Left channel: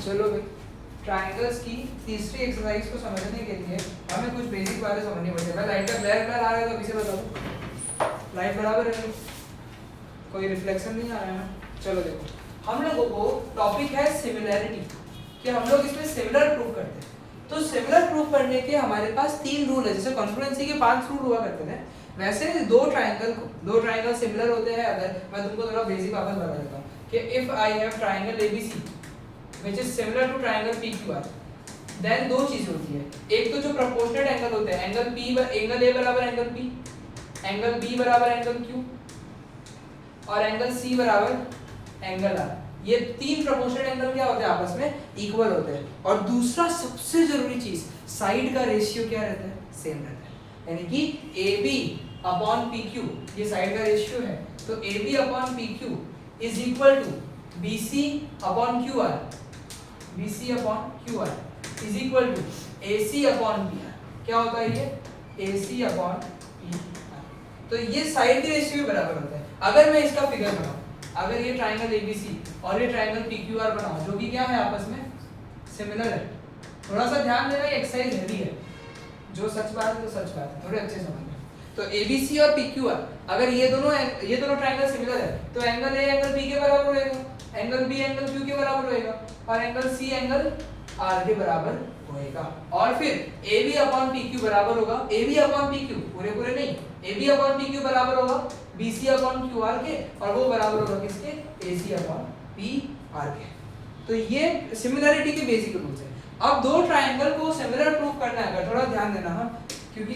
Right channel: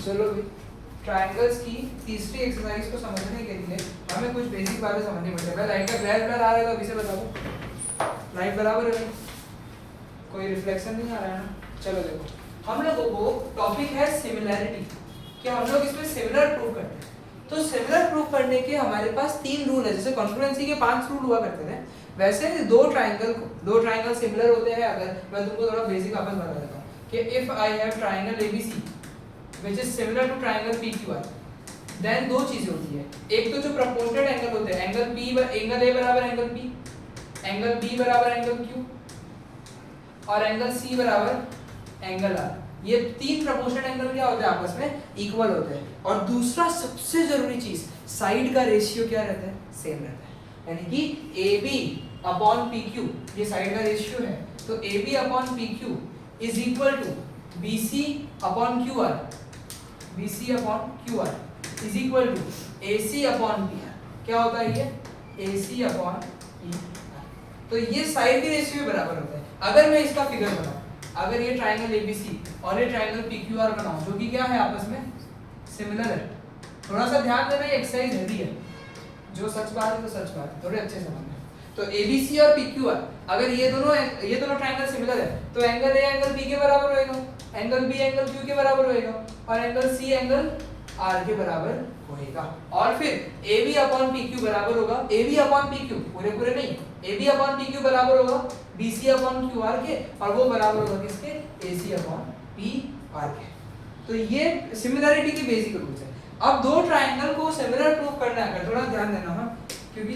चलो भाई, ट्रायंगल्स की तीसरी एक्सरसाइज को समझने के लिए हमें कुछ बेसिक बातें समझनी पड़ेगी। लाइट का ब्लैक कलर आ रहा है तो अभी से बता दो, लाइट बराबर है, कोई रिफ्लेक्शन नहीं आ रहा है ना। चलो देखो, हम लोगों को टॉपिक है सिमिलैरिटी, कि हम लोग इसमें सिमिलर प्रूव करते हैं। तो सिमिलर प्रूव करने के हमारे पास 3 रूल है। जैसे कॉन्फ्लुएंसी के 5 रूल हुआ करते थे, वैसे दो ट्रायंगल सिमिलर होते हैं। अगर मैं तुमको थोड़ा बेसिक वापस बता देता हूँ कि if I have triangle ABC which is similar to triangle PQR, then दो चीजें होती है। एक तो जो प्रपोर्शनेट एंगल होते हैं, एंगल ए बराबर एंगल बी, एंगल बी बराबर एंगल क्यू, और एंगल सी बराबर एंगल आर। ये 3 प्रपोर्शनेट एंगल क्या होते हैं, आपस में इक्वल होते हैं। और दूसरा सबसे जरूरी चीज, साइड का रेशियो क्या रहता है, सेम रहता है। यानी कि A B upon P Q, ये साइड का रेशियो है, तो A B upon P Q is equal to B C upon Q R, B C upon Q R is equal to A C upon P R. क्या होता है ये, A C upon P R. तो ये side के ratio बराबर होता है। अगर मैं इसका फिगर बनाऊं, अगर ये ट्रायंगल एबीसी और ये ट्रायंगल पीक्यूआर बनाऊं, जो कि क्या है, आपस में सिमिलर है। थोड़ा सा ध्यान देना, ये एक्सरसाइज हैवी है, जो सच बात है तो सच बात है, थोड़े अच्छे समझ में। तो एबीसी और पीक्यूआर, अगर ये दोनों ट्रायंगल सिमिलर है, तो एंगल ए एंगल बी के बराबर होएगा, एंगल बी एंगल क्यू के बराबर होएगा, और एंगल सी एंगल आर के बराबर होएगा। और फिर A B upon P Q बराबर होगा, A B upon P Q, पूरे पूरे नहीं, A B upon P Q बराबर होगा B C upon Q R के, और वो बराबर होगा किसके, A C upon P R के। तो ये सिमिलरिटी की बेसिक रूल्स है। अब दो ट्रायंगल को सिमिलर प्रूव करना है, थोड़ा ध्यान देना हाँ, क्योंकि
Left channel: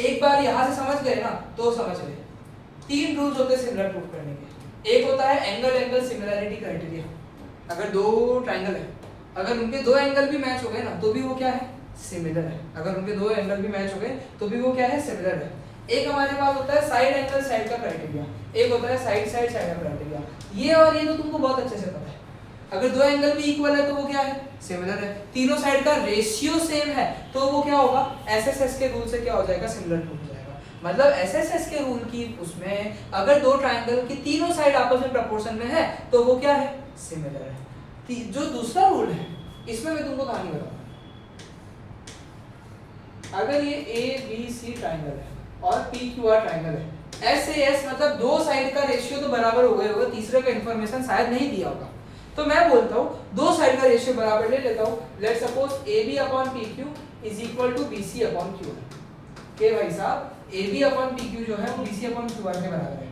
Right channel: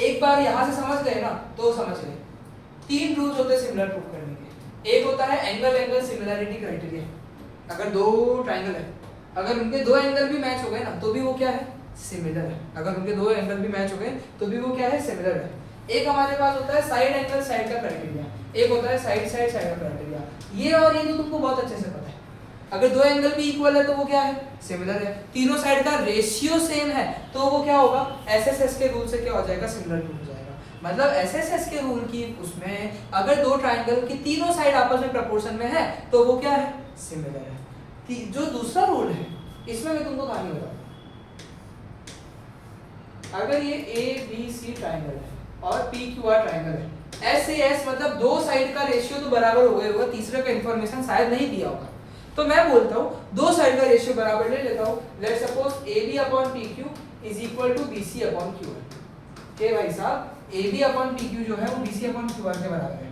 एक बार यहां से समझ गए ना तो समझ गए। 3 रूल्स होते हैं सिमिलर प्रूव करने के। एक होता है एंगल एंगल सिमिलरिटी क्राइटेरिया। अगर दो ट्रायंगल है, अगर उनके दो एंगल भी मैच हो गए ना तो भी वो क्या है, सिमिलर है। अगर उनके दो एंगल भी मैच हो गए तो भी वो क्या है, सिमिलर है। एक हमारे पास होता है साइड एंगल साइड का क्राइटेरिया, एक होता है साइड साइड साइड का क्राइटेरिया। ये और ये तो तुमको बहुत अच्छे से पता है। अगर दो एंगल भी इक्वल है तो वो क्या है, सिमिलर है। तीनों साइड का रेशियो सेम है तो वो क्या होगा, एसएसएस के रूल से क्या हो जाएगा, सिमिलर टू हो जाएगा। मतलब एसएसएस के रूल की उसमें अगर दो ट्रायंगल की तीनों साइड आपस में प्रोपोर्शन में है तो वो क्या है, सिमिलर है। जो दूसरा रूल है इसमें मैं तुमको कहानी बताऊंगा। अगर ये ए बी सी ट्रायंगल है और पी क्यू आर ट्रायंगल है, एस ए एस मतलब दो साइड का रेशियो तो बराबर हो गया होगा, तीसरे का इंफॉर्मेशन शायद नहीं दिया होगा, तो मैं बोलता हूं दो साइड का रेशियो बराबर ले लेता हूं। Let's suppose A B upon P Q is equal to B C upon Q R. के भाई साहब, A B upon P Q जो है वो B C upon Q R के बराबर है।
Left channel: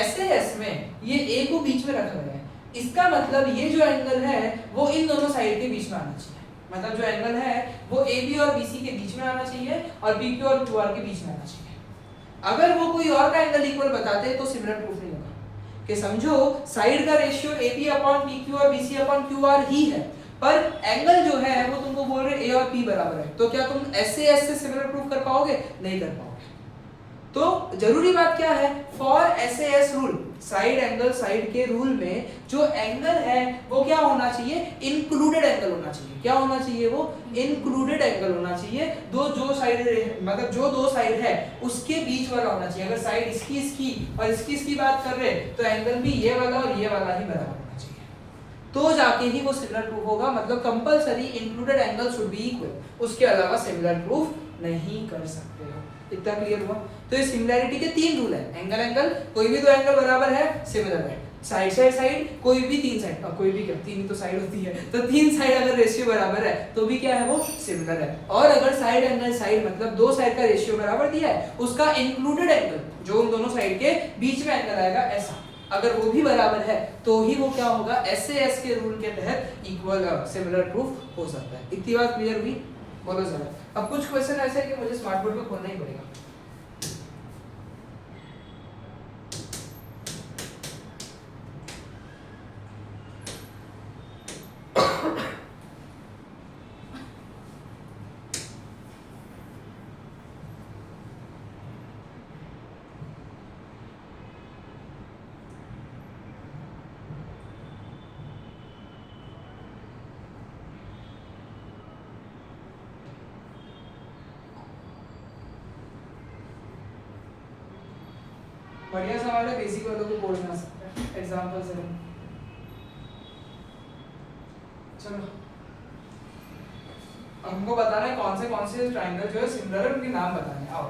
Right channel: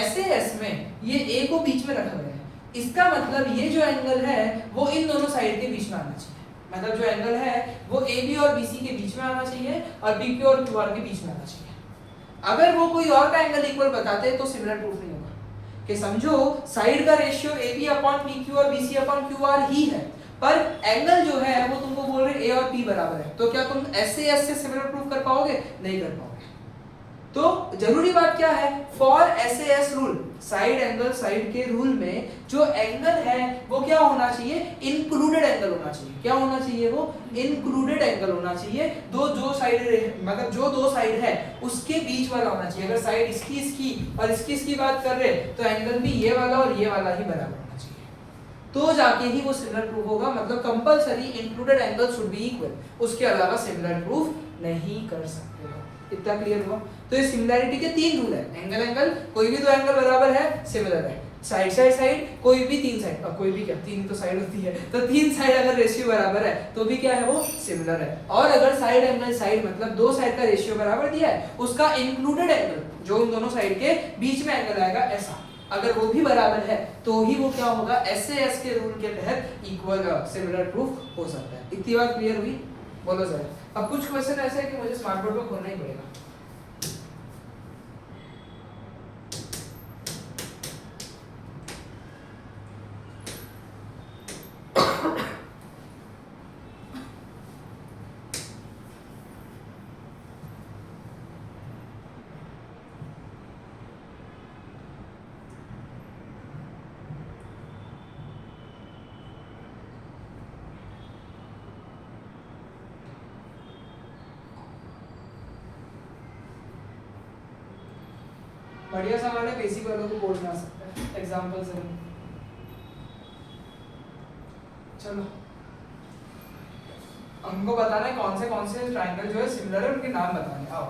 एस ए एस में ये ए को बीच में रखा गया है, इसका मतलब ये जो एंगल है वो इन दोनों साइड के बीच में आना चाहिए। मतलब जो एंगल है वो ए बी और बी सी के बीच में आना चाहिए और पी क्यू और क्यू आर के बीच में आना चाहिए। अगर वो कोई और का एंगल इक्वल बताते तो सिमिलर प्रूफ नहीं होगा। कि समझो साइड का ratio A B upon P Q और B C upon Q R ही है, पर एंगल जो है वो तुमको बोल रहे ए और पी बराबर है, तो क्या तुम एस से सिमिलर प्रूफ कर पाओगे, नहीं कर पाओगे। तो जरूरी बात क्या है, for SAS rule, side angle side के रूल में जो एंगल है वो क्या होना चाहिए, इंक्लूडेड एंगल होना चाहिए। क्या होना चाहिए, वो इंक्लूडेड एंगल होना चाहिए। जो साइड मतलब जो दो साइड है उसके बीच वाला होना चाहिए। अगर साइड इसकी और इसकी बात कर रहे हैं तो एंगल भी ये वाला और ये वाला ही बराबर होना चाहिए, तो जाके ही वो सिमिलर प्रूफ होगा। मतलब compulsory included angle should be equal, उसके अलावा सिमिलर प्रूफ नहीं कर सकते हो। इतना क्लियर हुआ। तो ये सिमिलैरिटी के 3 रूल है। एंगल एंगल, कोई भी दो एंगल बराबर है सिमिलर है। साइड साइड साइड, कोई भी 3 साइड, अब कोई भी क्या, 3 ही तो साइड होती है, तो 3 साइड अगर रेशियो बराबर है तो भी क्या है, वो सिमिलर है। और अगर साइड एंगल साइड मतलब दो साइड का रेशियो बराबर दिया है, उसका इंक्लूडेड एंगल जो उन दोनों साइड के बीच में एंगल आएगा ऐसा, अगर वो भी बराबर है तो ही वो क्या होगा, एसएएस के रूल के तहत इक्वल सिमिलर प्रूफ हो सकता है। इतनी बात क्लियर हुई, बोलो जरा। अब कुछ क्वेश्चन ऐसे है कि मुझे स्मार्ट बोर्ड पे खोलना ही पड़ेगा। बढ़िया सवाल है, बेसिक वालों को बोर्ड में आ सकता है एग्जांपल से। चलो हमको बताना है कौन से ट्राइंगल जो है सिमिलर है, उनके नाम बताने हैं। आओ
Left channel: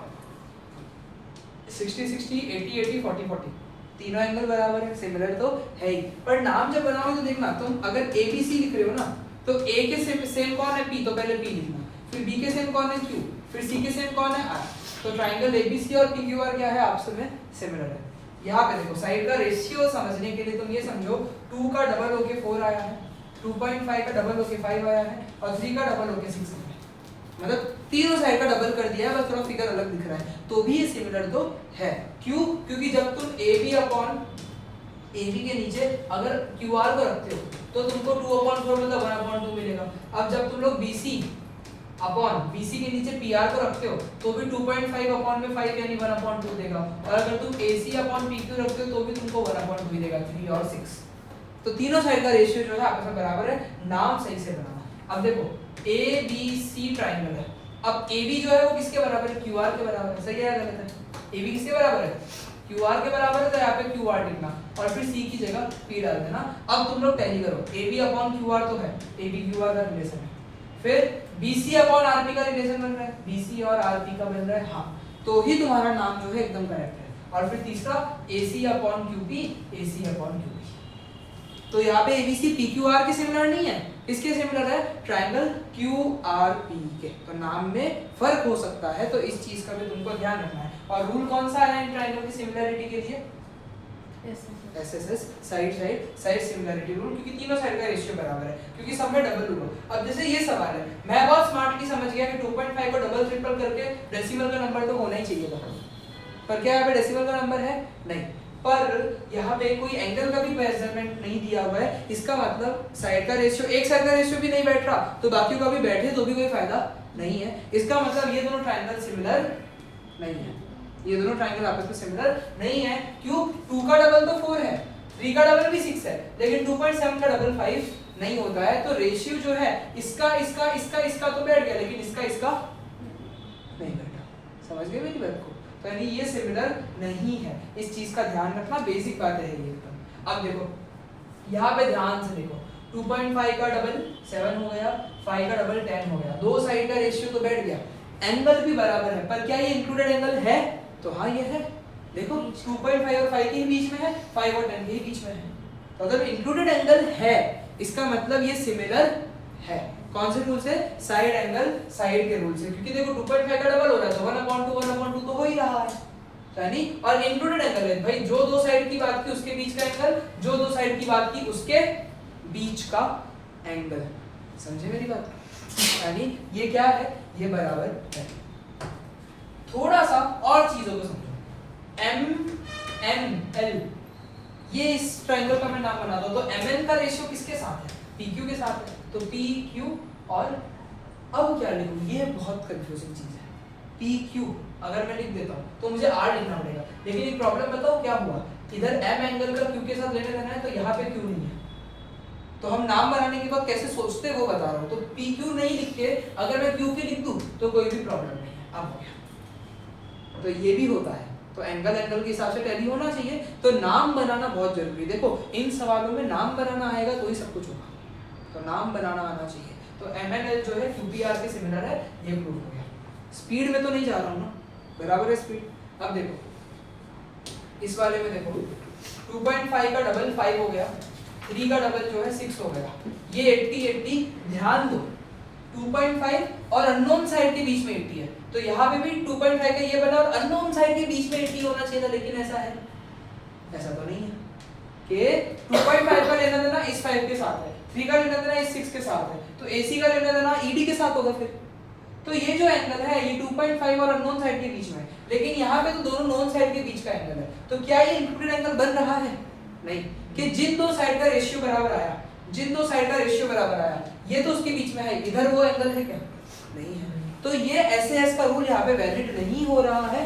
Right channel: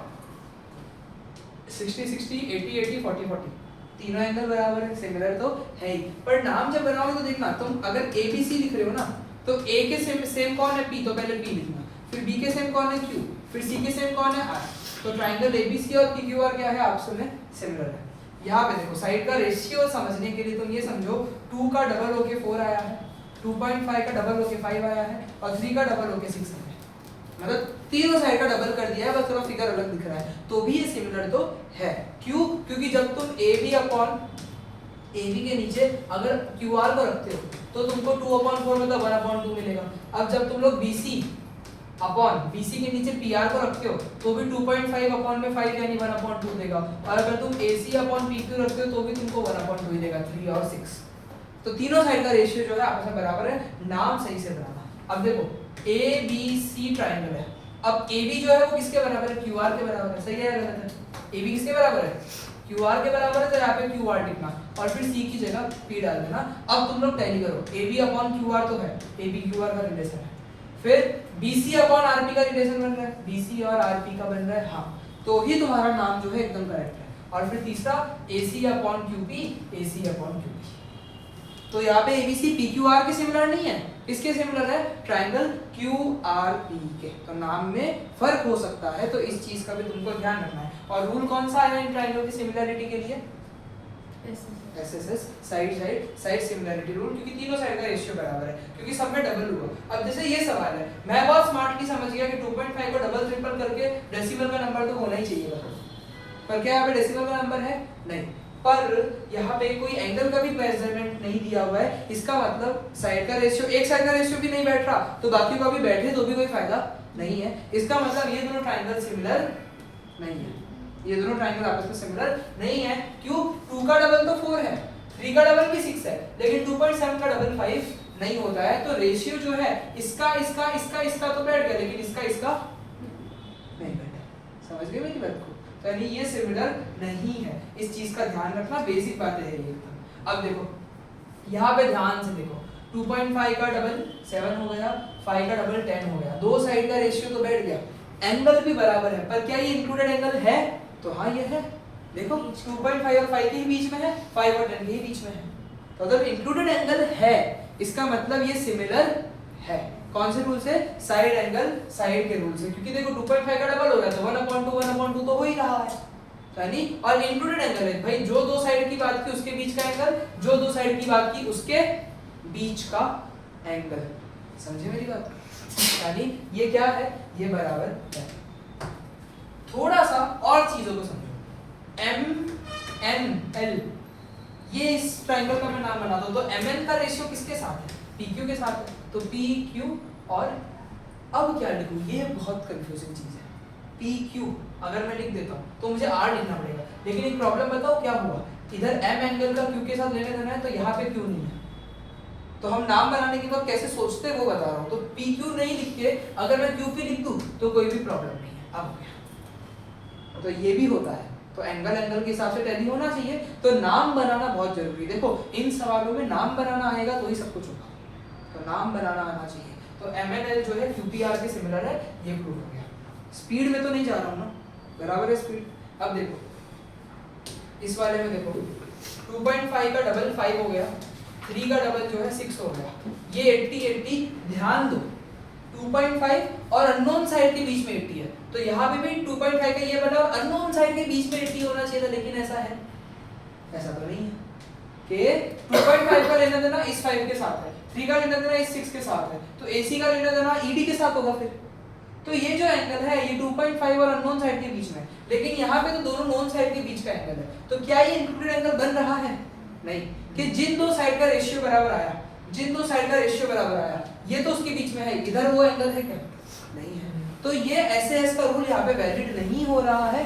60 60 80 80 40 40 तीनों एंगल बराबर है, सिमिलर तो है ही, पर नाम जब बनाओगे तो देखना तुम अगर ए बी सी लिख रहे हो ना तो ए के सेम कौन है पी, तो पहले पी लिखना, फिर बी के सेम कौन है क्यू, फिर सी के सेम कौन है आर। तो ट्राइंगल एबीसी और पीक्यूआर क्या है आपस में सिमिलर है। यहाँ पे देखो साइड का रेशियो समझने के लिए तुम ये समझो 2 का डबल होके 4 आया है, 2.5 का डबल होके 5 आया है और 3 का डबल होके 6 आया है, मतलब तीनों साइड का डबल कर दिया है, बस थोड़ा फिगर अलग दिख रहा है, तो भी ये सिमिलर तो है। क्यों? क्योंकि जब तुम AB अपॉन AB के नीचे अगर QR को रखते हो तो तुमको 2/4 मतलब 1/2 मिलेगा। अब जब तुम लोग BC अपॉन BC के नीचे PR को रखते हो तो भी 2.5 अपॉन में 5 यानी 1/2 देगा, और अगर तुम AC अपॉन PQ रखते हो तो भी तुमको 1/2 ही देगा, 3 और 6। तो तीनों साइड का रेशियो जो है आपस में बराबर है, नाम सही से बनाना। अब देखो ABC ट्राइंगल है, अब AB जो है वो किसके बराबर है, QR के बराबर है, सही है या गलत है? AB किसके बराबर है, QR के बराबर है, तो यहाँ पे QR लिखना और फिर C की जगह P डाल देना। अब तुम लोग टैली करो, AB अपॉन QR तो है, AB QR का रिलेशन है, फिर BC अपॉन RP का रिलेशन बन रहा है, BC और RP का बन रहा है, हाँ, तो ही तुम्हारा नाम जो है एकदम करेक्ट है। और फिर तीसरा AC upon QP, AC upon QP। तो यहाँ पे ABC PQR के सिमिलर नहीं है, किसके सिमिलर है, ट्राइंगल QRP के। तो नाम में फर्क हो सकता है, तो इस चीज का भी तुमको ध्यान रखना है। और रूल कौन सा है इन ट्राइंगल की सिमिलरिटी के लिए, SSS साइड सिमिलरिटी रूल, क्योंकि तीनों साइड का रेशियो बराबर है, क्योंकि सब में डबल हुआ। अब जैसे ये सवाल है, मैं बहुत स्मार्टली समझ गया कि 2.5 को डबल ट्रिपल करके डेसिमल का नंबर तो होना ही चाहिए था, पर क्या यहाँ पे डेसिमल का नंबर है नहीं, पर यहाँ पे कोई एंगल का भी मेजरमेंट नहीं दिया हुआ है, इसका मतलब साइड का रेशियो, एक साइड का रेशियो भी नहीं बैठ रहा तो बाकी का भी बैठे तो भी कोई फायदा नहीं है। इसका मतलब ये दोनों ट्राइंगल सिमिलर नहीं है, ये दोनों ट्राइंगल आपस में सिमिलर नहीं है। क्यों? 2 का डबल तो 4 है, 3 का डबल भी 6 है, लेकिन 2.7 का डबल 5 नहीं होता है, तो रेशियो जो है इसका तो बैठ गया, लेकिन इसका नहीं बैठा। समझ गए मेरी बात को? तो यानी ये सिमिलर नहीं है, इस चीज का ध्यान रखना, बेसिक बात है ये एकदम। अब देखो यहाँ पे ध्यान से देखो, 2.5 का डबल 7 हो गया, 5 का डबल 10 हो गया, दो साइड का रेशियो तो बैठ गया, एंगल भी बराबर है, पर क्या ये इंक्लूडेड एंगल है? तो हाँ ये है, देखो 2.5 और 5 के ही बीच में है, 5 और 10 के ही बीच में है, तो अगर इंक्लूडेड एंगल है इसका मतलब ये सिमिलर है। कौन से रूल से? साइड एंगल साइड के रूल से, क्योंकि देखो 2.5 का डबल हो रहा है तो 1/2 तो हो ही रहा है, यानी और इंक्लूडेड एंगल है भाई, जो दो साइड की बात की उसके बीच का एंगल, जो दो साइड की बात की उसके बीच का एंगल। समझे मेरी बात? यानी ये क्या है, ये बराबर है। थोड़ा सा और चीजों को समझो, MNL, ये इस ट्रायंगल का मैं नाम बनाता हूं, तो MN का रेशियो किसके साथ है? PQ के साथ है, तो PQ और अब क्या लिखूं, ये बहुत कंफ्यूजिंग चीज है। PQ अगर मैं लिख देता हूं तो मुझे R लिखना पड़ेगा, लेकिन एक प्रॉब्लम बताओ क्या हुआ, इधर M एंगल का Q के साथ लेने देना है, तो यहाँ पे Q नहीं है, तो हम नाम बनाने के बाद कैसे सोचते वो बता रहा हूँ। तो PQ नहीं लिख के अगर मैं QP लिख दूं तो कोई भी प्रॉब्लम नहीं है। अब हो गया, तो ये भी होता है, तो एंगल के हिसाब से टैली होना चाहिए, तो नाम बनाना बहुत जरूरी है। देखो इन सवालों में नाम बनाना आएगा तो ही सब कुछ होगा, तो नाम बनाना आना चाहिए। तो MNL जो है QPR के सिमिलर है, ये प्रूव हो गया। स्पीड में तो नहीं जा रहा हूँ ना, बराबर है स्पीड। अब देखो इस वाले में देखो 2.5 का डबल 5 हो गया, 3 का डबल जो है 6 हो गया, ये 80 ध्यान दो 2.5 और अननोन साइड के बीच में 80 है, तो यहाँ पे भी 2.5 का ये बना और अननोन साइड के बीच में 80 होना चाहिए था, लेकिन ऐसा है, ऐसा तो नहीं है कि 2.5 का लेना देना इस 5 के साथ है, 3 का लेना देना इस 6 के साथ है, तो AC का लेना देना ED के साथ होगा फिर। तो ये जो एंगल है ये 2.5 और अननोन साइड के बीच में, लेकिन यहाँ पे तो दोनों नोन साइड के बीच का एंगल है, तो क्या ये इंक्लूडेड एंगल बन रहा है? नहीं, कि जिन दो साइड का रेशियो बराबर आया, जिन दो साइड का रेशियो बराबर आया, ये तो उसके बीच में है, इधर वो एंगल है क्या? नहीं है, तो ये SAS का रूल यहाँ पे वैलिड नहीं हो रहा है।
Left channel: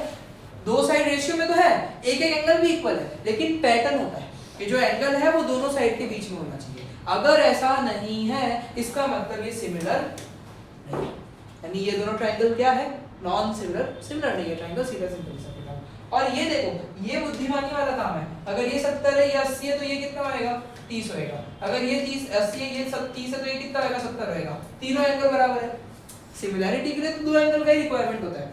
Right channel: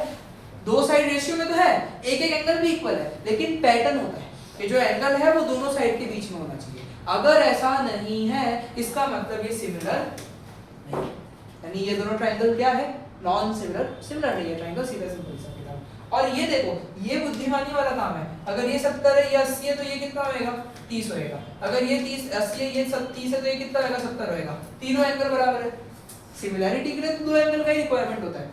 दो साइड रेशियो में तो है, एक एक एंगल भी इक्वल है, लेकिन पैटर्न होता है कि जो एंगल है वो दोनों साइड के बीच में होना चाहिए। अगर ऐसा नहीं है इसका मतलब ये सिमिलर नहीं, यानी ये दोनों ट्रायंगल क्या है? नॉन सिमिलर, सिमिलर नहीं है ट्रायंगल, सीधा सिंपल सा। और ये देखो ये बुद्धिमानी वाला काम है, अगर ये 70 है या 80 है तो ये कितना होएगा? 30 होएगा। अगर ये 30 80 है, ये 30 है, तो ये कितना होएगा 70 होएगा। तीनों एंगल बराबर है। सिमिलैरिटी के लिए तो दो एंगल का ही रिक्वायरमेंट होता है,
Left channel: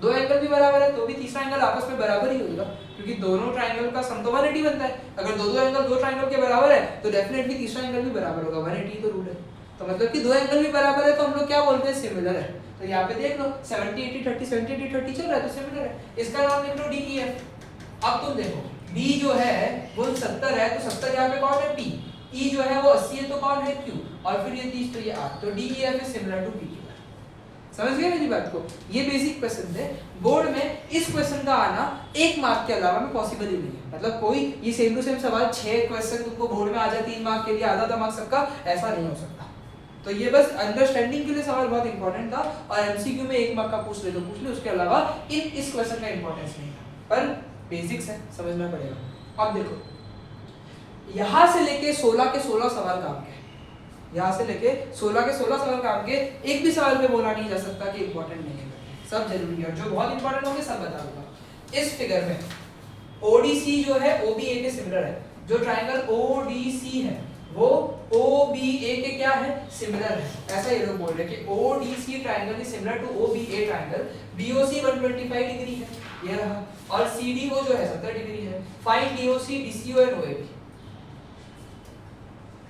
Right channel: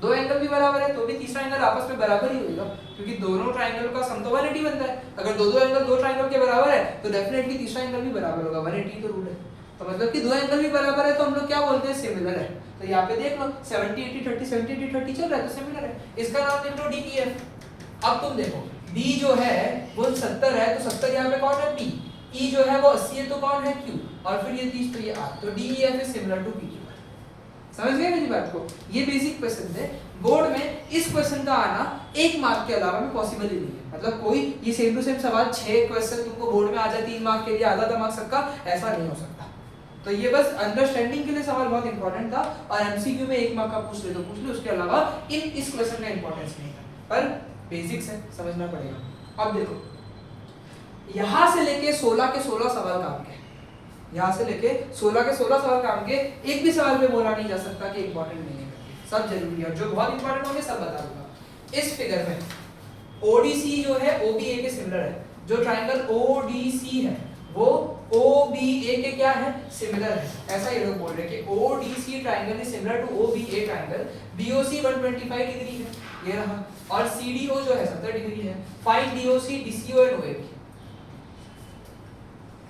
दो एंगल भी बराबर है तो भी तीसरा एंगल आपस में बराबर ही होगा, क्योंकि दोनों ट्रायंगल का सम तो 180 बनता है। अगर दो एंगल दो ट्रायंगल के बराबर है तो डेफिनेटली तीसरा एंगल भी बराबर होगा, 180 तो रूल है। तो मतलब कि दो एंगल भी बराबर है तो हम लोग क्या बोलते हैं, सिमिलर है। तो यहाँ पे देख लो 70 80 30 70 80 30 चल रहा है तो सिमिलर है। इसका नाम लिख लो DEF। अब तुम देखो D जो है वो 70 है तो 70 यहाँ पे कौन है P, E जो है वो 80 है तो कौन है Q, और फिर ये 30 तो ये R, तो DEF is similar to PQ। समझ गए मेरी बात को? ये बेसिक क्वेश्चन है बोर्ड में। इस क्वेश्चन का आना एक मार्क के अलावा में पॉसिबल ही नहीं है। मतलब कोई ये सेम टू सेम सवाल 6 क्वेश्चन तुमको बोर्ड में आ जाए 3 मार्क के लिए, आधा आधा मार्क सबका, ऐसा नहीं हो सकता। तो ये बस अंडरस्टैंडिंग के लिए सवाल बहुत इंपॉर्टेंट था, और एमसीक्यू में 1 मार्क का पूछ ले तो पूछ ले, उसके अलावा इस क्वेश्चन का इंपॉर्टेंस नहीं है, पर बेसिक्स है, समझना पड़ेगा। अब देखो यहां से लेके 16 के 16 सवाल काम के, यहाँ से लेके 16 के 16 सवाल काम के, एक भी सवाल पे बोला नहीं जा सकता कि इंपॉर्टेंट नहीं है, सब जरूरी है। जो बहुत इंपॉर्टेंट होंगे सब बता दूंगा। इस फिगर में ODC जो है OBA के सिमिलर है। जो ट्रायंगल ODC है वो OBA के क्या है, सिमिलर है। ऐसा ये लोग बोल रहे हैं कि ODC triangle is similar to OBA triangle. BOC 125 degree है, ये रहा, और CDO जो है 70 डिग्री है। Find DOC DCO and OAB।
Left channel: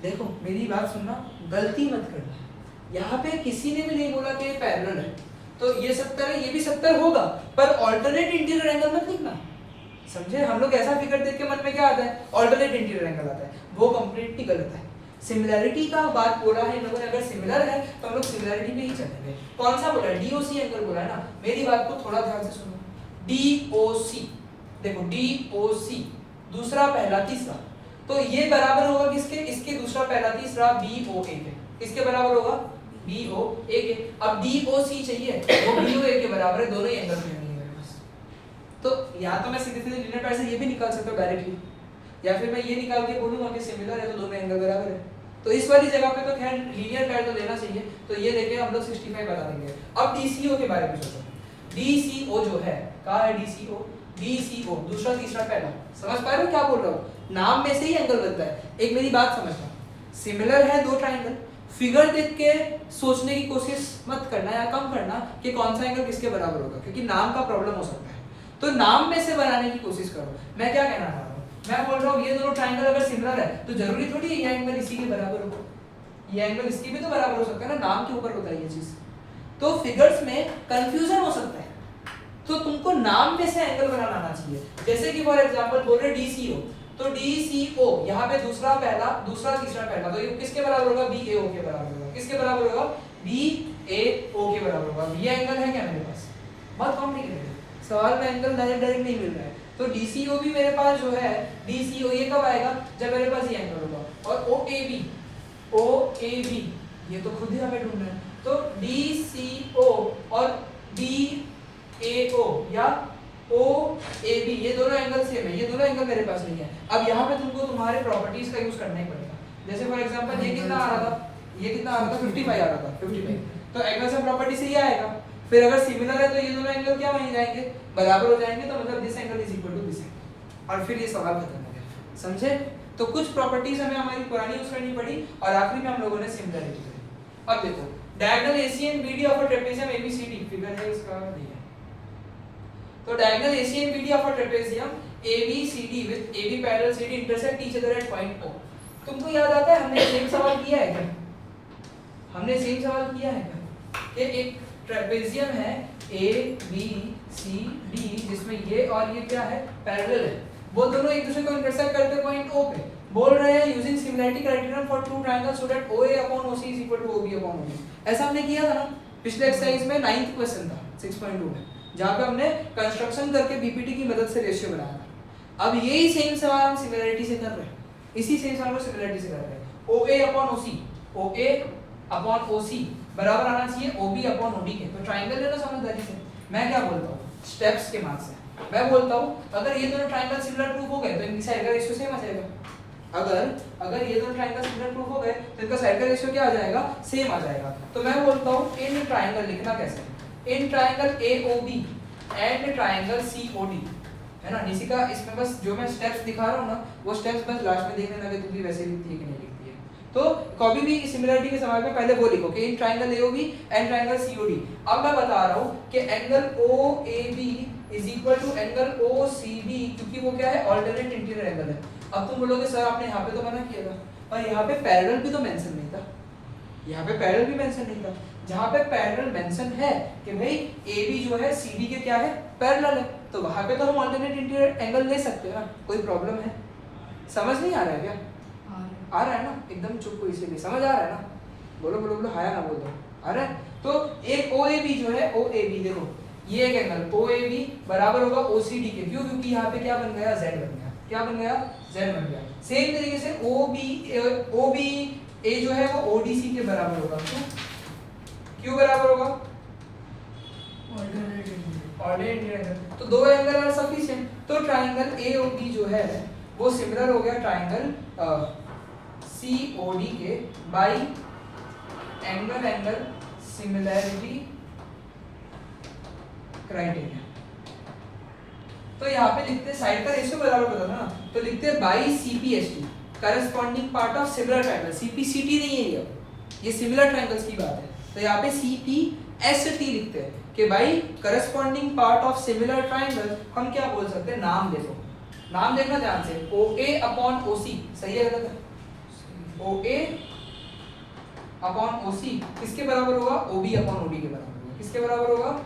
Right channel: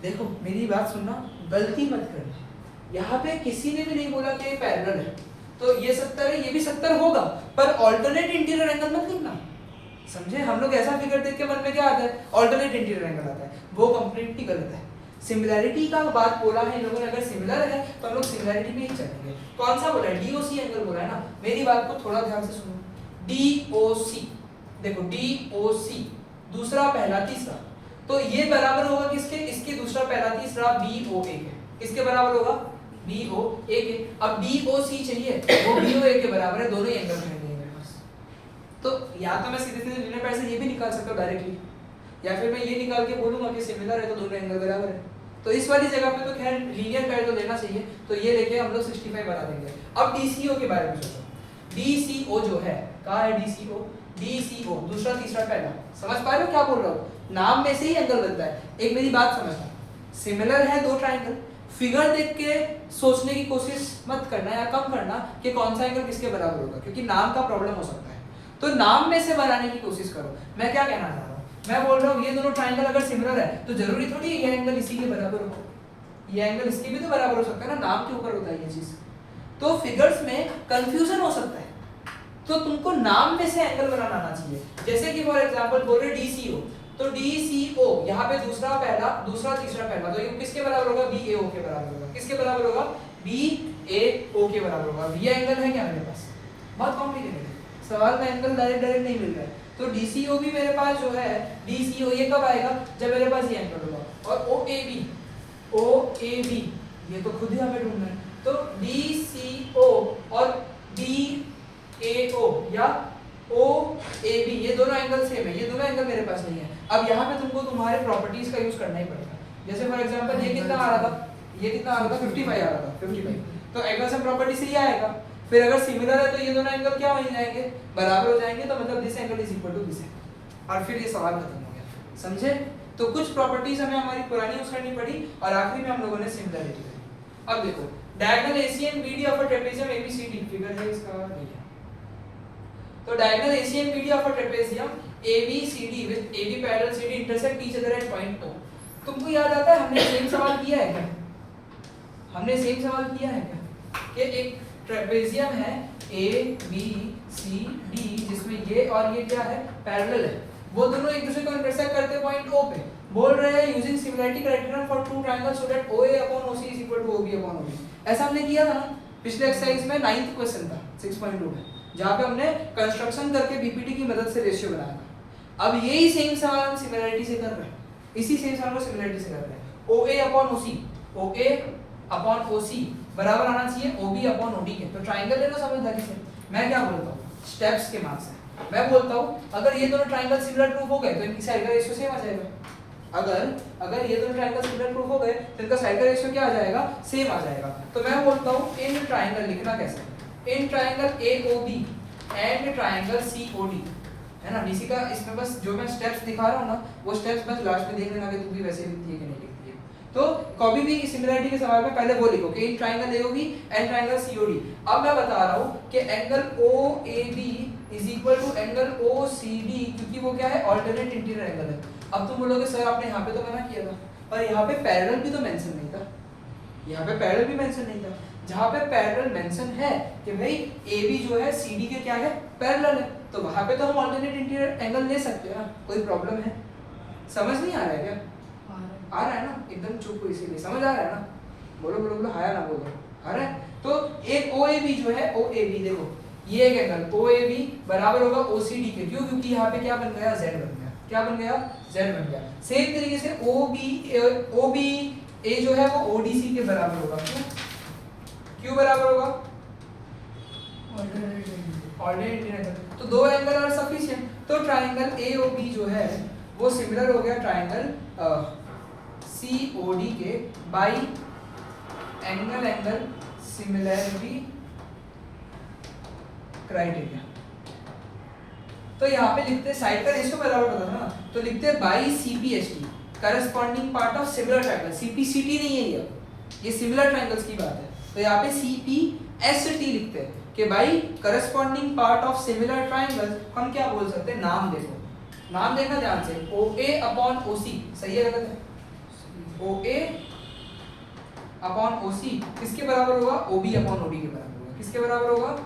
देखो मेरी बात सुनना, गलती मत करना। यहाँ पे किसी ने भी नहीं बोला कि ये पैरेलल है, तो ये 70 है, ये भी 70 होगा, पर ऑल्टरनेट इंटीरियर एंगल मत लिखना। समझे? हम लोग ऐसा फिगर देख के मन में क्या आता है, ऑल्टरनेट इंटीरियर एंगल आता है, वो कंप्लीटली गलत है। सिमिलैरिटी का बात बोला है इन लोगों ने, अगर सिमिलर है तो हम लोग सिमिलैरिटी में ही चलेंगे। कौन सा बोला है, DOC एंगल बोला है ना। मेरी बात को थोड़ा ध्यान से सुनो। DOC देखो, DOC दूसरा पहला तीसरा, तो ये बराबर होगा किसके, इसके दूसरा पहला तीसरा BOA के, किसके बराबर होगा, BOA के। अब DOC चाहिए, वो BOA के बराबर है, दोनों ही एंगल में है मेरे पास। तो या तो मैं सीधे सीधे लीनियर पैर से ये भी निकाल सकता हूं डायरेक्टली, या फिर मैं ये निकाल के बोलूंगा कि सिमिलर है तो दोनों एंगल बराबर है। तो इस वाली जगह पे तो खैर लीनियर पैर तो लेना चाहिए, तो ये लेके हम लोग 65 बना देंगे। अब DCO के बारे में सोचो। DCO जो है, कहाँ है DCO, DCO दूसरा तीसरा पहला। समझ पा रहे हो क्या बोल रहा हूँ? नाम में से ही एंगल बनता है। एक मेरी बात समझना, सिमिलर है दो ट्रायंगल, फिगर देख के सोचने की कोशिश मत करना या कम करना कि कौन सा एंगल किसके बराबर होगा, क्योंकि नाम का प्रॉब्लम हो सकता है। तो नाम में से बनाने की कोशिश करो। मैं क्या कहना चाह रहा हूँ, मैं बोल रहा हूँ ये दोनों ट्रायंगल अगर सिमिलर है तो जरूरी थोड़ी है ये एंगल इसी के बराबर हो, ये एंगल इसके भी तो बराबर हो सकता है ना, नाम के ऊपर होता है ये चीज। तो फिगर्स में कंफ्यूजन हो सकता है, तो तुमको नाम में से एंगल बनाना आना चाहिए। जैसे कि फॉर एग्जांपल बोल रहे DCO, तो DCO यहाँ पे दूसरा पहला दूसरा तीसरा पहला, तो ये किसके बराबर होगा, BAO के बराबर होगा। किसके बराबर होगा, BAO के बराबर होगा। ये एंगल है क्या मेरे पास, बहुत कॉम्प्लिकेटेड है, सवाल में एंगल डायरेक्ट नहीं मिल रहा है। तो DCO भी मेरे पास जो है, DCO ये कब आएगा, जब मेरे पास ये एंगल होगा। और OAB ये तो खुद ही हमें ढूंढना है। तो DCO और DAO या OAB ये दोनों एंगल सेम है, ये दोनों एंगल मेरे पास नहीं है। अब यहाँ पे तुमको तुम्हारे प्रॉपर्टीज का यूज करना ही पड़ेगा। जैसे फॉर एग्जांपल ये कितना आ रहा था, ये कितना आ रहा था 55 आ रहा था 55, तो एंगल सम प्रॉपर्टी से ये आएगा। फिर अगर सिमिलर है तो ये दोनों एंगल क्या हो जाएंगे, बराबर हो जाएंगे, तो मतलब this angle is equal to this angle, और फिर ये सवाल खत्म हो गया। समझे? तो कुछ प्रॉपर्टीज हमें हमारी पुरानी यूज करनी पड़ी, और आखिरी में हम लोगों ने सिमिलरिटी करी। अब देखो diagonal AC and BD of a trapezium ABCD, figure है इसका ये है। तो diagonal AC and BD of a trapezium ABCD with AB parallel CD intersect each other at point O। तुमको याद आता है हमने सेम सवाल किया है क्या, हमने सेम सवाल किया है क्या? ये एक ट्रेपेजियम है ABCD जिसमें ये और ये क्या है, पैरेलल है, वो दोनों एक दूसरे को इंटरसेक्ट करते पॉइंट O पे। बोल रहे हैं using similarity criterion for two triangles so that OA upon OC is equal to OB upon OB। ऐसा हमने किया था ना पिछले एक्सरसाइज में, 9th क्वेश्चन था 6.2 में, जहां पे हमने कंस्ट्रक्शन करके बीपीटी की मदद से रेशियो बनाया था। अब यही सेम सवाल हम सिमिलरिटी से कर रहे हैं, इसी सेम सवाल को सिमिलरिटी से कर रहे हैं। OA upon OC, OA upon OC बराबर आना चाहिए OB अपॉन OD के। तो ट्रायंगल लेना समझदारी से। मैं क्या बोलता हूँ, स्टेप्स के मार्क्स से मैं बोलता हूँ अगर ये दोनों ट्रायंगल सिमिलर प्रूफ हो गए तो इनकी साइड का रेशियो सेम आ जाएगा। अगर ये दोनों ट्रायंगल सिमिलर प्रूफ हो गए तो इनका साइड का रेशियो क्या आ जाएगा, सेम आ जाएगा। तो मैं बोलता हूँ इन ट्रायंगल लिखना कैसे, in triangle AOB and triangle COD है ना। डीसी का इसमें बस जो मैं स्टेप्स दिखा रहा हूँ ना, वो स्टेप्स बस लास्ट में देख लेना कि तुम भी वैसे लिखती है कि नहीं लिखती है। तो कभी भी सिमिलरिटी के सवाल में पहले वो लिखो कि in triangle AOB and triangle COD. अब मैं बता रहा हूँ कि angle OAB is equal to angle OCD, क्योंकि वो क्या है, अल्टरनेट इंटीरियर एंगल है। अब तुम बोलोगे सर आपने यहाँ पे तो मना किया था, पर यहाँ पे पैरेलल भी तो मेंशन नहीं था, यहाँ पे पैरेलल भी मेंशन नहीं था। जहाँ पे पैरेलल मेंशन है कि भाई AB जो है CD के क्या है, पैरेलल है, तो वहाँ पे तो हम अल्टरनेट इंटीरियर एंगल ले सकते हैं ना, कोई प्रॉब्लम है? समझ नहीं आ रहा है क्या? आ रहा है ना, एकदम चुप हो इसीलिए, समझ आ रहा है ना, बोलो बोलो बोलो, हाया ना बोलो, आ रहा है। तो एक OAB जो है, OAB देखो ये एक एंगल OAB बराबर होगा OCD के, क्यों? क्योंकि यहाँ पे क्या बन गया, Z बन गया। क्या बन गया? Z बन गया। सेम तरीके से OBA जो है वो ODC के बराबर होगा। क्यों बराबर होगा? Ordinate angle. तो दो एंगल आर सफिशिएंट। तो ट्राइंगल AOB जो है वो सिमिलर हो गया ट्राइंगल COD के बाय एंगल सिमिलरिटी क्राइटेरिया। तो यहाँ पे लिखते हैं साइड का रेशियो बराबर पता था ना, तो लिखते हैं by CPST corresponding part of similar triangle. CPCT नहीं है ये सिमिलर ट्राइंगल्स की बात है। तो यहाँ पे CPST लिखते हैं कि भाई corresponding part of similar triangle. हम क्या बोल सकते हैं, नाम देखो, नाम देखना ध्यान से, OA अपॉन OC, सही है गलत है? OA अपॉन OC किसके बराबर होगा? OB अपॉन OD के बराबर होगा। किसके बराबर होगा?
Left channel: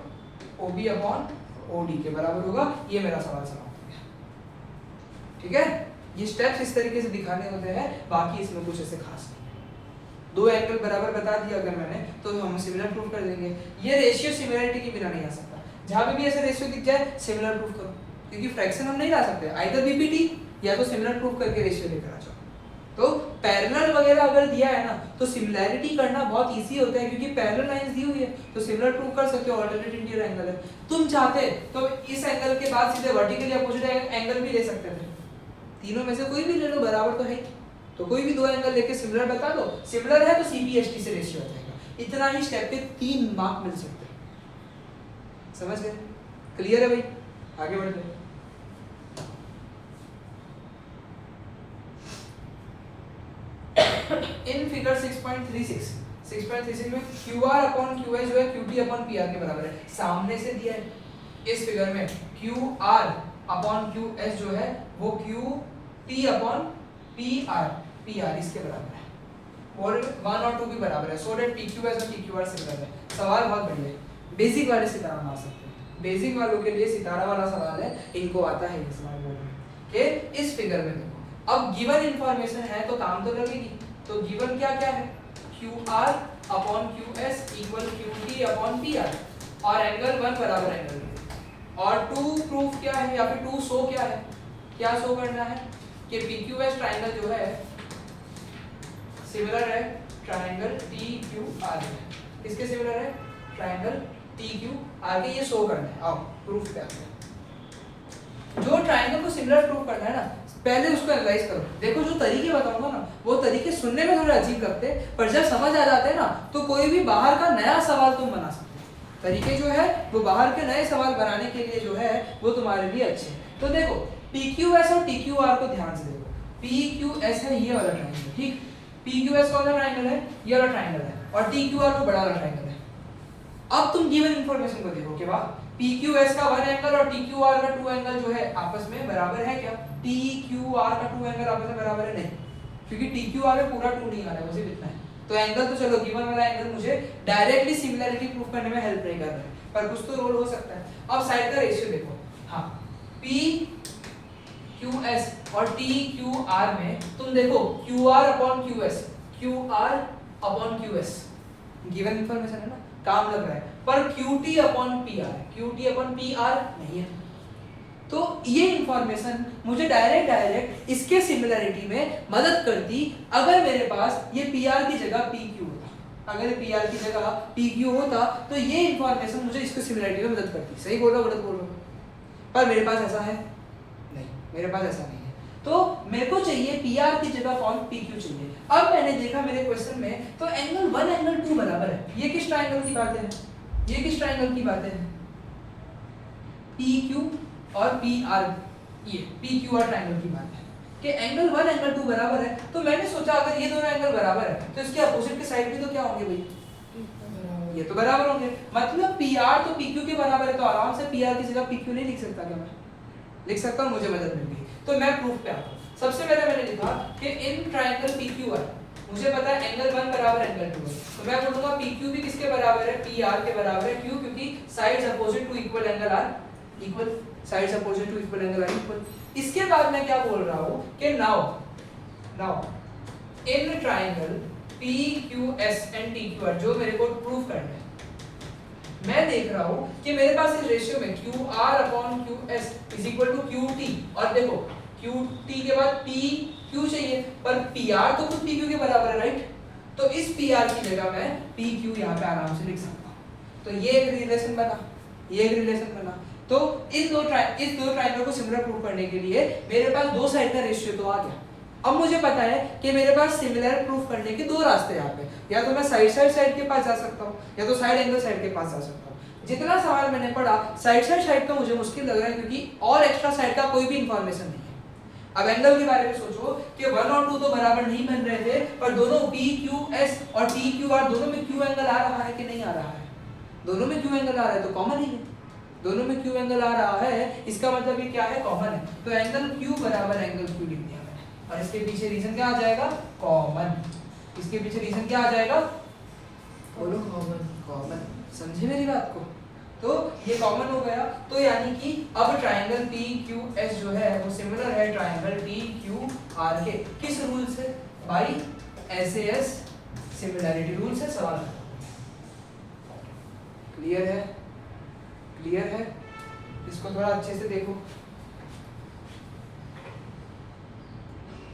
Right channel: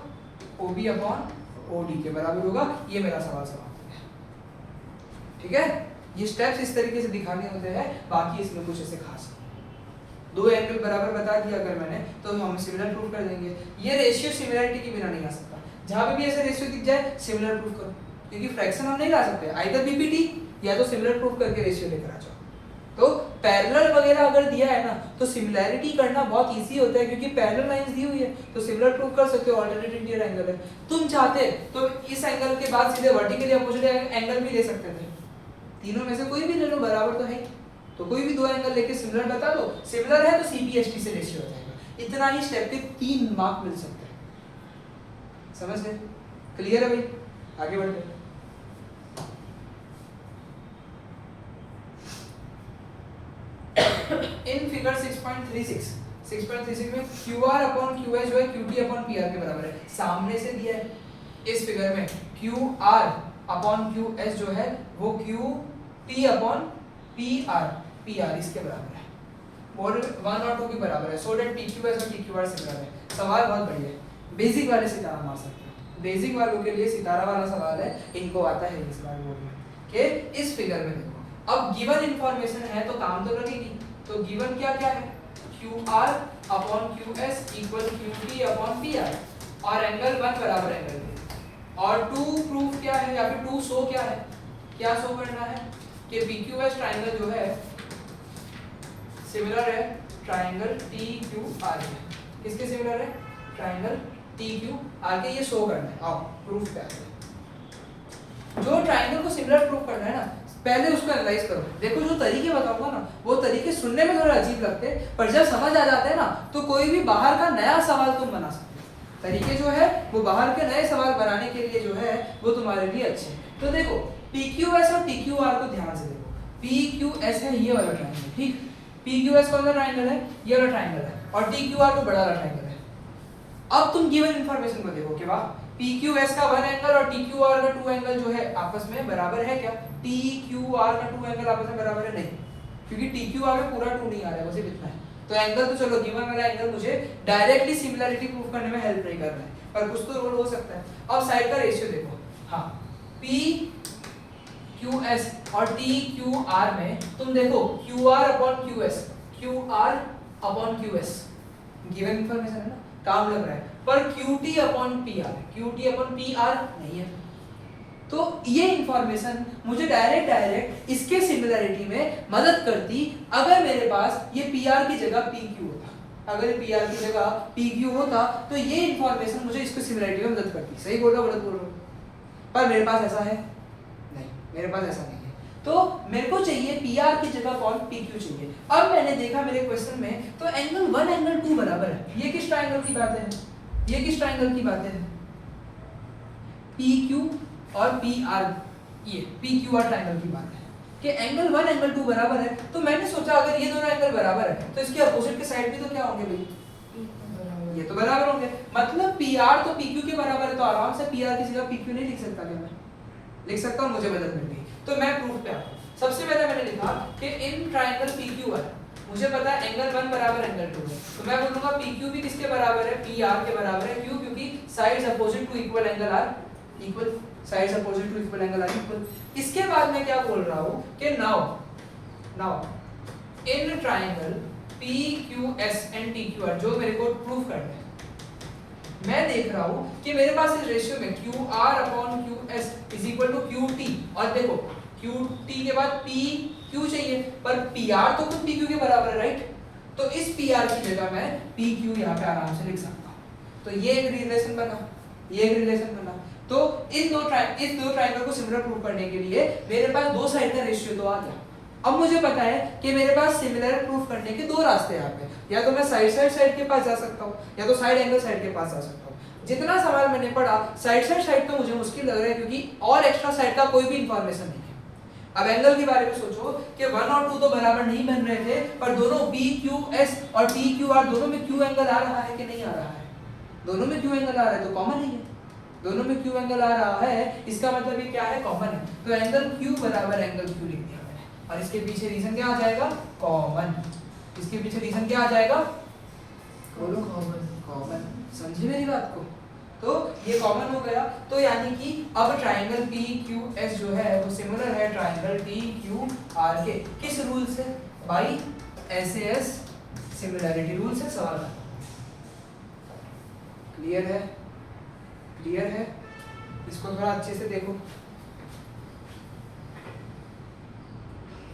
OB अपॉन OD के बराबर होगा। ये मेरा सवाल समाप्त है, ठीक है। ये स्टेप्स इस तरीके से दिखाने होते हैं, बाकी इसमें कुछ ऐसे खास नहीं। दो एंगल बराबर बता दिया अगर मैंने, तो हम सिमिलर प्रूफ कर देंगे। ये रेशियो सिमिलरिटी के बिना नहीं आ सकता। जहां पे भी ऐसे रेशियो दिख जाए सिमिलर प्रूफ करो, क्योंकि फ्रैक्शन हम नहीं ला सकते, आइदर बीपीटी या तो सिमिलर प्रूफ करके रेशियो लेकर आ जाओ। तो पैरेलल वगैरह अगर दिया है ना, तो सिमिलैरिटी करना बहुत इजी होता है, क्योंकि पैरेलल लाइंस दी हुई है, तो सिमिलर प्रूफ कर सकते हो। अल्टरनेट इंटीरियर एंगल है, तुम चाहते तो इस एंगल के बाद सीधे वर्टिकली अपोजिट एंगल भी ले सकते थे। तीनों में से कोई भी ले लो, बराबर तो है, तो कोई भी दो एंगल लेके सिमिलर बता दो, सिमिलर है तो CPST से रेशियो हो जाएगा। इतना ही स्टेप के 3 मार्क मिल सकते हैं। समझ गए? क्लियर है भाई? आगे बढ़ते हैं। इन फिगर 6.36 में QR अपॉन QS जो है QT अपॉन PR के बराबर है, सामने से दिया है। इस फिगर में QR अपॉन QS जो है वो QT अपॉन PR इसके बराबर है, और 1 और 2 के बराबर है। सो दैट PQS और TQR सिमिलर है। सवाल बहुत बढ़िया है, बेसिक वाले सितारा मार सकते हैं, बेसिक वालों के लिए सितारा वाला सवाल है, इनको आता है ये सवाल बोल रहे हैं। इस फिगर में देखो, अब गिवन इंफॉर्मेशन है तो काम तो लगेगी। तो गिवन क्या क्या है, QR upon QS equal QT upon PR, और एंगल 1 बराबर एंगल 2, और 2 प्रूफ क्या है, या फिर 2 शो क्या है, क्या शो करना है कि PQS ट्राइंगल जो है सिमिलर है ट्राइंगल TQR के। किसके सिमिलर है? ट्राइंगल TQR के, ये शो करना है। आओ प्रूफ क्या है, जो ट्राइंगल को सिमिलर प्रूफ करना है ना, पहले उसको एनालाइज करो। देखो जो तरीके बताऊंगा ना, वो तरीके सुनने में थोड़े अजीब लगते हैं, पर जब समझ आ जाते हैं ना, तो कोई भी बाहर का नया सवाल तुम बना सकते हो। तरीके जो है वो बाहर के नए सवाल बनाने के लिए जो है वो तुम्हारे लिए अच्छे हैं। तो देखो PQS और TQR को ध्यान से देखो। PQS है ये वाला ट्राइंगल, ठीक। PQS कौन सा ट्राइंगल है? ये वाला ट्राइंगल है, और TQR तो बड़ा वाला ट्राइंगल है। अब तुम गिवन इंफॉर्मेशन को देखो कि वाह, PQS का 1 एंगल और TQR का 2 एंगल जो है आपस में बराबर है क्या? TQR का 2 एंगल आपस में बराबर है? नहीं, क्योंकि TQR में पूरा 2 नहीं आ रहा है, उसे इतना है। तो एंगल तो चलो गिवन वाला एंगल मुझे डायरेक्टली सिमिलरिटी प्रूफ करने में हेल्प नहीं कर रहा है, पर कुछ तो रोल हो सकता है। अब साइड का रेशियो देखो, हाँ PQS और TQR में तुम देखो QR upon QS given information है ना, काम लग रहा है, पर QT अपॉन PR नहीं है। तो ये इंफॉर्मेशन मुझे डायरेक्ट इसके सिमिलरिटी में मदद करती अगर मेरे पास ये PR की जगह PQ होता। अगर PR की जगह PQ होता तो ये इंफॉर्मेशन मुझे इसके सिमिलरिटी में मदद करती। सही बोल रहा हूँ, गलत बोल रहा हूँ? पर मेरे पास ऐसा है नहीं, मेरे पास ऐसा नहीं है। तो मेरे को चाहिए PR की जगह कौन? PQ चाहिए। अब मैंने देखा मेरे क्वेश्चन में, तो एंगल 1 एंगल 2 बराबर है। ये किस ट्राइंगल की बात है? ये किस ट्राइंगल की बात है? PQ और PR ये PQR ट्रायंगल की बात है कि एंगल 1 एंगल 2 बराबर है, तो मैंने सोचा अगर ये दोनों एंगल बराबर है तो इसके अपोजिट के साइड भी तो क्या होंगे भाई, ये तो बराबर होंगे, मतलब PR तो PQ के बराबर है, तो आराम से PR की जगह PQ नहीं लिख सकता क्या मैं? लिख सकता हूं, मुझे मदद मिल गई। तो मैं प्रूफ पे आता हूं। सबसे पहले मैंने लिखा कि इन ट्रायंगल PQR मुझे पता है एंगल 1 बराबर एंगल 2 है, तो मैं बोलूंगा PQ भी किसके बराबर है, PR के बराबर है। क्यों? क्योंकि sides opposite to equal angle are equal, sides opposite to equal angle are equal. इसके बाद मैं क्या बोल रहा हूं कि now in triangle PQS and TQR जो मेरे को प्रूफ करना है, मैं देख रहा हूं कि मेरे पास इस रेशियो में QR upon QS is equal to QT, और देखो QT के बाद PQ चाहिए, पर PR तो खुद PQ के बराबर है, राइट? तो इस PR की जगह मैं PQ यहाँ पे आराम से लिख सकता हूँ। तो ये एक रिलेशन बना, ये एक रिलेशन बना। तो इस दो ट्रायंगल को सिमिलर प्रूव करने के लिए मेरे पास दो साइड का रेशियो तो आ गया। अब मुझे पता है कि मेरे पास सिमिलर प्रूफ करने के दो रास्ते यहाँ पे, या तो मैं साइड के पास जा सकता हूँ, या तो साइड एंगल साइड के पास जा सकता हूँ। जितना सवाल मैंने पढ़ा साइड का मुझे मुश्किल लग रहा है, क्योंकि और एक्स्ट्रा साइड का कोई भी इंफॉर्मेशन नहीं है। अब एंगल के बारे में सोचो कि 1 और 2 तो बराबर नहीं बन रहे थे, पर दोनों PQS और TQR दोनों में Q एंगल आ रहा है कि नहीं आ रहा है? दोनों में Q एंगल आ रहा है, तो कॉमन ही है। दोनों में Q एंगल आ रहा है, इसका मतलब ये क्या है, कॉमन है। तो एंगल Q बराबर एंगल Q लिख दिया मैंने, और इसके पीछे रीजन क्या आ जाएगा, कॉमन। इसके पीछे रीजन क्या आ जाएगा, बोलो कॉमन। समझे मेरी बात को? तो ये कॉमन हो गया। तो यानी कि अब ट्रायंगल PQS जो है वो सिमिलर है ट्रायंगल TQR के, किस रूल से, बाय SAS सिमिलैरिटी रूल से। सवाल क्लियर है? क्लियर है? इसको थोड़ा अच्छे से देखो।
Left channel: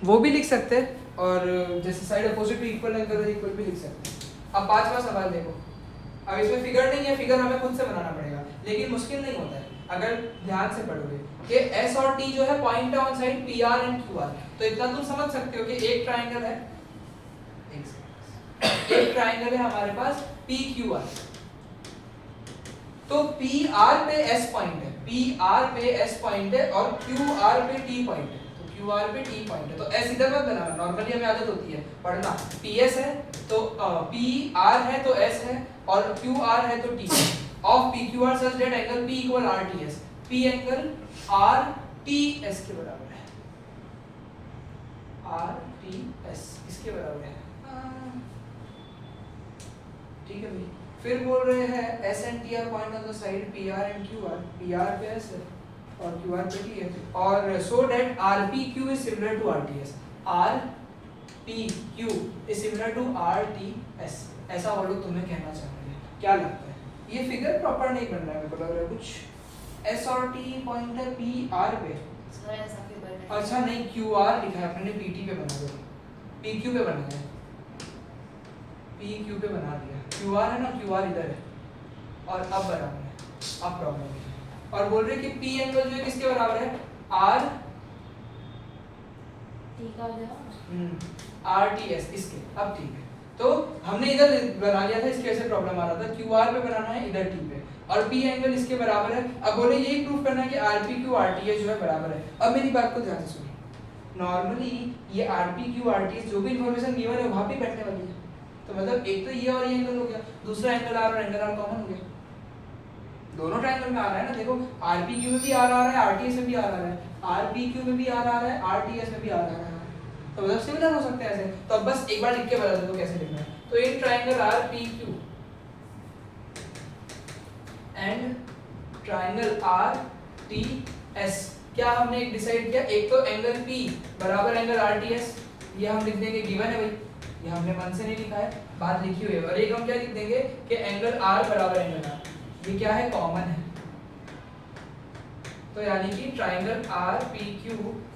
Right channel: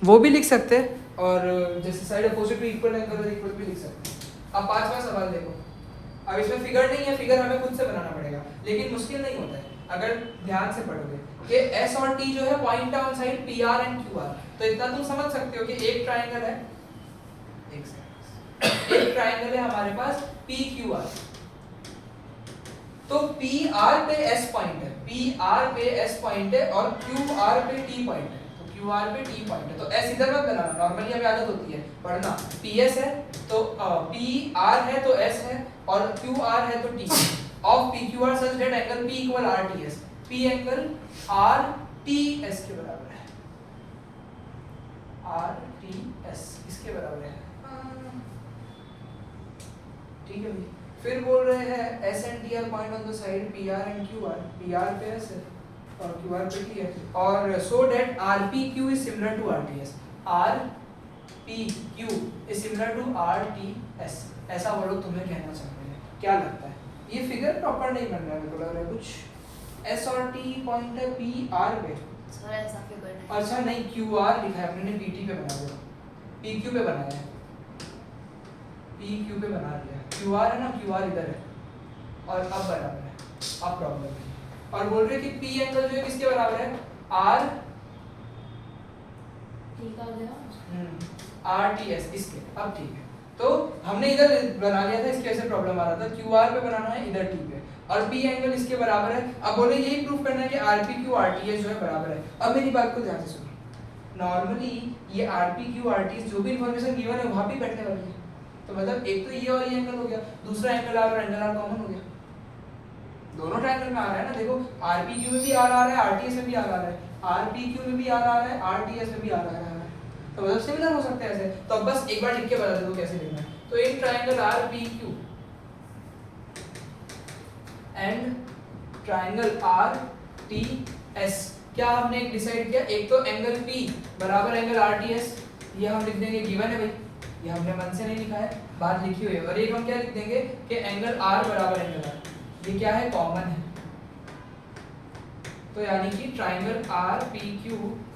वो भी लिख सकते हैं, और जैसे side opposite to equal angle equal भी लिख सकते हैं। अब पांचवा सवाल देखो। अब इसमें फिगर नहीं है, फिगर हमें खुद से बनाना पड़ेगा, लेकिन मुश्किल नहीं होता है अगर ध्यान से पढ़ोगे कि S और T जो है point on side PR and QR। तो इतना तुम समझ सकते हो कि एक ट्रायंगल है, एक ट्रायंगल है हमारे पास PQR। तो PR पे S पॉइंट है, PR पे S पॉइंट है, और QR पे T पॉइंट है। तो QR पे T पॉइंट है, तो S इधर मत बनाना, नॉर्मली हमें आदत होती है पढ़ना। PS है तो PR है तो S है, और QR है तो T। Of PQR such that angle P equal RTS, P angle RTS के बराबर है, RTS इसके बराबर है। ठीक है भाई। फिर बोल रहे हैं S and T are point on the side PR and QR, PR पे S है और QR पे T है, और so that RPQ is similar to RTS, RPQ is similar to RTS, ऐसा वर्ड तुम्हें कहना चाहते हैं। क्या लगता है? ये फिगर प्रॉपर नहीं बन रहा है, मेरे को लग रहा है कुछ S और T पॉइंट है PR पे। सर ऐसा फिगर है। अच्छा नहीं, QR लिखा है अपने ने, PT पे बना दिया, PQ पे बना दिया, PQ पे बना दिया। QR है ना, QR इधर है, और अब बराबर है, अब प्रॉब्लम है। और बोल रहे कि P एंगल जो है किसके बराबर है, R ठीक आ गया, RTS इसके। अब ठीक है, तो हमने इधर बना लिया था, इसकी वजह से प्रॉब्लम आ रहा था। QR पे बनाना है, इधर T पे, और P एंगल इसके बराबर है। अब बोले यही प्रूफ करना है कि RPQ RTS जो है बराबर है। अब मेरी बात को ध्यान से सुनिए, नॉर्मली ये RPQ RTS जो भी इंफॉर्मेशन गिवन है वहां पे बैठने वाली है। तो मतलब एक तो ये और ये एंगल हो गया, दूसरा एंगल R और एंगल R कॉमन हो गया, दोनों ट्रायंगल में आ रहा है ना। देखो RPQ में भी R आ रहा है, RTS में भी R आ रहा है, RPQ में भी R आ रहा है, RTS में भी R आ रहा है, तो मतलब सिमिलर हो सकते हैं ऐसे। तो अब बस एक बार लिख के बता दो कैसे लिखना है। तो in triangle RPQ and triangle RTS क्या हमने एक डिसाइड किया, एक तो एंगल P बराबर एंगल RTS, ये हम लिख देंगे, गिवन है भाई, ये हमने मन से नहीं लिखा है, बात लिखी हुई है। और एक हम क्या लिख देंगे कि एंगल R बराबर एंगल R, ये क्या है, कॉमन है। तो यानी कि ट्रायंगल RPQ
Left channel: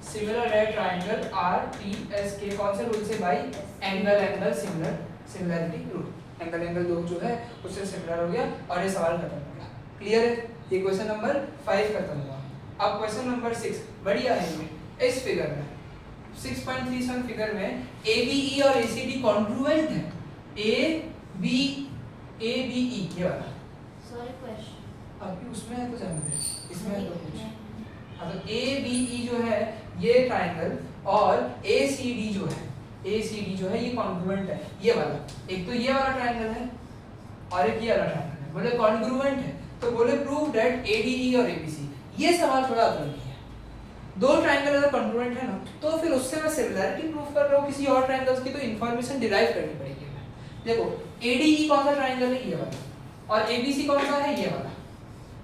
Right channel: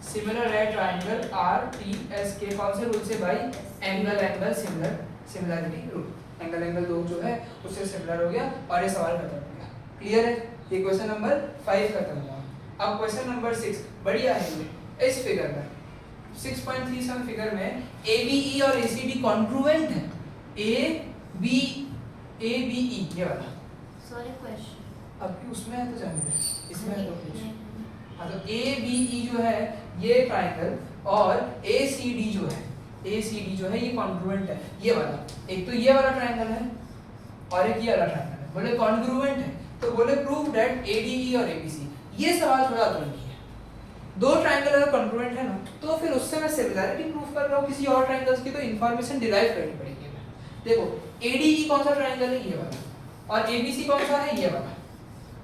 सिमिलर है ट्रायंगल RTS के कौन से रूल से भाई, angle angle similarity rule. Angle angle दो जो है उससे सिमिलर हो गया, और ये सवाल खत्म हो गया। क्लियर है? ये क्वेश्चन नंबर 5 खत्म हुआ। अब क्वेश्चन नंबर 6 बढ़िया है। ये इस फिगर में 6.37 फिगर में ABE और ACD कॉन्ग्रुएंट है। ABE ये वाला, सॉरी क्वेश्चन अब भी उसमें है तो जाने दे, इसमें है तो कुछ हाँ तो ABE जो है ये ट्राइंगल और ACD जो है ये कॉन्ग्रुएंट है, ये वाला। एक तो ये वाला ट्राइंगल है और एक ये वाला ट्राइंगल है, बोले कॉन्ग्रुएंट है तो बोले प्रूव दैट ADE और ABC। ये सवाल थोड़ा अतरंगी है, दो ट्राइंगल अगर कॉन्ग्रुएंट है ना तो फिर उससे मैं सिमिलरिटी प्रूव कर रहा हूँ किसी और ट्राइंगल्स की, तो इन्फॉर्मेशन डिराइव करनी पड़ेगी। देखो ADE कौन सा ट्राइंगल है, ये वाला, और ABC कौन सा है, ये वाला।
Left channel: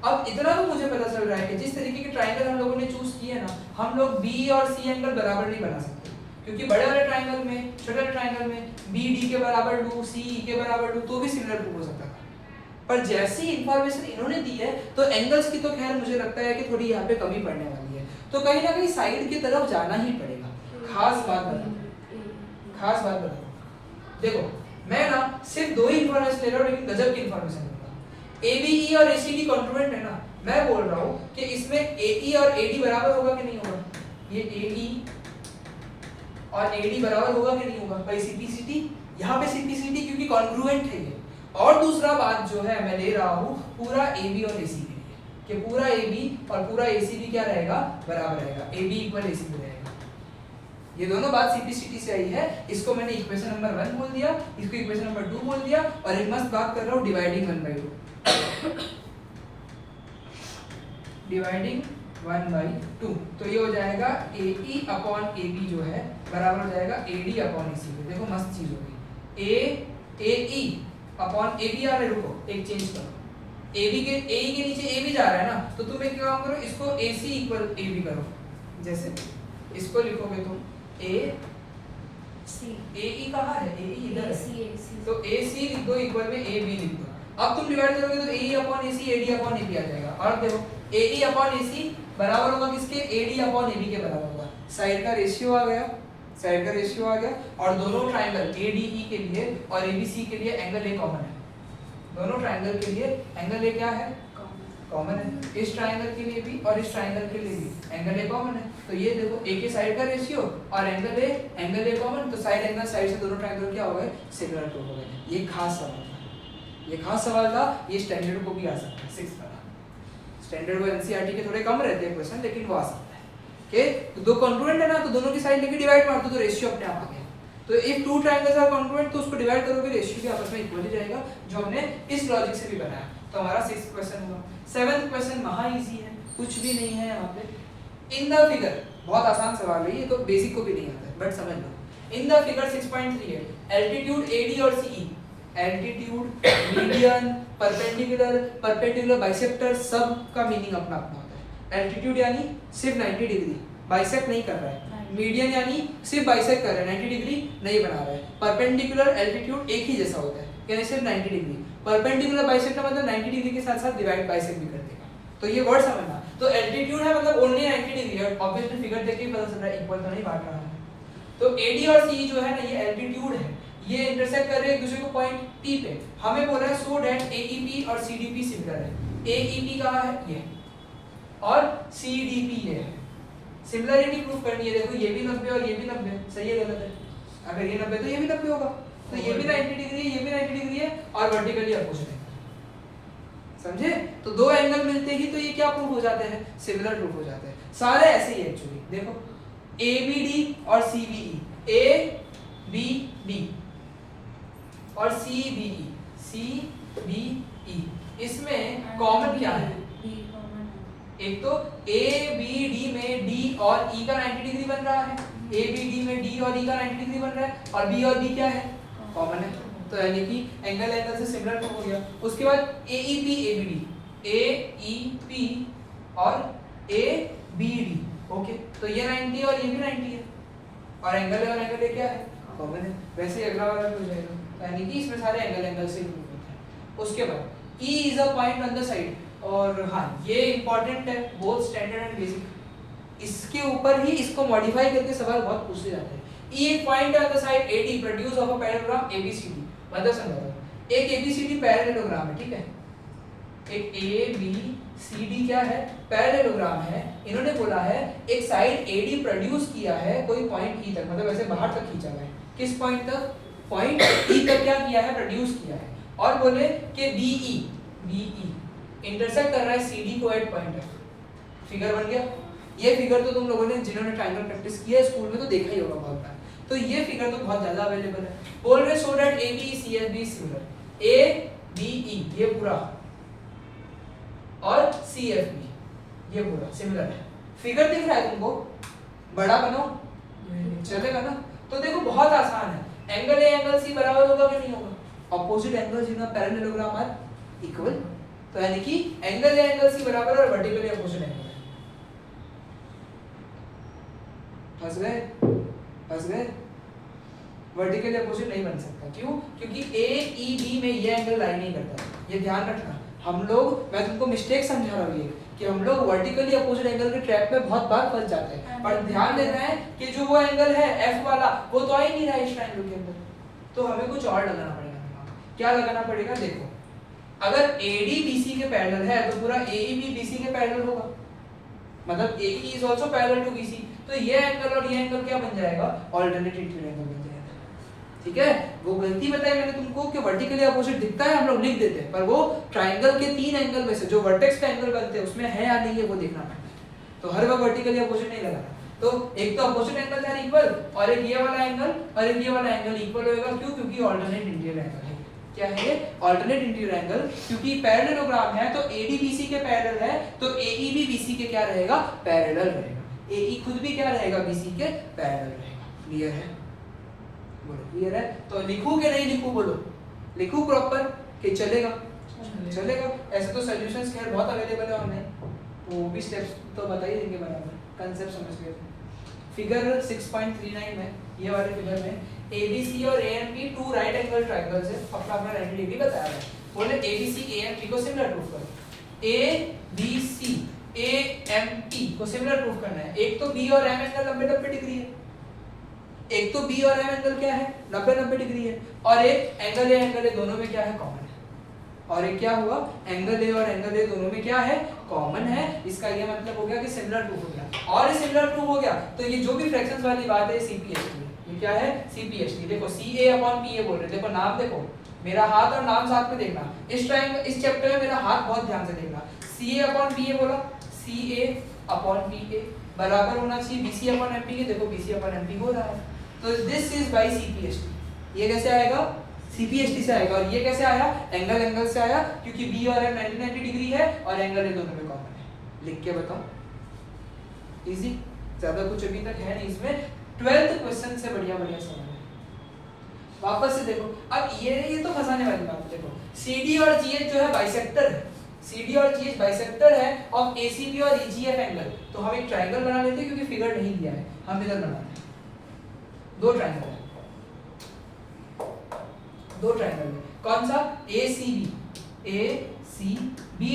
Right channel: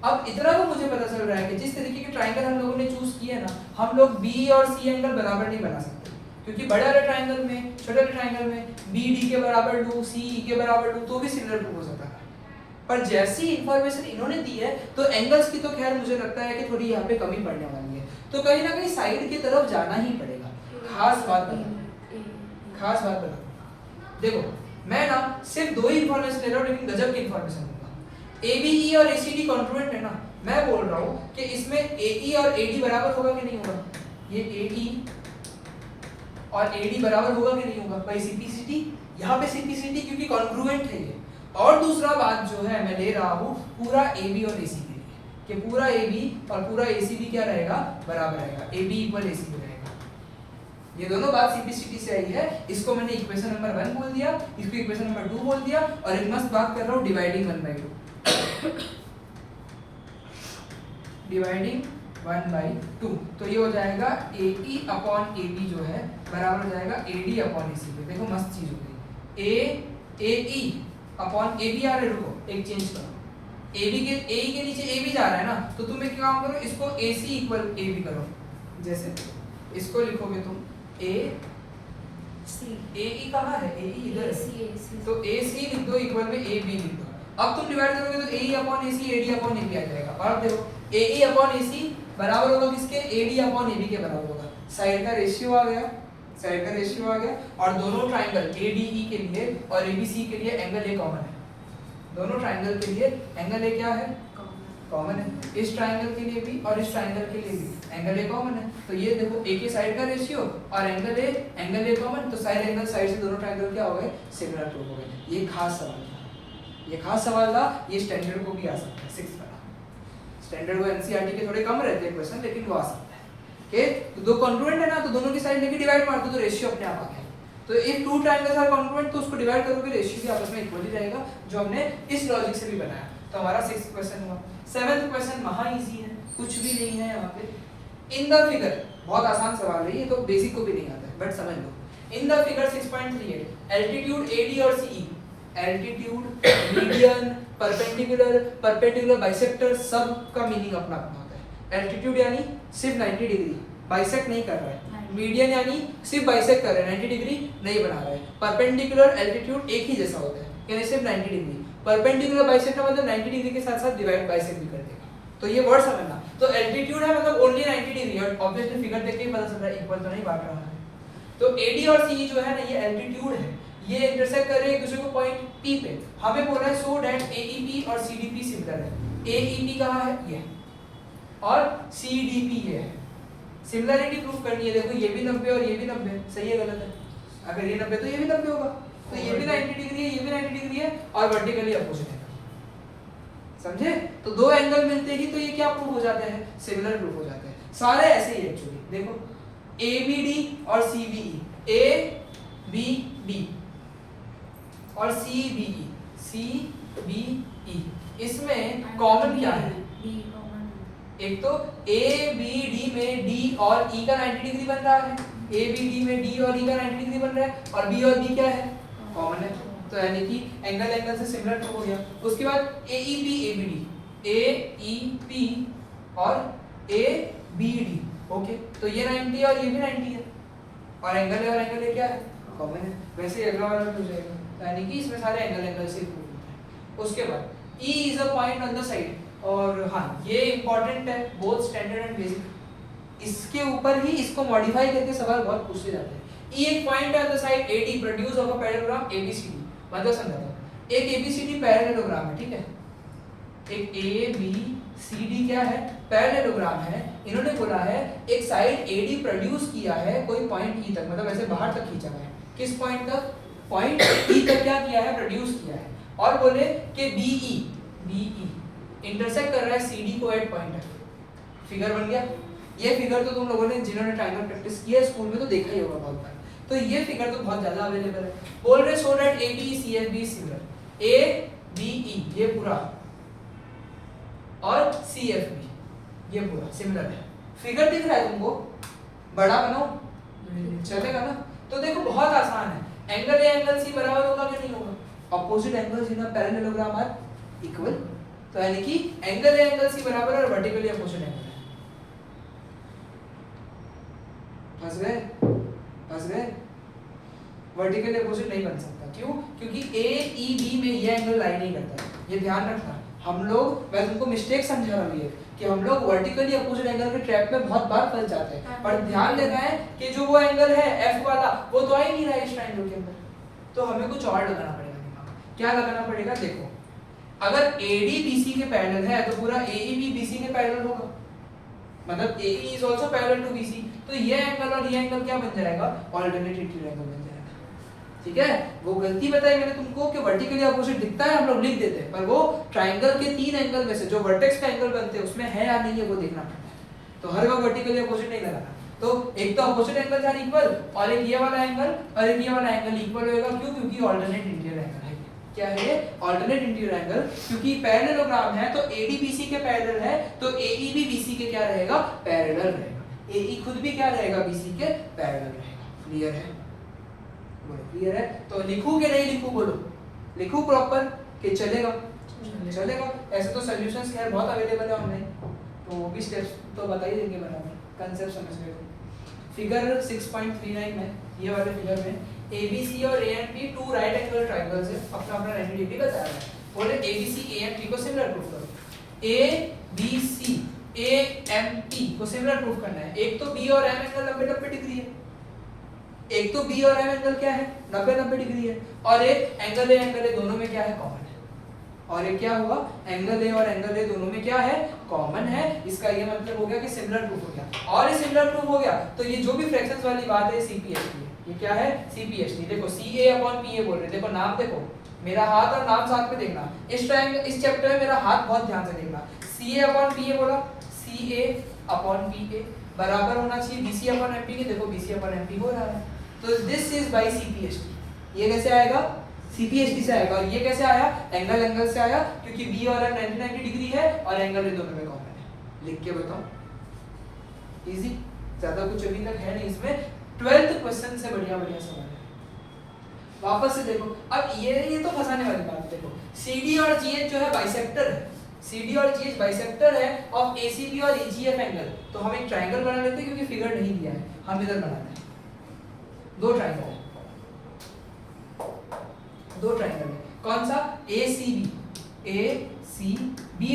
अब इतना तो मुझे पता चल रहा है कि जिस तरीके के ट्राइंगल हम लोगों ने चूज किए ना, हम लोग B और C एंगल बराबर नहीं बना सकते, क्योंकि बड़े वाले ट्राइंगल में, छोटे वाले ट्राइंगल में BD के बराबर लूं, CE के बराबर लूं तो भी सिमिलर प्रूव हो सकता था। पर जैसी इंफॉर्मेशन इन्होंने दी है तो एंगल्स की तो खैर मुझे लगता है कि थोड़ी यहाँ पे कमी पड़ने वाली है, तो कहीं ना कहीं साइड की तरफ जाना ही पड़ेगा। खास बात बता, देखो मैं ना सिर्फ दो ही इंफॉर्मेशन ले रहा हूँ लेकिन गजब की इंफॉर्मेशन दूंगा। ABE और ACD कॉन्ग्रुएंट है ना, मैं बोल रहा हूँ कि इसमें AE और AD बराबर होगा कि नहीं होगा, ये AE और AD बराबर होगा कि नहीं होगा भाई, CPCT, यहाँ पे CPCT क्योंकि कॉन्ग्रुएंट है ये। और दूसरा बात जो है मैं ले रहा हूँ पूरा AB और AC के लिए, कि पूरा AB और पूरा AC भी क्या रहेगा, बराबर रहेगा, AB इक्वल AC रहेगा। ये दोनों बात CPCT से आई है, इसको मैंने इक्वेशन नंबर 1 बोल दिया, इसको इक्वेशन नंबर 2 बोल दिया, और एक मस्त बात कर रहा हूँ डिवाइडिंग 1/2, डिवाइडिंग 1/2, तो ये हो जाएगा AE अपॉन AB जो है बराबर हो जाएगा AD अपॉन AC। देखो मस्त चीज हो गई, AE अपॉन AB आ रहा है, रुको एक चेंज करो, AB के AE के नीचे AB जा रहा है ना, तो तुम एक काम करो, इसको AC इक्वल AB करो, जैसे इसको लिखोगे तुम AE कहाँ है, AE इधर है, तो AC लिख दो इक्वल में AB लिख दो। अब तुम डिवाइड करोगे तो AE upon AC AD upon AB आ जाएगा, और देखो AE अपॉन AC बराबर होगा किसके, AD अपॉन AB के बराबर होगा, साइड का रेशियो आ गया, साइड का रेशियो आ गया, और दोनों ट्राइंगल ADE के लिए और ABC के लिए एंगल A कॉमन है, दोनों ट्राइंगल के लिए एंगल A क्या है, कॉमन है, इस ट्राइंगल के लिए भी और इस ट्राइंगल के लिए भी एंगल A कॉमन है। तो ये देखो A के साइड का रेशियो और एंगल A कॉमन, तो साइड एंगल साइड से दोनों ट्राइंगल क्या हो गए, सिमिलर प्रूव हो गए। ये खास सवाल था, ये खास सवाल था, ये स्टैंडर्ड को भी आ सकता है 6th का, स्टैंडर्ड वो NCERT के थोड़े कम रहते हैं क्वेश्चन, लेकिन वो आ सकता है। ओके, तो दो कॉन्ग्रुएंट है ना, तो दोनों की साइड लेके डिवाइड मार दो तो रेशियो अपने आप आ गया। तो if two triangles are congruent तो उसको डिवाइड करोगे रेशियो भी आपस में इक्वल ही रहेगा, जो हमने इस लॉजिक से भी बनाया। तो हमारा 6th क्वेश्चन हुआ। 7th क्वेश्चन महा इजी है, कुछ भी नहीं है यहाँ पे। इन द फिगर, बहुत आसान सवाल है ये, तो बेसिक को भी नहीं आता है बट समझ लो। In the figure 6.38 altitude AD और CE, altitude, median, perpendicular, bisector, सब का मीनिंग अपना अपना होता है। एल्टीट्यूड यानी सिर्फ 90 डिग्री बाइसेक्ट नहीं कर रहा है, मीडियन यानी सिर्फ बाइसेक्ट कर रहा है, 90 डिग्री नहीं बना रहा है। परपेंडिकुलर एल्टीट्यूड एक ही जैसा होता है, यानी सिर्फ 90 डिग्री। परपेंडिकुलर बाइसेक्ट का मतलब 90 डिग्री के साथ साथ डिवाइड बाइसेक्ट भी कर देगा, तो ये वर्ड समझना। तो एल्टीट्यूड है मतलब ओनली 90 डिग्री, और ऑब्वियसली फिगर देख के ही पता चल रहा है इक्वल तो नहीं बांट रहा है। तो AD और CE जो है ना, ये एल्टीट्यूड है, ये इंटरसेक्ट कर रहे हैं एक दूसरे को पॉइंट P पे। हमें बोला है सो दैट AEP और CDP सिमिलर है। AEP कहाँ है, ये, और CDP ये है। सिमिलरिटी प्रूफ करनी है। देखो ये भी 90 और ये भी 90, सही है गलत है? अगर ये 90 तो ये भी 90 होगा, तो ये भी 90 डिग्री है, ये भी 90 डिग्री है, और वर्टिकली अपोजिट है, समझे? तो दो एंगल मिलते ही तो ये क्या प्रूफ हो जाते हैं, सिमिलर प्रूफ हो जाते हैं। सारे ऐसे ही एक्चुअली, देखो ABD और CBE, ABD और CBE, इसमें कॉमन क्या है? एक तो ABD में D और E का 90 डिग्री बन रहा है, ABD में D और E का 90 डिग्री बन रहा है, और B और B क्या है, कॉमन है, तो यानी कि एंगल से सिमिलर हो गया। उसके बाद AEP और ABD, ओके, तो ये 90 और ये भी 90 है, और एंगल क्या है, कॉमन है। वैसे ही अगला वाला भी हो जाएगा, यानी कि इसमें सारे एंगल से प्रूफ होते हैं। उसके बाद E is a point on the side, और हाँ ये इंपॉर्टेंट है, बोथ स्टैंडर्ड एंड बेसिक। इसके ऊपर ही इसको मॉडिफाई करके सवाल बहुत पूछे जाते हैं। E एक point on the side AD produce of a parallelogram ABCD, मतलब समझो एक ABCD पैरेललोग्राम है, ठीक है, एक ABCD क्या है, पैरेललोग्राम है। इन्होंने बोला है एक साइड AD प्रोड्यूस किया है कोई पॉइंट E तक, मतलब ऐसे बाहर तक खींचा हुआ है। किस पॉइंट तक? पॉइंट E तक क्या किया है, प्रोड्यूस किया है। और बोले कि BE इंटरसेक्ट कर रहा है CD को एट पॉइंट है। फिगर बन गया, ये फिगर तो तुम लोगों ने जिन्होंने ट्रायंगल प्रैक्टिस किया है स्कूल में तो देखा ही होगा बहुत बार। तो ये फिगर तो बहुत ज्यादा अवेलेबल है। बोल रहे so that AB CFB similar, ABE ये पूरा और CFB ये पूरा सिमिलर है। फिगर दिख रहा है तुमको, बड़ा बनाओ चलेगा ना। तो देखो बहुत आसान है, एंगल A एंगल C बराबर होगा कि नहीं होगा, opposite angles in a parallelogram are equal. तो यानी कि एंगल A एंगल C बराबर और वर्टिकली अपोजिट एंगल है। फंस गए वर्टिकली अपोजिट नहीं बन सकता। क्यों? क्योंकि AEB में ये एंगल लाई नहीं करता, ये ध्यान रखना। हम लोग, मैं तुमको मिस्टेक समझा रहा हूँ कि हम लोग वर्टिकली अपोजिट एंगल के ट्रैप में बहुत बार फंस जाते हैं, पर ध्यान देना है कि जो वो एंगल है F वाला वो तो आ ही नहीं रहा है इस ट्रायंगल के अंदर, तो हमें कुछ और लगाना पड़ेगा। क्या लगाना पड़ेगा? देखो, अगर AD BC के पैरेलल है तो पूरा AEB BC के पैरेलल होगा, मतलब AE is also parallel to BC, तो ये एंगल और ये एंगल क्या बन जाएगा? ऑल्टरनेट इंटीरियर एंगल बन जाएगा। ठीक है, वो गलती बताई मैंने तुमको कि वर्टिकली अपोजिट दिखता है, हम लोग लिख देते हैं, पर वो ट्रायंगल के 3 एंगल में से जो वर्टेक्स का एंगल बनते हैं उसमें है या नहीं है वो देखना पड़ता है। तो हर वक्त वर्टिकली अपोजिट नहीं लगाना। तो एक तो अपोजिट एंगल है इक्वल, और एक ये वाला एंगल और एक ये वाला एंगल इक्वल होगा। क्यों? क्योंकि ऑल्टरनेट इंटीरियर एंगल है। क्या है? Alternate interior angle. क्योंकि पैरेललोग्राम है तो AD BC के पैरेलल है, तो AEB BC के क्या रहेगा? पैरेलल रहेगा। AE खुद भी क्या रहेगा? BC के पैरेलल रहेगा। क्लियर है? बोलो क्लियर है? तो लिखूं कि नहीं लिखूं? बोलो लिखूं प्रॉपर कि चलेगा? चलेगा। ऐसे तो सॉल्यूशंस खैर बहुत अवेलेबल है ऑनलाइन, तो वो भी स्टेप्स तो बता ही देंगे बराबर, कांसेप्ट समझ गए। फिगर 6.39 में, ये वाले फिगर में ABC और ANP two right angle triangles है, अपना अपना 90 डिग्री बताया है। बोले ABC ANP को सिमिलर प्रूफ करो। ABC AMP को सिमिलर प्रूफ करना है। एक तो B और M एंगल 90-90 डिग्री है, एक तो B और M एंगल क्या है? 90-90 डिग्री है, और एक एंगल A एंगल A दोनों में क्या है? कॉमन है। और एक क्या होगा? एंगल A और एंगल A दोनों में क्या है? कॉमन है। इसका ये मतलब हो गया कि सिमिलर प्रूफ हो गया। और ये सिमिलर प्रूफ हो गया तो ये जो भी फ्रैक्शंस वाली बात है CPHT, ये क्या है? CPHT। देखो CA/PA बोल रहे, देखो नाम देखो, मेरा हाथ और नाम साथ में देखना। इस ट्रायंगल, इस चैप्टर में मेरा हाथ बहुत ध्यान से देखना। CA/PA बोला, CA/PA बराबर होना चाहिए BC/MP के। देखो BC/MP हो रहा है, तो दिस इज बाय CPHT। ये कैसे आएगा? CPHT से आएगा। और ये कैसे आया? एंगल एंगल से आया, क्योंकि B और M 90-90 डिग्री है और एंगल A दोनों में कॉमन है। लिख के बताओ, इजी, ज्यादा कुछ अभी तक है नहीं इसमें। 12th क्वेश्चन से बढ़िया बढ़िया सवाल है। वापस से देखो, अब ये तो फंसाने वाली बात है। देखो CD और GH जो है बाइसेक्टर है, CD और GH बाइसेक्टर है ऑफ ACB और AGF एंगल। तो हम एक ट्रायंगल बना लेते हैं, क्योंकि फिगर नहीं दिया है, हम इधर बनाते हैं। दो ट्रायंगल है, दो ट्रायंगल है। कौन सा? ACB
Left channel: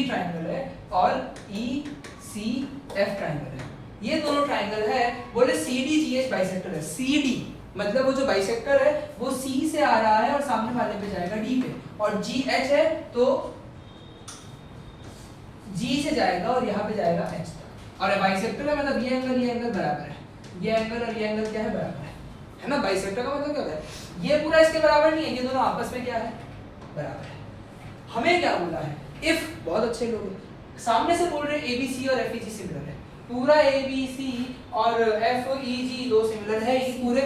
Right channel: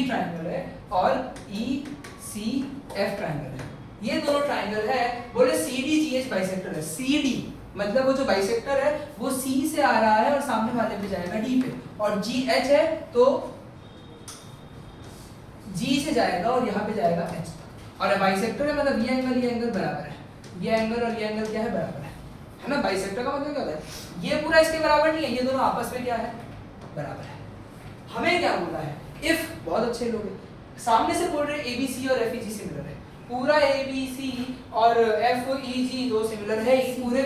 ट्रायंगल है और ECF ट्रायंगल है। ये दोनों ट्रायंगल है। बोले CDGH बाइसेक्टर है। CD मतलब वो जो बाइसेक्टर है वो C से आ रहा है और सामने वाले पे जाएगा D पे, और GH है तो G से जाएगा और यहाँ पे जाएगा H तक। और बाइसेक्टर है मतलब ये एंगल बराबर है, ये एंगल और ये एंगल क्या है? बराबर है ना। बाइसेक्टर का मतलब क्या होता है? ये पूरा इसके बराबर नहीं है, ये दोनों आपस में क्या है? बराबर है। हमें क्या बोला है? इफ, बहुत अच्छे लोग हैं, सामने से बोल रहे ABC और FEG सिमिलर है, पूरा ABC और FEG दो सिमिलर है, ये पूरे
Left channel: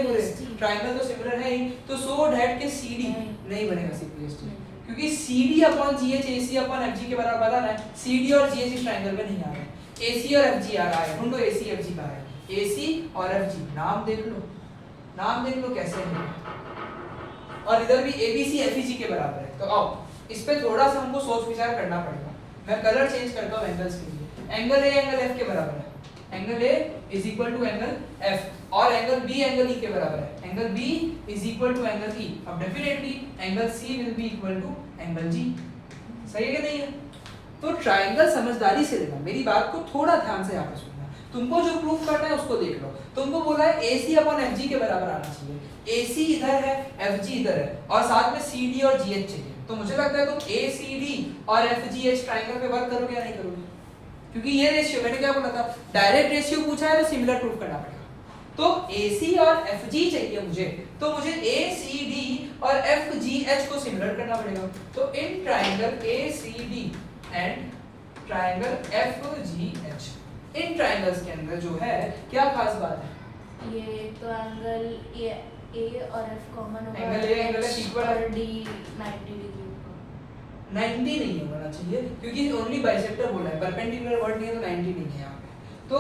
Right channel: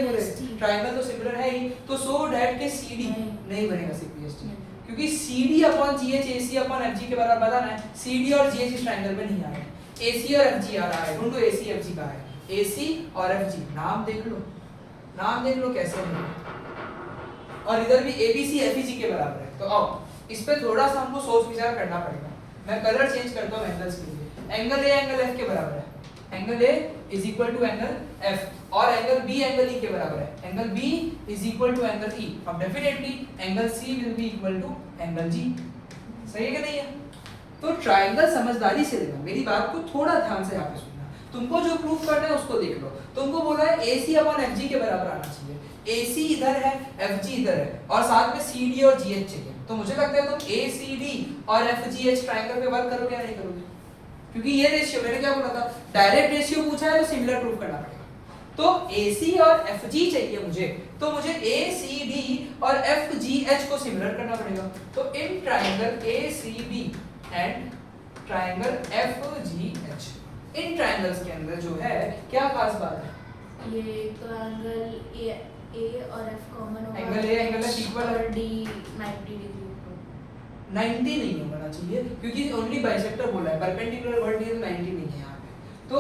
ट्रायंगल तो सिमिलर है ही, तो सो दैट के CD नहीं बनेगा CPHT, क्योंकि CD/GH AC/FG के बराबर बता रहा है। CD और GH इस ट्रायंगल में नहीं आ रहे हैं, AC और FG आ रहा है। ढूंढो AC FG कहाँ है? AC और FG नाम देख लो, नाम देख लो कैसे है। और इधर भी ABC FEG के बराबर है। तो आओ इस पे थोड़ा सा हमको सोच विचार करना पड़ेगा। मैं कलर चेंज करता हूँ एंगल्स के लिए। एंगल A एंगल F के बराबर है, angle A is equal to angle F, और एंगल B एंगल E के बराबर है, angle B is equal to angle E। अब definitely angle C will be equal to angle G। सही है कि नहीं है? तो ट्रायंगल समझदारी से लेना, मेरी बात को थोड़ा ध्यान से यहाँ पे सुनना। तुमको जो प्रूफ करना है उसको देख लो। तुमको बोला है AC/FG के बराबर आना चाहिए, AC इधर है, FG इधर है, और साथ में CD और GH चाहिए। तो मुझे लगता है तुम ACD और FGH ट्रायंगल पे वर्क करोगे या नहीं करोगे? क्योंकि ये रेशियो, मैंने क्या बोला था, डायरेक्ट रेशियो पूछा है तो सिमिलर प्रूफ करना पड़ेगा। तो AC और FG चाहिए मुझे, तो मुझे ACD और FGH को सिमिलर करना पड़ेगा। तो in triangle ACB and triangle FGH in triangles के अंदर जो है क्या खास बात है? ये तो एंगल ए और एफ कॉमन होगा, angle A angle F equal है, डी 90 डिग्री ऊपर। 90 नहीं होना चाहिए क्योंकि ओनली बाइसेक्टर बोला है, परपेंडिकुलर वर्ड नहीं है तो 90 नहीं है यहाँ पे। तो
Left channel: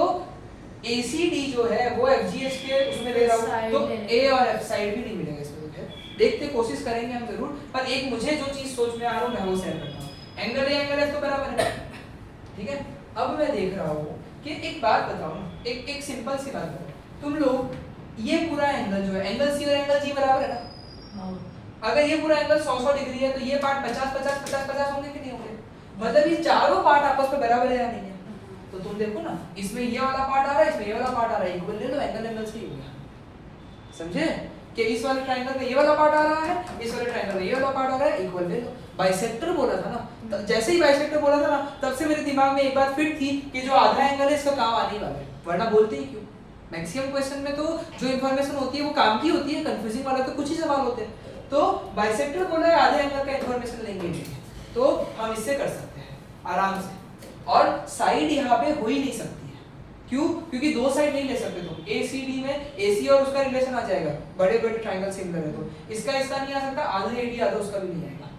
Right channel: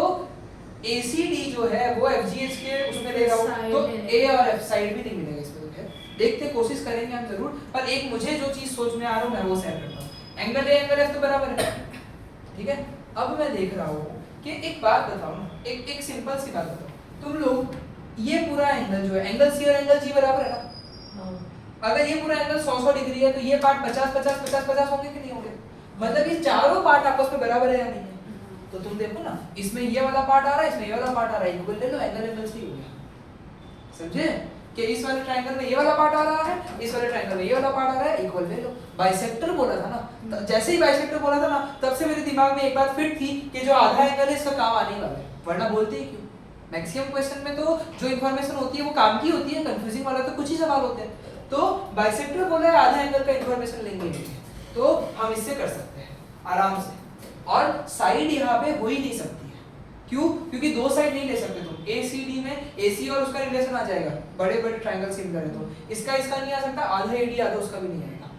ACD जो है वो FGH के उसमें ले रहा हूँ, तो A और F साइड भी नहीं मिलेगा इसमें। तो फिर देखते कोशिश करेंगे हम जरूर, पर एक मुझे जो चीज सोच में आ रहा हूँ मैं वो शेयर करता हूँ। एंगल A एंगल F तो बराबर है, ठीक है। अब मैं देख रहा हूँ कि एक बात बताओ ना, एक सिंपल सी बात बताओ, तुम लोग ये पूरा एंगल जो है एंगल C और एंगल G बराबर है ना? अगर ये पूरा एंगल 100 डिग्री है तो ये पार्ट 50 होंगे कि नहीं होंगे? मतलब ये चारों पार्ट आपस में बराबर है या नहीं है? तो तुम देखो ना, इसमें ये वाला पार्ट आ रहा है, इसमें ये वाला पार्ट आ रहा है, इक्वल ले लो, एंगल एंगल से ही हो गया। समझे कि इस वाले ट्रायंगल में ये वाला पार्ट आ रहा है, इस वाले ट्रायंगल में ये वाला पार्ट आ रहा है, इक्वल ले लो। बाइसेक्टर बोला था ना, जैसे ही बाइसेक्टर बोला था ना तब से मेरे दिमाग में एक बात फिट थी कि जो आधा एंगल है इसका काम आने ही वाला है, वरना बोलते ही क्यों? मैक्सिमम क्वेश्चन में तो जो इंफॉर्मेशन होती है वो काम की होती है, कंफ्यूजिंग वाला तो कुछ ही सवाल होते हैं। तो बाइसेक्टर बोला है आधे एंगल का इंफॉर्मेशन लेंगे, तो हम इससे कर सकते हैं आराम से। और साइड यहाँ पे हो ही नहीं सकती है, क्यों? क्योंकि दो साइड नहीं ले सकते तुम। ACD में AC और उसका रिलेशन आ जाएगा, बड़े बड़े ट्रायंगल सिमिलर है तो इसका नहीं आ सकता, आधा AD आधा उसका भी नहीं आएगा।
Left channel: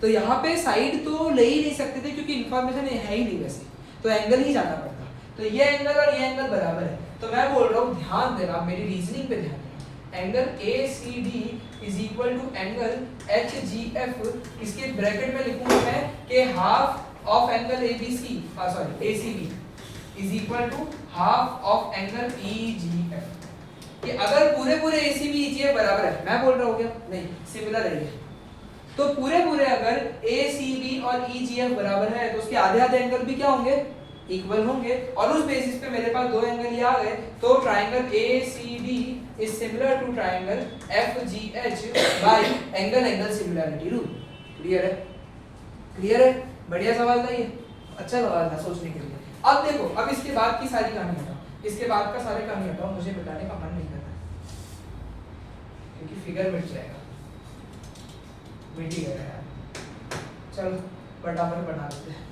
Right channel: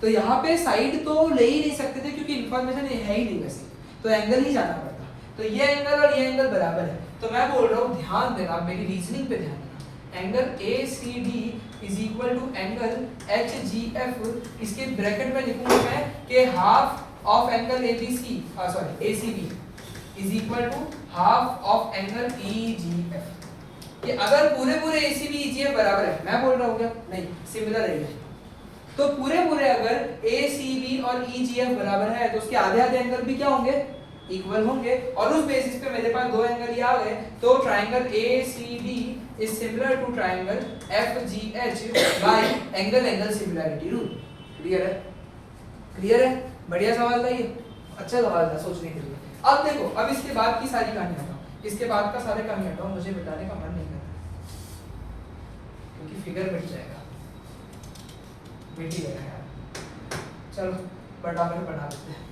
तो यहाँ पे साइड तो ले ही नहीं सकते थे क्योंकि इंफॉर्मेशन है ही नहीं वैसे, तो एंगल ही जाना पड़ता। तो ये एंगल और ये एंगल बराबर है, तो मैं बोल रहा हूँ ध्यान देना, मेरी रीजनिंग पे ध्यान देना। Angle ACD is equal to angle HGF, इसके ब्रैकेट में लिखूंगा मैं कि half of angle ACB is equal to half of angle EGF। कि अगर पूरे ACB EGF बराबर है, मैं बोल रहा हूँ क्या? नहीं, सिमिलर है, तो पूरे अगर ACB और EGF बराबर है तो उसके आधे एंगल भी क्या होंगे? इक्वल होंगे। और उस बेसिस पे मेरे पास दो एंगल ये आ गए, तो triangle ACD is similar to triangle FGH by angle similarity rule. Clear है? बढ़िया सवाल था ये, अच्छा सवाल था सोचने के लिए। अब देखो, अब इसके बाद की सारी कहानी हटाओ, इसके बाद का सारे कहानी हटाओ, मुझे बताने का मन नहीं करता क्योंकि फिगर मिट जाएगा, मिट ही गया यार। चलो फटाफट बना लेते हैं।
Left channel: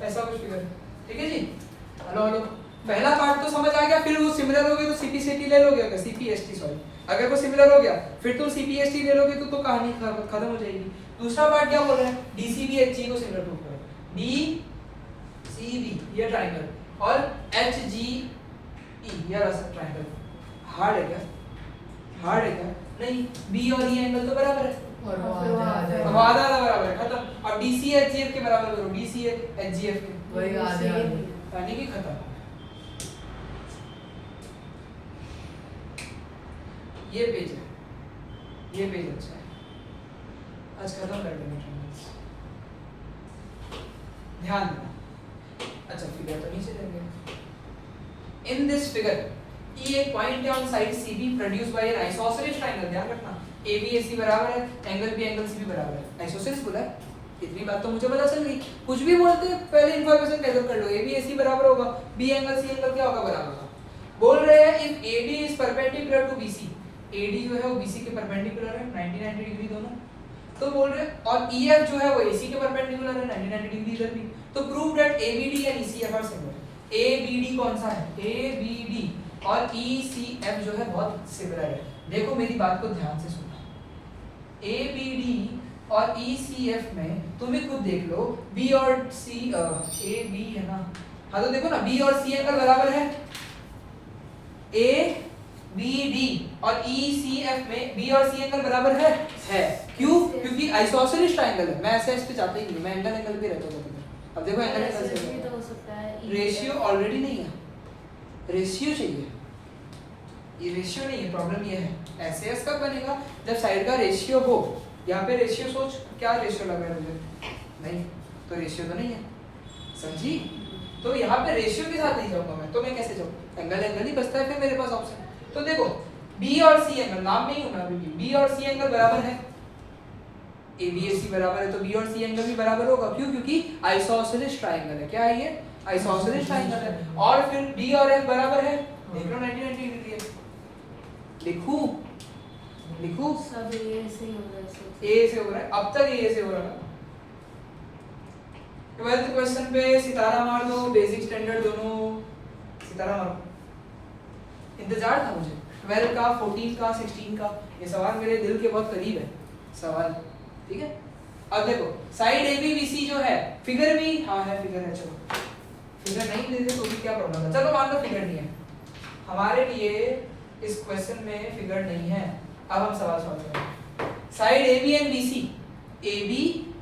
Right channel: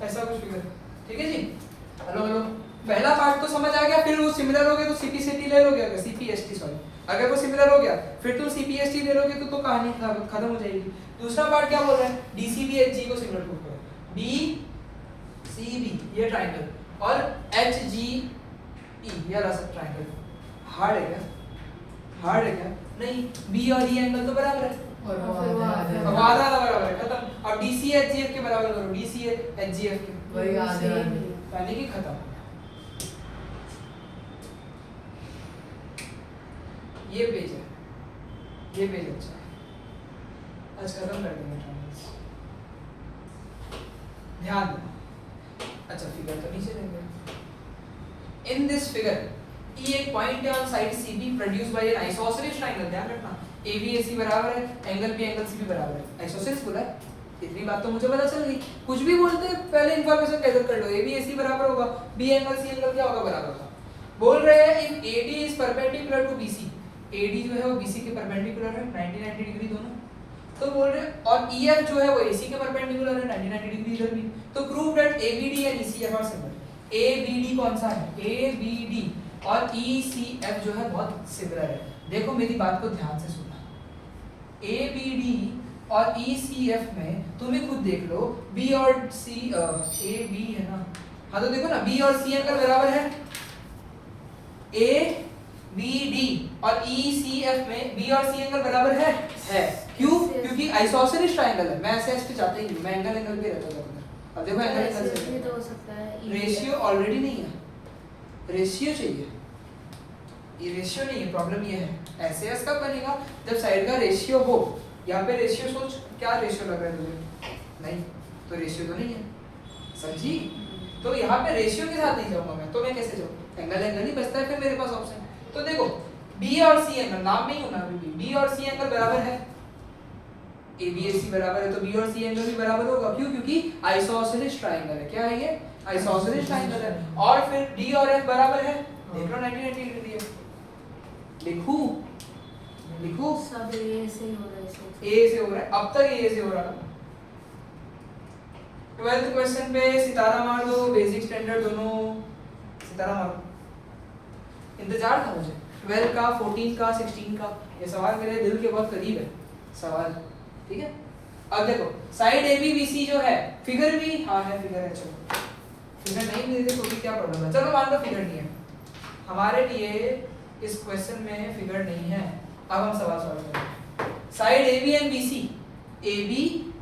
ऐसा कुछ फिगर, ठीक है जी। हेलो पहला पार्ट तो समझ आ गया, फिर वो सिमिलर हो गया तो CPCT ले लोगे, अगर CPST सॉरी, अगर वो सिमिलर हो गया फिर तुम CPST ले लोगे तो कहानी खत्म हो जाएगी। दूसरा पार्ट क्या बोल रहा है? DCB HG को सिमिलर प्रूव करो। DCB ये ट्रायंगल और HGE ये रहा ट्रायंगल। हार्ड है क्या? हार्ड है क्या? नहीं, B और E एंगल तो बराबर है, अब आधा बराबर है, खत्म। अब DC HGF के बराबर करो, DC HGF के, वही आधा यानी कि खत्म। ये पेज है, ये पेज अच्छा है, आज खत्म कर देंगे ट्रायंगल्स। ध्यान देना। अच्छा फिगर तो नीचे लेंगे। इन दिस फिगर E एक पॉइंट है on side CB produced by N isosceles triangle. ध्यान रखना, AB AC बराबर है, एंगल B एंगल C भी बराबर है। आइसोसेलेस बोला है, इतनी बात तो मुझे पता चल गई। कुछ भी बोलते हैं पहले इंफॉर्मेशन गैदर कर लो, AB AC बराबर होगा, B एंगल C एंगल क्या होगा? बराबर होगा। बोल रहे हैं if AD is perpendicular to BC, AD जो है वो BC के परपेंडिकुलर है 90 डिग्री दोनों, तो बोल रहे हैं, और EF जो है वो AC के परपेंडिकुलर है 90 डिग्री इधर भी, तो prove that ABD and ECF are similar. ABD कौन सा है? ABD और ECF जो है बहुत सिमिलर है। देखो मेरी बात को ध्यान से सुनना, ABD और ECF में तुम ही खुद देख लो, B और C AB है ना, हाँ तो देखो ना B और C एंगल बराबर है, ABD और ECF में B और C एंगल बराबर है। क्यों? क्योंकि आइसोसेलेस ट्रायंगल है। मैं ऐसा इस पे जाता ही नहीं, मैं एंगल पे रहता हूँ। अब देखो एंगल भी तो हो सकता है, रेशियो ऑलरेडी नहीं है, रेशियो चाहिए, ये रेशियो नहीं है। प्रॉब्लम ये है एसएस कब बनेगा? जब साइड का रेशियो हो। यहाँ पे रेशियो सोच, क्या रेशियो लग रहा है तुझे? नहीं, तो रेशियो तो नहीं है, समझी? तो यहाँ पे रेशियो के साथ नहीं जाऊंगा मैं, तो मैं कैसे जाऊँ? एंगल ही बचता है फिर मेरे पास ऑप्शन। तो देखो B और C एंगल, नाम में ही होना अभी B और C एंगल बराबर है, ABAC बराबर है तो B और C एंगल भी बराबर होगा। क्यों? क्योंकि आइसोसेलेस ट्रायंगल है। क्या है ये? आइसोसेलेस ट्रायंगल है। और फिर D और F बराबर है, देख लो 90 डिग्री है। लिखूं सब ए से हो रहा है। A से हो रहा है, अब तक A से हो रहा है। 12th क्वेश्चन पे सितारा मार दो, बेसिक स्टैंडर्ड दोनों सितारा मार दो। इंतजार था मुझे 12 का, 14 का, 16 का, ये सवाल मेरे दिल के बहुत करीब है सवाल, ठीक है। अब देखो साइड ABBC जो है, फिगर भी हाँ है, फिगर है, चलो फिगर नहीं देते तो भी क्या प्रॉब्लम है, चलो मान लो फिगर नहीं है हमारे लिए, इस क्वेश्चन में फिगर नहीं है। अब हम सवाल सॉल्व करेंगे। Side AB and BC, AB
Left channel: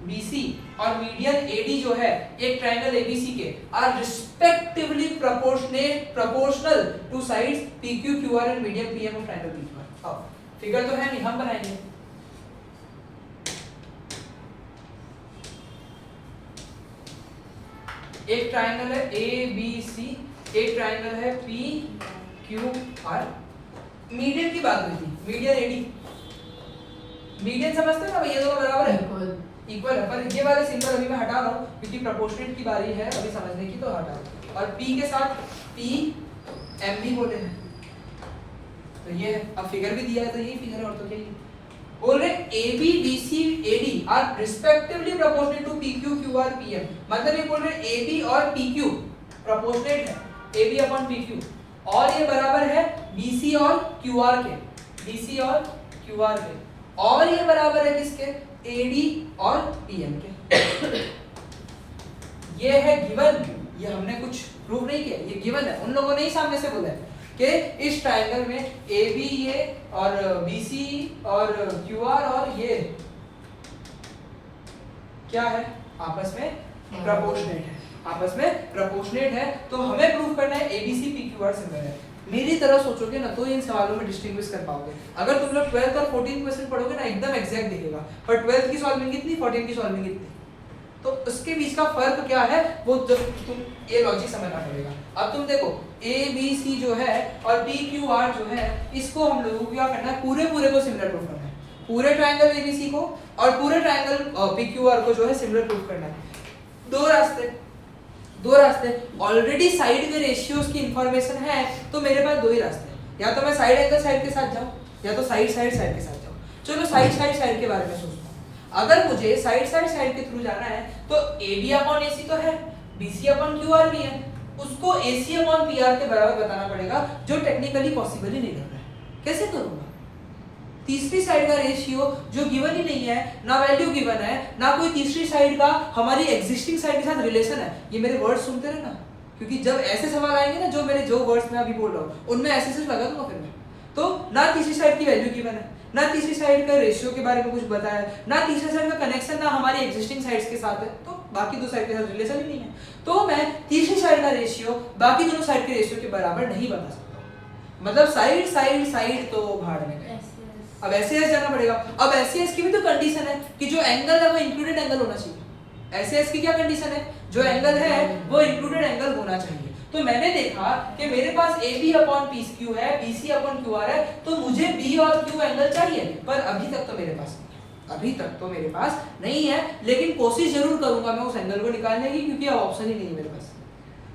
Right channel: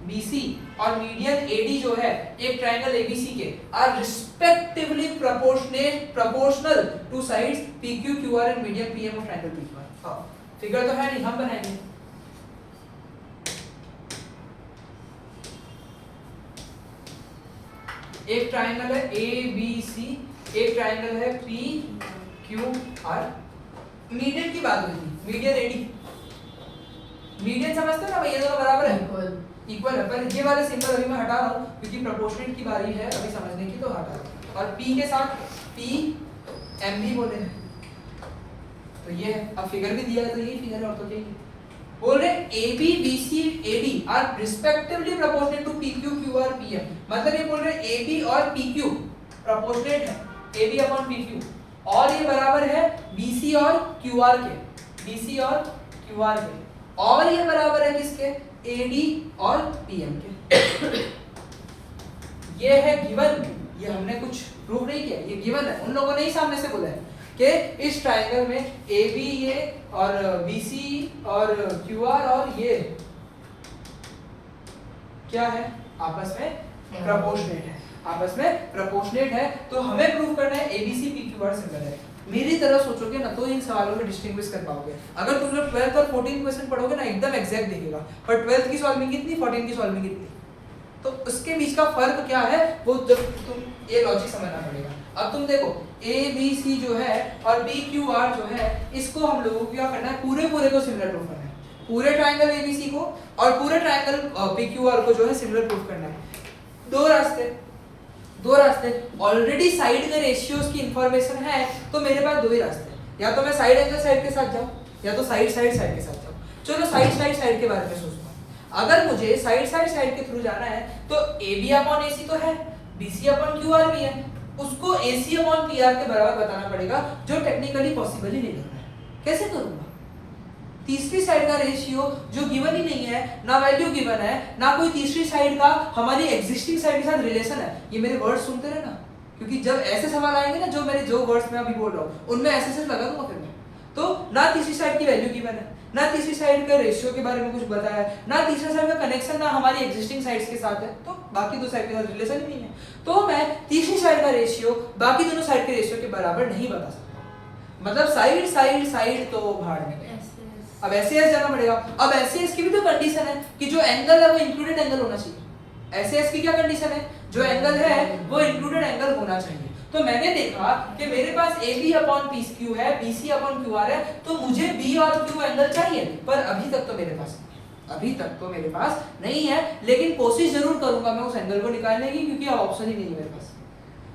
BC और मीडियन AD जो है एक ट्रायंगल ABC के are respectively proportional to sides PQ QR and median PM of triangle PQR। हाँ फिगर तो है नहीं, हम बनाएंगे। एक ट्रायंगल है ABC, एक ट्रायंगल है PQR। मीडियन की बात हुई थी, मीडियन AD, मीडियन समझते हो ना भाई, ये दोनों बराबर है, इक्वल है। पर ये वाले सिंबल अभी मैं हटा रहा हूँ क्योंकि प्रोपोर्शनेट की बारी है अभी समझने की, तो हटा रहा हूँ। और P के साथ PM भी बोले हैं, तो ये अब फिगर भी दिया है तो यही फिगर है, और तो यही बोल रहे AB BC AD are respectively proportionate to PQ QR PM। मतलब ये बोल रहे AB और PQ प्रोपोर्शनेट है AB अपॉन PQ, और ये बराबर है BC और QR के, BC और QR के, और ये बराबर है किसके? AD और PM के। ये है गिवन, ये हमने कुछ प्रूव नहीं किया, ये गिवन है। उन लोगों ने ही सामने से बोला है कि इस ट्रायंगल में AB ये और BC और QR और ये क्या है? आपस में प्रोपोर्शनेट है, आपस में प्रोपोर्शनेट है। तो हमें प्रूव करना है ABC PQR सिमिलर है। मेरी तरह सोचोगे ना तो इन सवालों में डिस्टिंग्विश कर पाओगे। अगर तुम लोग 12th और 14 क्वेश्चन पढ़ोगे ना एकदम एग्जैक्ट दिखेगा, पर 12th की सॉल्विंग कितनी, 14 की सॉल्विंग कितनी, तो उसके बीच का फर्क क्या है वो जब तुम ये लॉजिक समझना पड़ेगा। अब तुम देखो ABC जो है और PQR जो है, इसको हम लोगों को क्या करना है? पूरे को सिमिलर प्रूफ करना है, पूरे ट्रायंगल ABC को और पूरे ट्रायंगल PQR को जो है सिमिलर प्रूफ करना है। दो रास्ते ऑलरेडी साइड के रेशियोज की इंफॉर्मेशन है, तो मेरे पास दो ही रास्ते हैं, या तो मैं साइड एंगल साइड के साथ जाऊं या तो साइड के साथ जाऊं। चलो साइड के बारे में सोचता हूं। अगर मुझे साइड के थ्रू जाना है तो AB अपॉन AC तो है, BC अपॉन QR भी है, उसको AC अपॉन PR के बराबर बताना पड़ेगा, जो टेक्निकली पॉसिबल ही नहीं कर रहा है। कैसे करूंगा? तीसरी साइड का रेशियो जो गिवन ही नहीं है, ना वैल्यू गिवन है, ना कोई तीसरी साइड का हमारी एग्जिस्टिंग साइड के साथ रिलेशन है। ये मेरे वर्ड्स सुनते रहना, क्योंकि जब ऐसे सवाल आएंगे ना, जो वर्ड्स मैं अभी बोल रहा हूँ उनमें ऐसे लगा दूंगा फिर मैं। तो ना तीसरी साइड की वैल्यू गिवन है, ना तीसरी साइड का रेशियो के बारे में कुछ बताया है, ना तीसरी साइड का कनेक्शन ना हमारी एग्जिस्टिंग साइड्स के साथ है, तो बाकी दो साइड के साथ रिलेशन ही नहीं है। तो मैं तीसरी साइड का रेशियो बाकी दोनों साइड के रेशियो के बराबर नहीं बता सकता हूँ। मतलब साइड तो भाड़ में गए। अब ऐसे जाना पड़ेगा। अब ऐसे की भी तो कंडीशन है कि जो एंगल है वो इंक्लूडेड एंगल होना चाहिए। ऐसे की क्या कंडीशन है? जो एंगल है वो इंक्लूडेड एंगल होना चाहिए। तो मैंने देखा कि मेरे पास AB अपॉन PQ है, BC अपॉन QR है, तो मुझे B और Q एंगल चाहिए, पर अभी तक तो मेरे पास नहीं है, लेकिन कोशिश जरूर करूंगा मैं उस एंगल को निकालने की, क्योंकि अब ऑप्शन ही नहीं है मेरे पास।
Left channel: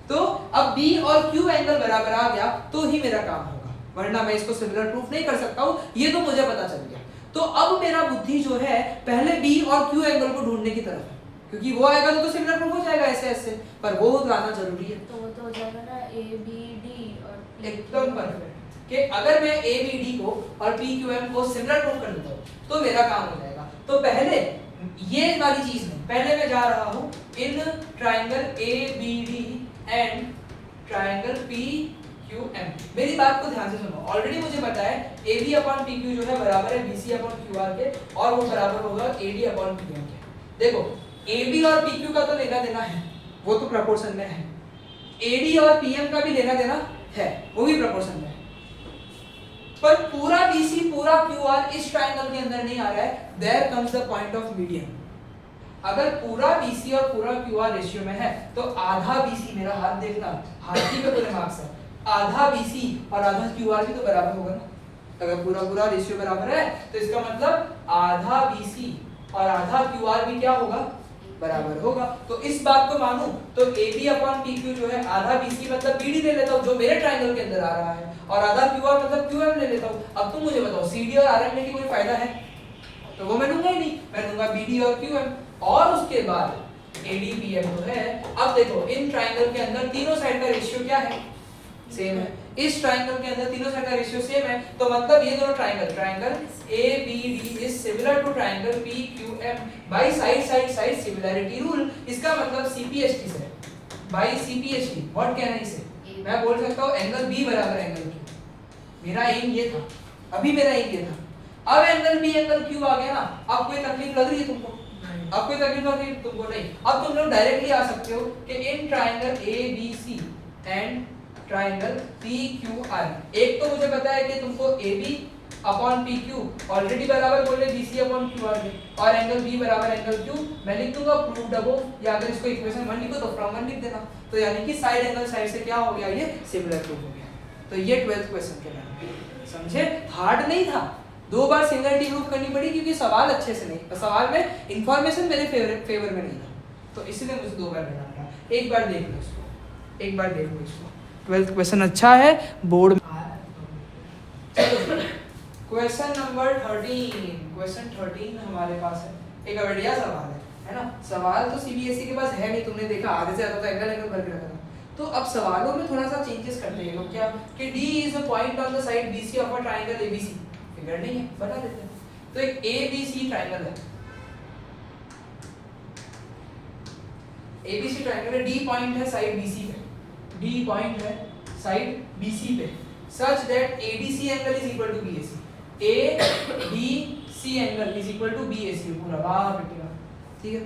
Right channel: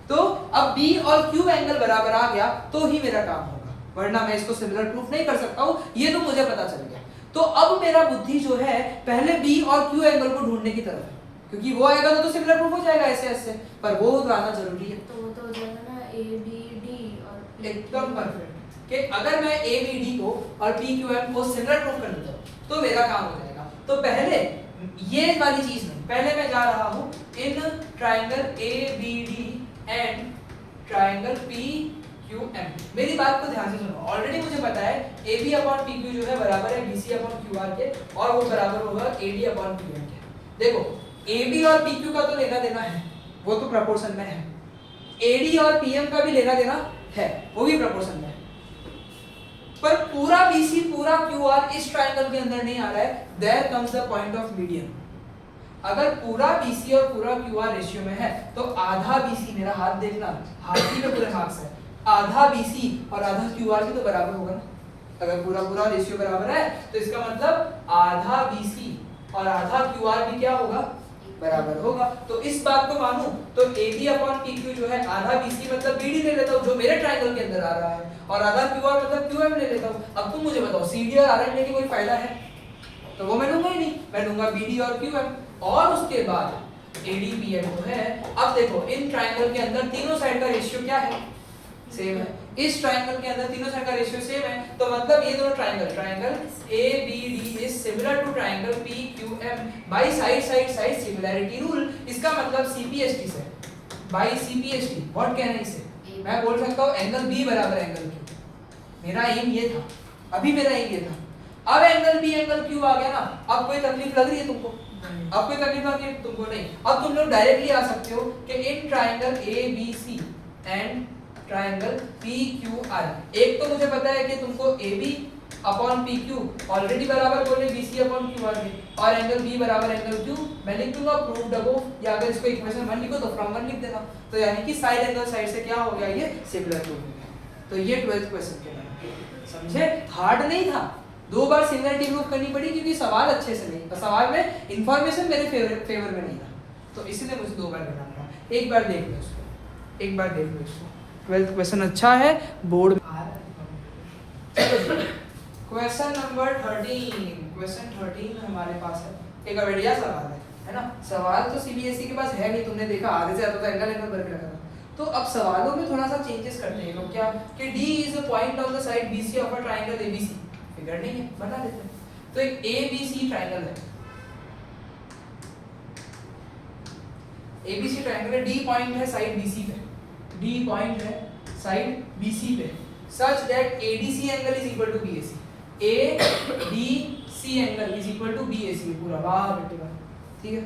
तो अब B और Q एंगल बराबर आ गया तो ही मेरा काम होगा, वरना मैं इसको सिमिलर प्रूफ नहीं कर सकता हूँ, ये तो मुझे पता चल गया। तो अब मेरा बुद्धि जो है पहले B और Q एंगल को ढूंढने की तरफ है, क्योंकि वो आएगा तो सिमिलर प्रूफ हो जाएगा ऐसे, पर वो लाना जरूरी है। तो वो तो हो जाएगा ना ABD और एकदम परफेक्ट कि अगर मैं ABD को और PQM को सिमिलर प्रूफ कर देता हूँ तो मेरा काम हो जाएगा। तो पहले ये वाली चीज नहीं, पहले मैं जा रहा हूँ in triangle ABD and triangle PQM। मेरी बात को ध्यान से सुनो, ऑलरेडी मुझे पता है AB अपॉन PQ जो है बराबर है BC अपॉन QR के, और वो बराबर होगा AD अपॉन PM के। देखो AB और PQ का तो लेना देना है, वो तो प्रोपोर्शन में है, AD और PM का भी लेना देना है, वो भी प्रोपोर्शन में है, पर पूरा BC पूरा QR इस ट्रायंगल के अंदर नहीं आ रहा है। There comes the point of median. अगर पूरा BC और पूरा QR रेशियो में है तो आधा BC, मेरा हाथ देखना, हाथ ही पे पूरे मार्क्स है, आधा BC और आधा QR भी तो बराबर होगा ना। अगर पूरा रेशियो बराबर है तो इसका मतलब आधा BC और आधा QR भी क्या होगा, बराबर होगा। तो इस बात को मानूं तो AB अपॉन PQ जो है आधा BC मतलब BD ले लेता हूं जो मेरे ट्रायंगल के अंदर आ रहा है, और आधा QR मतलब QM ले लेता हूं। अब तुम मुझे बताओ CD और RM लेके कोई फायदा है? तो वो मैं लूंगा ही नहीं, मैं लूंगा BD और QM। और उसके बाद AD BM जो है, अब देखो इन ट्रायंगल के अंदर तीनों साइड का रेशियो क्या है, सेम है। इस ट्रायंगल के अंदर तीनों साइड का रेशियो सेम है, तो मतलब ये दोनों triangle ABD is similar to triangle PQM by side similarity rule. इसका मतलब CPST से, by CPST what can I say, मैं बोल सकता हूं एंगल B बराबर एंगल Q। मेरा एम ये था, अभी मेरा एम ये था। अब एंगल B एंगल Q आ गया ना, अब कोई तकलीफ लग रही है तुमको? अब कोई तकलीफ लग रही है तुमको? नहीं। अब तुम लोग डायरेक्टली आ सकते हो कि in triangle ABC and triangle PQR, एक तो मुझे पता है कि तुमको AB अपॉन PQ ऑलरेडी बराबर बोले BC अपॉन QR में, और एंगल B बराबर एंगल Q मैं लिख दूंगा प्रूव्ड अबव, या अगर इसको इक्वेशन 1 लिखो तो फ्रॉम 1 लिख देना। तो यानी कि साइड एंगल साइड से क्या हो गया, ये सिमिलर टू हो गया। तो ये 12th क्वेश्चन के नाम, समझे? हार्ड नहीं था, 2 बार सिमिलरिटी प्रूव करनी पड़ी क्योंकि सवाल अच्छे से नहीं, तो सवाल में इंफॉर्मेशन मेरे फेवर में नहीं था, तो इसलिए मुझे 2 बार करना पड़ा। एक बार देख लो इसको, एक बार देख लो इसको। 12th क्वेश्चन अच्छा है, बोर्ड क्वेश्चन नंबर 13। क्वेश्चन 13 में हमारे पास है एक बढ़िया सवाल है ना? सवाल तो CBSE के पास है नहीं, तुमने देखा आधे से ज्यादा एंगल करके रखा था। तो अब सवालों में थोड़ा सा चेंजेस करते हैं लोग, क्या कि D is a point on the side BC of a triangle ABC। Figure नहीं है, बता देते हैं। तो एक ABC ट्रायंगल है, ABC ट्रायंगल है, D पॉइंट है साइड BC पे, D पॉइंट है साइड BC पे, such that ADC angle is equal to BAC, ADC angle is equal to BAC पूरा। वाह बेटी वाह, ठीक है?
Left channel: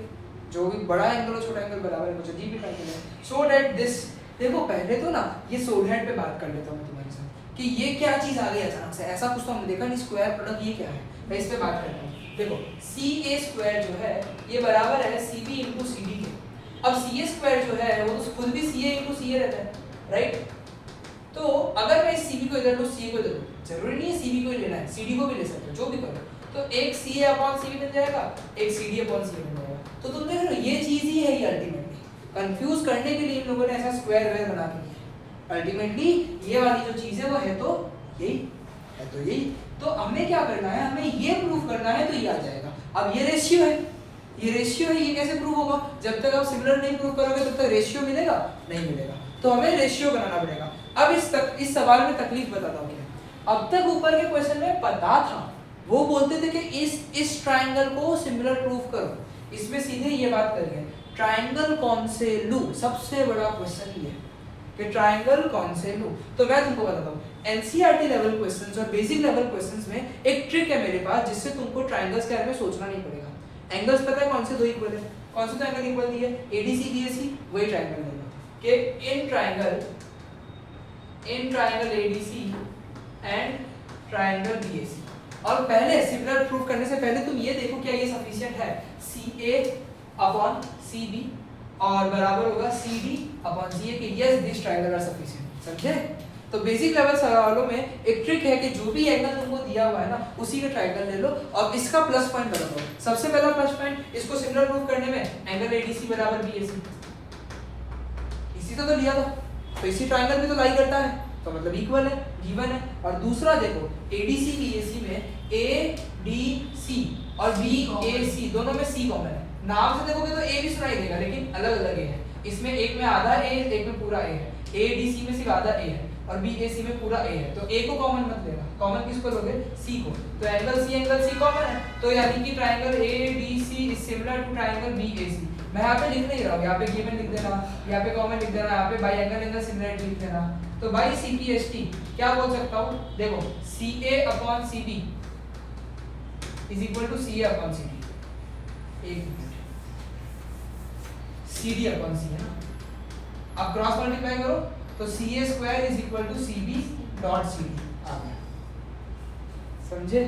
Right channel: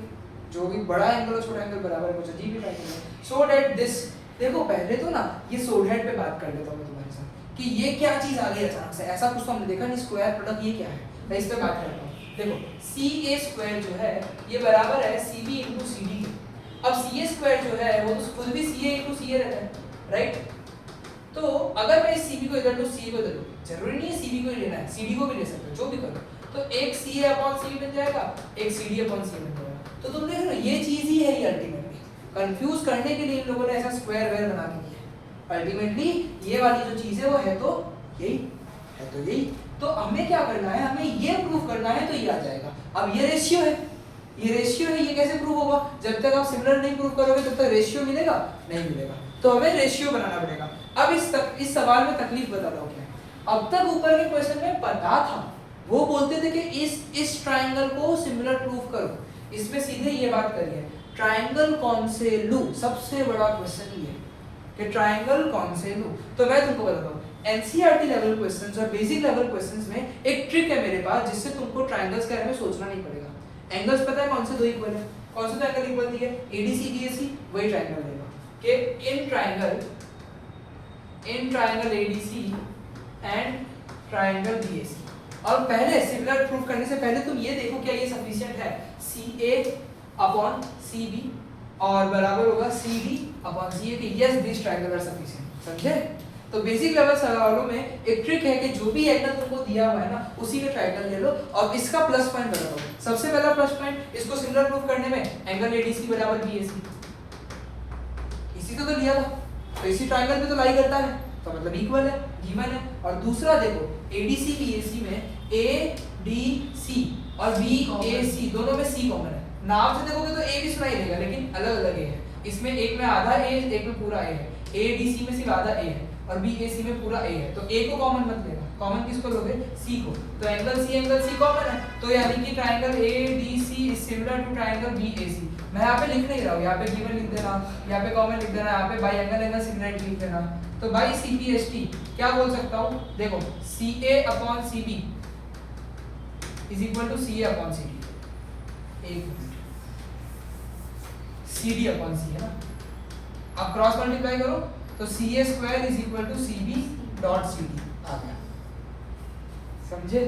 जो भी बड़ा एंगल और छोटा एंगल बराबर है, मुझे जी भी ट्रायंगल है। सो दैट दिस, देखो पहले तो ना ये सोल्ड हेड पे बात कर लेता हूं मैं तुम्हारे साथ कि ये क्या चीज आ गई अचानक से, ऐसा कुछ तो हमने देखा नहीं। स्क्वायर प्रोडक्ट ये क्या है, मैं इस पे बात करता हूं। देखो CA स्क्वायर जो है ये बराबर है CB इनटू CD के। अब CA स्क्वायर जो है वो तो खुद भी CA इनटू CA रहता है, राइट? तो अगर मैं इस CB को इधर लो, CA को इधर लो, जरूरी नहीं है CB को ही लेना है, CD को भी ले सकते हो, जो भी करो। तो एक CA अपॉन CB बन जाएगा, एक CD अपॉन CA बन जाएगा। तो तुम देख रहे हो ये चीज ही है ये अल्टीमेटली, कंफ्यूज करने के लिए इन लोगों ने ऐसा स्क्वायर वेयर बना के दिया है। अल्टीमेटली ये वाली जो चीज है वो है तो यही है, तो यही। तो हमें क्या करना है, हमें ये प्रूव करना है, तो ये आ जाएगा। अब ये रेशियो है, ये रेशियो है, ये कैसे प्रूव होगा? जब तक आप सिमिलर नहीं प्रूव करोगे तब तक रेशियो मिलेगा नहीं मिलेगा, तो हमें रेशियो बनाना पड़ेगा। अब इस सवाल में तकलीफ बताता हूँ क्या। अब तक ऊपर के क्वेश्चन में पता था, वो बोलते थे कि इस ट्रायंगल को सिमिलर प्रूव करो, इसमें सीधे ये बात करिए ट्रायंगल कौन से लूं। सबसे बड़ा क्वेश्चन ये कि ट्रायंगल कौन से लूं। तो मैं तुमको बताता हूँ, एनसीईआरटी लेवल क्वेश्चंस और बेसिक लेवल क्वेश्चंस में एक ट्रिक है मेरे पास जिससे तुमको ट्रायंगल्स के बारे में सोचना नहीं पड़ेगा। एंगल्स पता है कौन से दो इक्वल है, कौन से दो एंगल इक्वल दिए, एडीसी बीएसी, वही ट्रायंगल लेगा कि in triangle ADC and triangle BAC. और पहले सिमिलर प्रूफ करने से पहले तुम ये देखो क्या ये सफिशिएंट है, CA अपॉन CB और बराबर होगा CD अपॉन CA कि yes this triangle are sufficient. समझे? तो बेसिक लेवल सवालों में एक ट्रिक है कि जो भी एंगल तुमको दिया हुआ है ना उसी के ट्रायंगल ले लो और इसका प्लस पॉइंट बताओ। सबसे पहला प्लस पॉइंट, इसको सिमिलर प्रूफ करने में एंगल ADC बराबर BAC, इसी तो लिया था, तो इसी ट्रायंगल में तो लाई करता है, तो मतलब इक्वल है, गिवन है। और दूसरा देखो ADC BAC में ADC और BAC दोनों में C कॉमन है। नाम से देखोगे तो A भी सुनाई देगा लेकिन अलग अलग है, इसमें एक में आधा A एक में पूरा A है, ADC में सिर्फ आधा A है और BAC में पूरा A है, तो A को कॉमन मत लेना, कॉमन किसको लोगे, C को। तो एंगल C कॉमन है, तो यानी कि triangle ADC is similar to triangle BAC। मैं यहाँ पे लिख नहीं रहा हूँ, यहाँ पे गिवन लिख देना, यहाँ पे कॉमन लिख देना, यहाँ पे बाई एंगल सिमिलरिटी लिख देना। तो बाई CPST क्या बोल सकता हूँ, देखो CA upon CB is equal to CA upon CD, एक मिनट, CD अपॉन C है ना, अब क्रॉस मल्टीप्लाई करो तो CA square is equal to CB dot CD आ गया। समझे?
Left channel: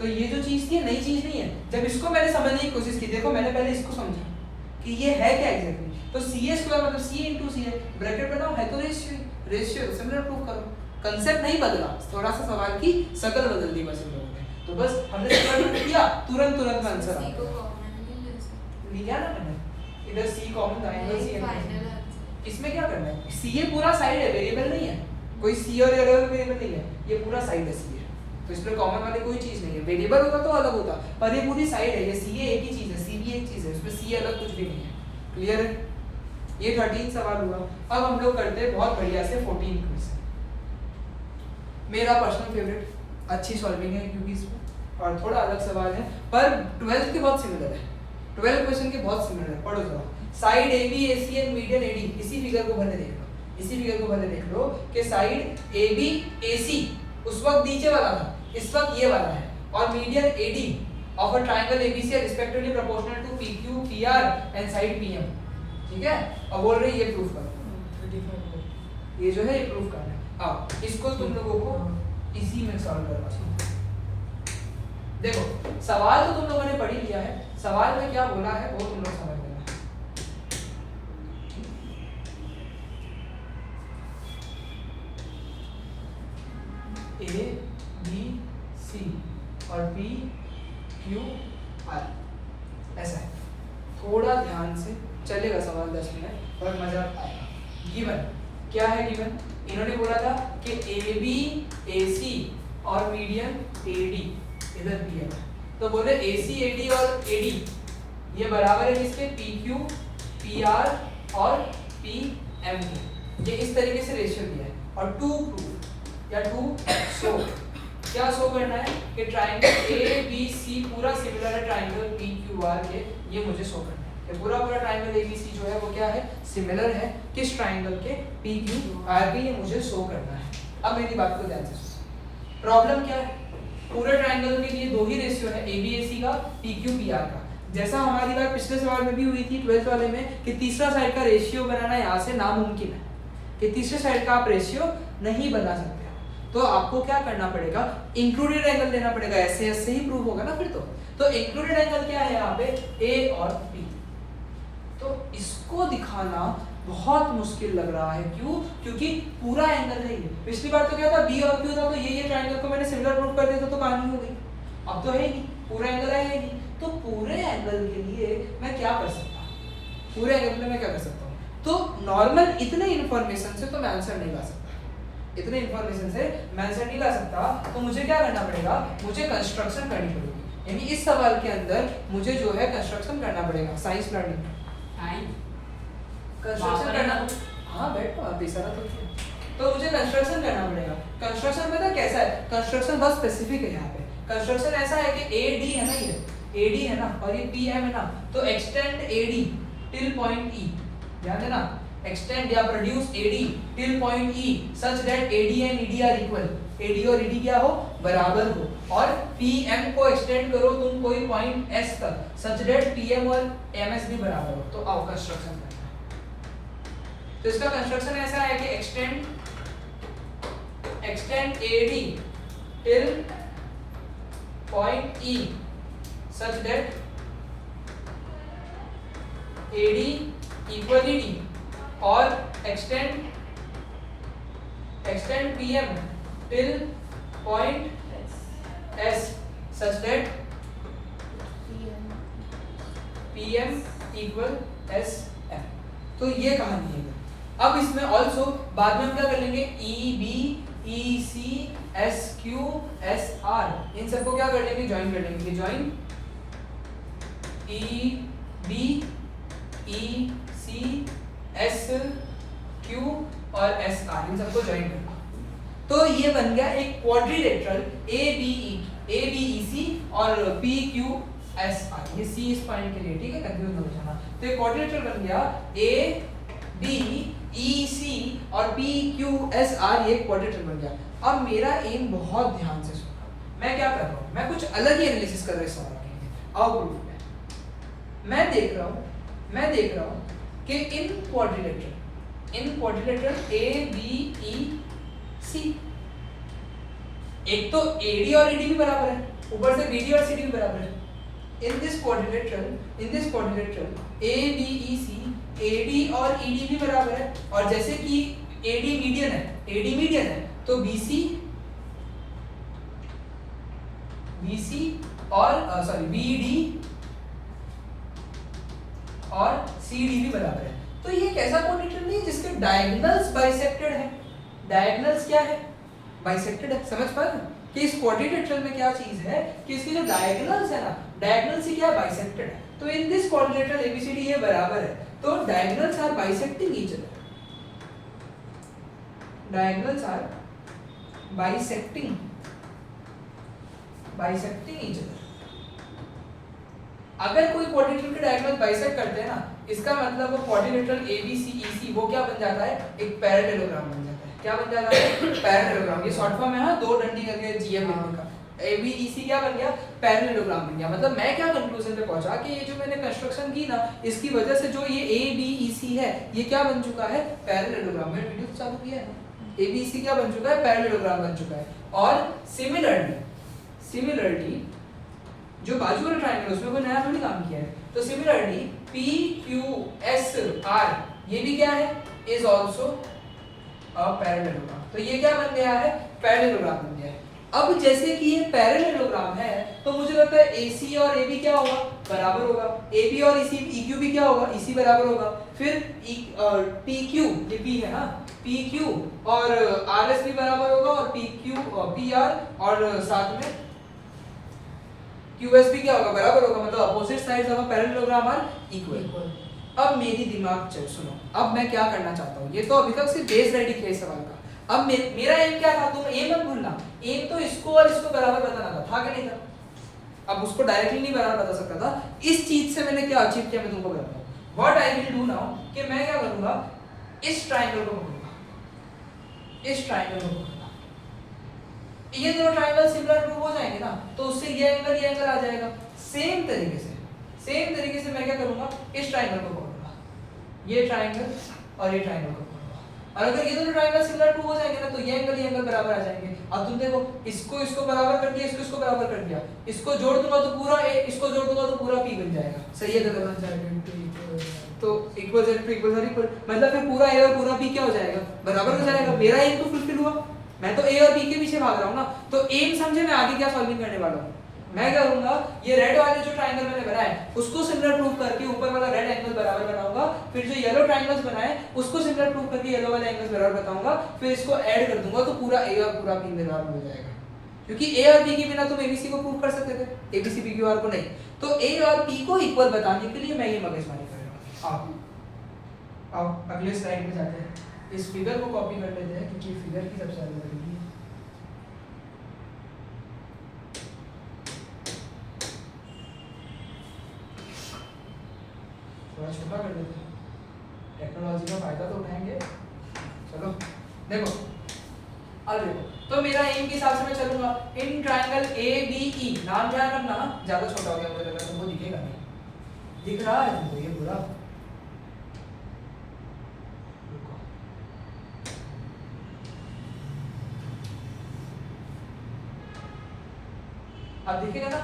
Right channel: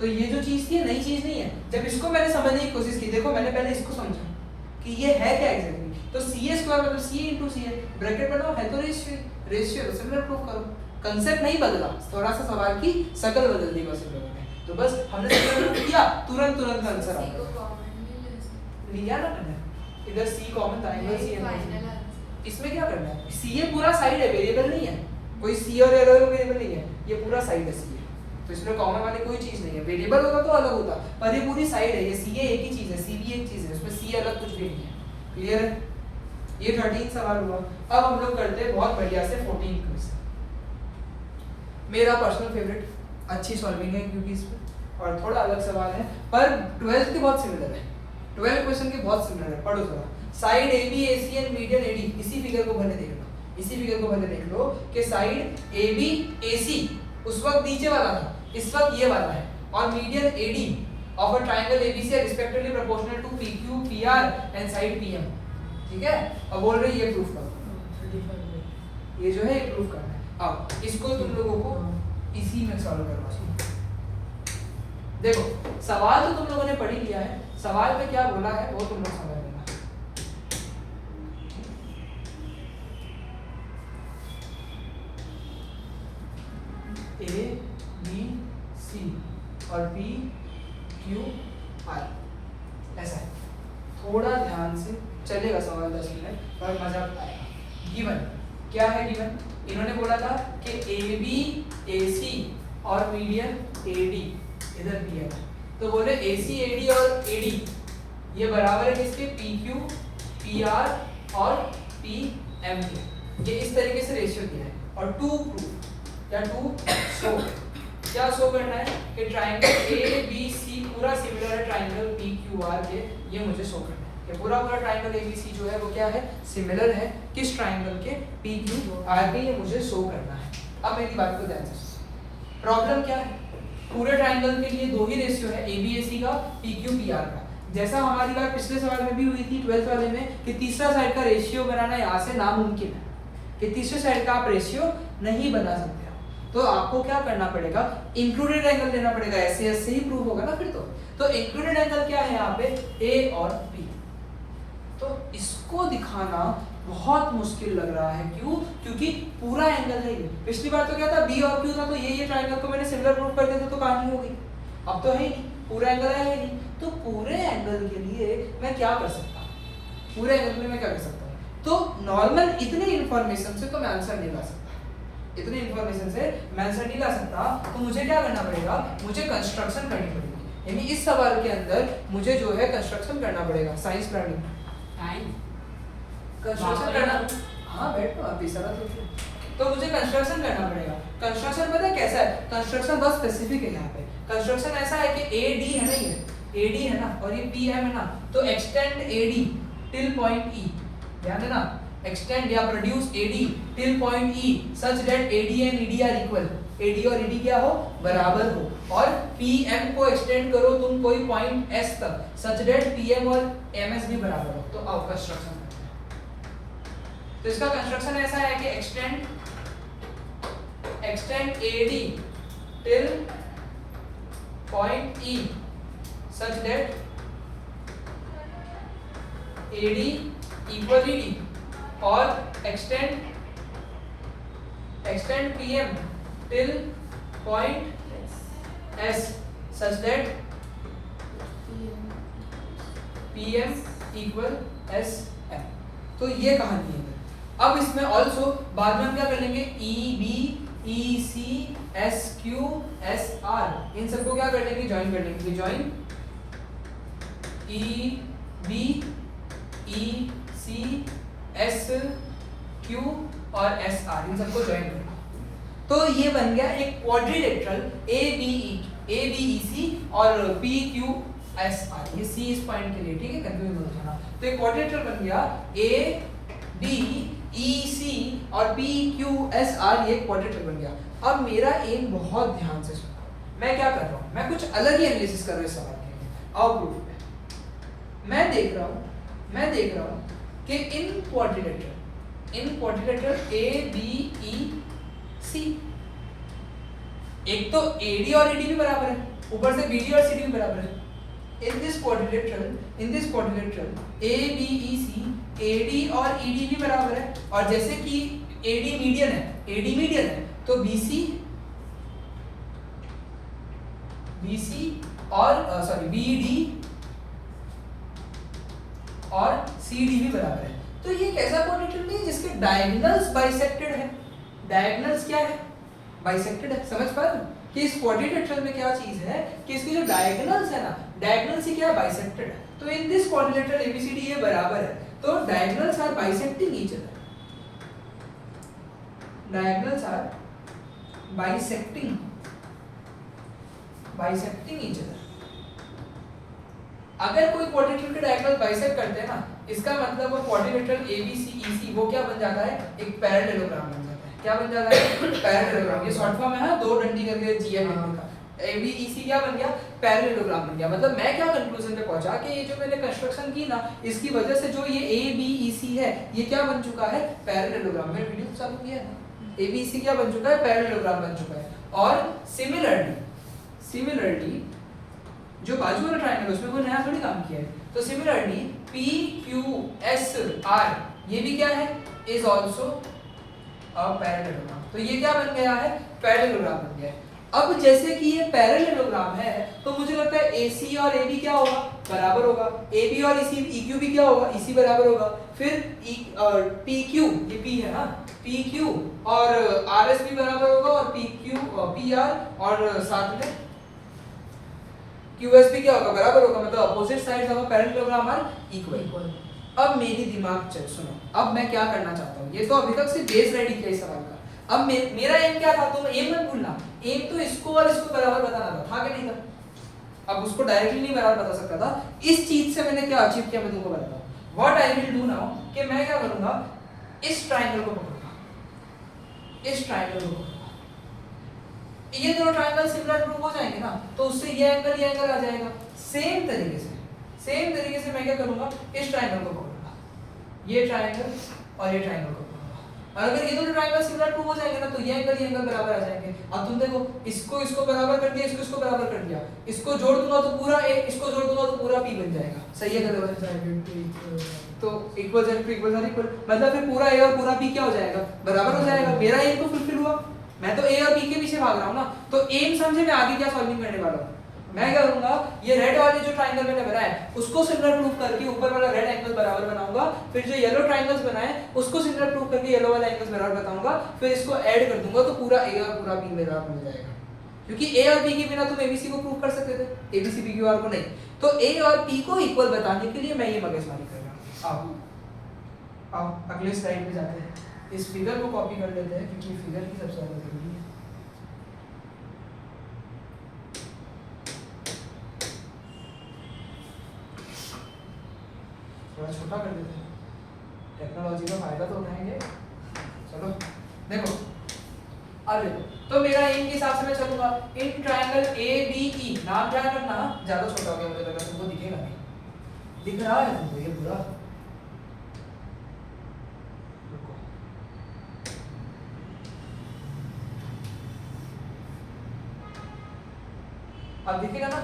तो ये जो चीज थी नई चीज नहीं है। जब इसको मैंने समझने की कोशिश की, देखो मैंने पहले इसको समझा कि ये है क्या एग्जैक्टली, तो CA स्क्वायर मतलब CA इनटू CA, ब्रैकेट बनाओ है तो रेशियो सिमिलर प्रूफ करो। कांसेप्ट नहीं बदला, थोड़ा सा सवाल की शक्ल बदल दी बस इन लोगों ने। तो बस हमने सिंगल प्रूफ किया, तुरंत आंसर आ C को गया। कॉमन नहीं ले सकते। लिया ना मैंने, इधर सी कॉमन था, एंगल सी नहीं, एंगल final सी। answer। इसमें क्या करना है, सी ये पूरा साइड है, वेरिएबल नहीं है, कोई सी और अलग वेरिएबल नहीं है, ये पूरा साइड है सी है, तो इसमें कॉमन वाली कोई चीज नहीं है। वेरिएबल होगा तो अलग होता, पर ये पूरी साइड है, ये सी ए एक ही चीज है, सी भी एक चीज है, उसमें सी अलग कुछ भी नहीं है। क्लियर है? ये 13 सवाल हुआ। अब हम लोग करते हैं बहुत बढ़िया से 14 क्वेश्चन। मेरा पर्सनल फेवरेट, अच्छी सॉल्विंग है क्योंकि इसमें और थोड़ा अलग सवाल है, पर 12th के बहुत सिमिलर है, 12 क्वेश्चन के बहुत सिमिलर है। पढ़ो थोड़ा, side A B A C and median A D, इसी फिगर को भले देख लो, इसी फिगर को भले देख लो कि साइड ए बी ए सी उस वक्त नीचे वाला था, इस वक्त ये वाला है, और median A D of a triangle ABC are respectively proportional to PQ PR and side PM. ठीक है, अब बोल रहे ये प्रूफ करो, ये जो है ये प्रूफ करना है। अब इसको तुम लोगों को इसी में सॉल्व करना है। देखो सवाल तो तुम लोगों ने पढ़ ही लिया है, सवाल में क्या बोला है वो तुम लोग समझ लेना। ए बी सी और पी क्यू आर ऐसा है। थोड़ा ध्यान से चलेगा सवाल 10 मिनट और मजा आएगा। गिवन क्या है, गिवन इन्होंने बोला था कि ए बी ए सी और मीडियन ए डी इधर दिया है, तो बोले ए सी ए डी और ए डी ये बराबर है किसके, पी क्यू पी आर और पी एम के। ये इस तरीके से रेशियो दिया है, और टू प्रूफ या टू शो, क्या शो करना है कि ट्राइंगल ए बी सी पूरा सिमिलर है ट्राइंगल पी क्यू आर के, ये मुझे शो करना है कि पूरा ट्राइंगल ए बी सी जो है वो क्या है, सिमिलर है किस ट्राइंगल के, पी क्यू आर के, ये मुझे शो करना है। अब मेरी बात को ध्यान से, प्रॉब्लम क्या है, पूरे ट्राइंगल के लिए दो ही रेशियो है, ए बी ए सी का, पी क्यू पी आर का। जैसा हमारी बात पिछले सवाल में भी हुई थी 12th वाले में कि तीसरा साइड का रेशियो बनाना यहाँ से नामुमकिन है, कि तीसरे साइड का आप रेशियो नहीं बना सकते हो, तो आपको क्या करना पड़ेगा, इंक्लूडेड एंगल देना पड़ेगा, ऐसे ऐसे ही प्रूव होगा ना फिर तो इंक्लूडेड एंगल क्या है यहाँ पे, ए और बी। तो इसको दिखाना बहुत मुश्किल लग रहा है, क्यों, क्योंकि पूरा एंगल है ये। पिछली बार तो क्या था, बी और क्यू था, तो ये ट्रायंगल को मैंने सिमिलर प्रूव कर दिया तो कहानी हो गई। अब तो है नहीं, पूरा एंगल है ही नहीं, तो पूरे एंगल के लिए मैं क्या कर सकता हूँ, पूरे एंगल के लिए मैं क्या कर सकता हूँ, तो नॉर्मल इतने इन्फॉर्मेशन से तो मैं आंसर नहीं ला सकता, इतने इन्फॉर्मेशन से मैं आंसर नहीं ला सकता, तो मुझे क्या करना पड़ेगा, मुझे कंस्ट्रक्शन करनी पड़ेगी। यानी इस सवाल के अंदर मुझे जो है कंस्ट्रक्शन करना पड़ेगा, साइंस लर्निंग कंस्ट्रक्शन करना। हाँ बैठो आप, इस तो मुझे कंस्ट्रक्शन करना पड़ेगा। कंस्ट्रक्शन पता है कैसा है, कंस्ट्रक्शन बहुत स्पेसिफिक है यहाँ पे। कंस्ट्रक्शन ऐसा है कि ए डी है ना, ये ए डी है ना, और ये पी एम है ना, तो extend A D till point ई, ध्यान देना, एक्सटेंड या produce A D till point E such that A D and E D R equal, A D और ई डी क्या हो, बराबर हो, और पी एम को एक्सटेंड करो तुम कोई पॉइंट एस तक सच दैट पी एम और एम एस भी बराबर हो, तो आओ कंस्ट्रक्शन। तो इसका कंस्ट्रक्शन ऐसा है कि extend AD till point E such that AD equal ED, और extend PM till point S such that PM equal SM। तो ये कहानी है। अब इसमें ऑल्सो बाद में हम क्या कर लेंगे, E B E C S Q S R, इन सबको क्या कर लेंगे, ज्वाइन कर लेंगे। Join E B E C S Q और एस आर, इन सबको ज्वाइन करना, तो ये बन गया एक क्वाड्रिलेटरल ए बी ई सी और पी क्यू एस आर। ये सी इस पॉइंट के लिए, ठीक है, कंफ्यूज मत होना। तो एक क्वाड्रिलेटरल बन गया ए बी ई सी और पी क्यू एस आर, ये क्वाड्रिलेटरल बन गया। अब मेरा एम बहुत ध्यान से सुनो, मैं क्या कर रहा हूँ, मैं कुछ अलग ही एनालिसिस कर रहा हूँ इस सवाल के लिए। आओ प्रूफ में मैं देख रहा हूँ कि इन क्वाड्रिलेटरल ए बी ई सी, एक तो ए डी और ई डी भी बराबर है, ऊपर से बी डी और सी डी भी बराबर है। In this quadrilateral A B E C AD और ED भी बराबर है, और जैसे कि AD मीडियन है तो BC BC और BD और CD भी बराबर है। तो ये कैसा क्वाड्रिलेटरल नहीं है जिसके डायगोनल्स बाइसेक्टेड है। डायगोनल्स क्या है? बाइसेक्टेड है। समझ पा रहे हो कि इस क्वाड्रिलेटरल में क्या चीज है कि इसके जो डायगोनल्स है ना, डायगोनल्स ही क्या है? बाइसेक्टेड है। तो इन दिस क्वाड्रिलेटरल ABCD ये बराबर है, तो diagonals are bisecting each other. Diagonals are bisecting each other. अगर कोई क्वाड्रिलेटरल के डायगोनल बाइसेक्ट करते हैं ना, इसका मतलब वो क्वाड्रिलेटरल ABCEC वो क्या बन जाता है? एक पैरेललोग्राम बन जाता है। क्या बन जाता है? पैरेललोग्राम। ये शॉर्ट फॉर्म है हाँ, दो डंडी करके GM का ABEC क्या बन गया? पैरेललोग्राम बन गया। मतलब मैं क्या कंक्लूजन पे पहुंचा कि ये जो मैंने कंस्ट्रक्शन की ना, इसकी वजह से जो ये ABEC है ये क्या बन चुका है? पैरेललोग्राम। मैंने वीडियो चालू किया है ना, ABEC क्या बन चुका है? पैरेललोग्राम बन चुका है। और सिमिलरली जो बाजू वाला ट्रायंगल उसमें कोई नया थोड़ी काम किया है। तो सिमिलरली PQSR ये भी क्या है? Is also a parallelogram. तो ये क्या बन गया है? पैरेललोग्राम बन गया है। अब जैसे कि ये पैरेललोग्राम है तो मुझे लगता है AC और AB क्या होगा? बराबर होगा। AB और EQ भी क्या होगा? EC बराबर होगा। फिर PQ ये P है ना, PQ और RS भी बराबर होगा और PR और साथ में QS भी क्या होगा? बराबर होगा। मतलब opposite sides of a parallelogram are equal. अब मेरी दिमाग चल सुनो, अब मैं क्या करना चाहता हूँ। ये तो अभी तक सिर्फ बेस रेडी किया इस सवाल का। अब मेरा एम क्या था? तुम एम मत भूलना। एम तो इसको और इसको बराबर बताना था कि नहीं था? अब उसको डायरेक्टली नहीं बराबर बता सकता था। इस चीज से मैंने क्या अचीव किया मैं तुमको बताता हूँ। What I will do now कि मैं क्या करूंगा, इस ट्रायंगल को पकड़ूंगा, इस ट्रायंगल को पकड़ूंगा। ये दोनों ट्रायंगल सिमिलर प्रूफ हो जाएंगे ना, तो उससे ये एंगल आ जाएगा। सेम तरीके से मैं क्या करूंगा, इस ट्रायंगल को पकड़ूंगा, ये ट्रायंगल और ये ट्रायंगल को पकड़ूंगा। और अगर ये दोनों ट्रायंगल सिमिलर प्रूफ हो जाएंगे ना, तो ये एंगल बराबर आ जाएंगे। अब तुम देखो, इसको बराबर कर दिया, इसको बराबर कर दिया, इसको जोड़ दूंगा तो पूरा A, इसको जोड़ दूंगा तो पूरा P बन जाएगा। सही है गलत? बन जाएगा। तो इक्वल मतलब फिर पूरा A और पूरा P क्या हो जाएगा? बराबर हो जाएगा। मेरा एम तो फुलफिल हुआ। मैं तो A और B के पीछे भाग रहा हूँ ना, तो एम समझे मैं आगे क्या सॉल्विंग करने वाला हूँ। मैं क्या करूंगा, ये रेड वाले जो ट्रायंगल मैंने बनाया है उसको सिमिलर प्रूफ करके ऊपर वाला रेड एंगल बराबर बनाऊंगा। फिर जो येलो ट्रायंगल्स बनाए उसको सिमिलर प्रूफ करके येलो वाला एंगल्स बराबर बताऊंगा। फिर इसको ऐड कर दूंगा तो पूरा A और पूरा B बराबर हो जाएगा। क्योंकि A और B के बिना तुम ABC को प्रूफ कर सकते थे, ABC PQR को नहीं। तो A और P को इक्वल बताने के लिए मैं ये मगजमारी कर रहा हूँ। आओ अगले स्लाइड पे जाते हैं। इस फिगर को कॉपी कर लेते हैं क्योंकि फिगर की सबसे ज्यादा जरूरी है। थोड़ा छोटा कर देते हैं, टेक्नोलॉजी का फायदा तो उठाएंगे। चलो देखो, अब देखो, तो मेरा एम के हिसाब से मैं चलूंगा। इन ट्रायंगल ABE, नाम क्या करना, ज्यादा छोटा हो गया मुझे लगा तुमको दिखेगा नहीं। दिख रहा है तुमको ये पूरा? अब दिखेगा ना?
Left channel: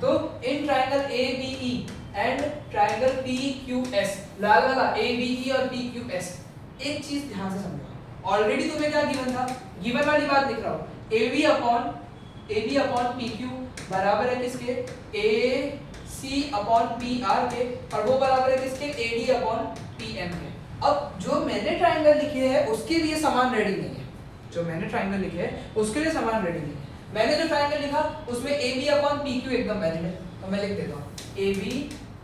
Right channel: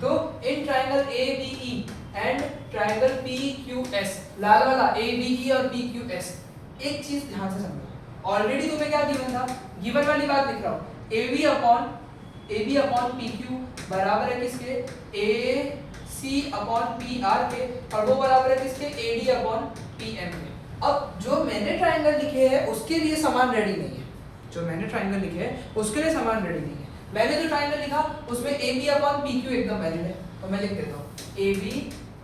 तो in triangle ABE and triangle PQS, लाल वाला ABE और PQS, एक चीज ध्यान से समझो। ऑलरेडी तुम्हें क्या गिवन था? गिवन वाली बात लिख रहा हूं। AB अपॉन PQ बराबर है किसके? AC अपॉन PR के, और वो बराबर है किसके? AD अपॉन PM के। अब जो मैंने ट्रायंगल लिखे हैं उसके लिए समान रेडी नहीं है। जो मैंने ट्रायंगल लिखे हैं उसके लिए समान रेडी नहीं है। मैंने जो ट्रायंगल लिखा उसमें AB अपॉन PQ एकदम वैलिड है, तो मैं लिख देता हूँ AB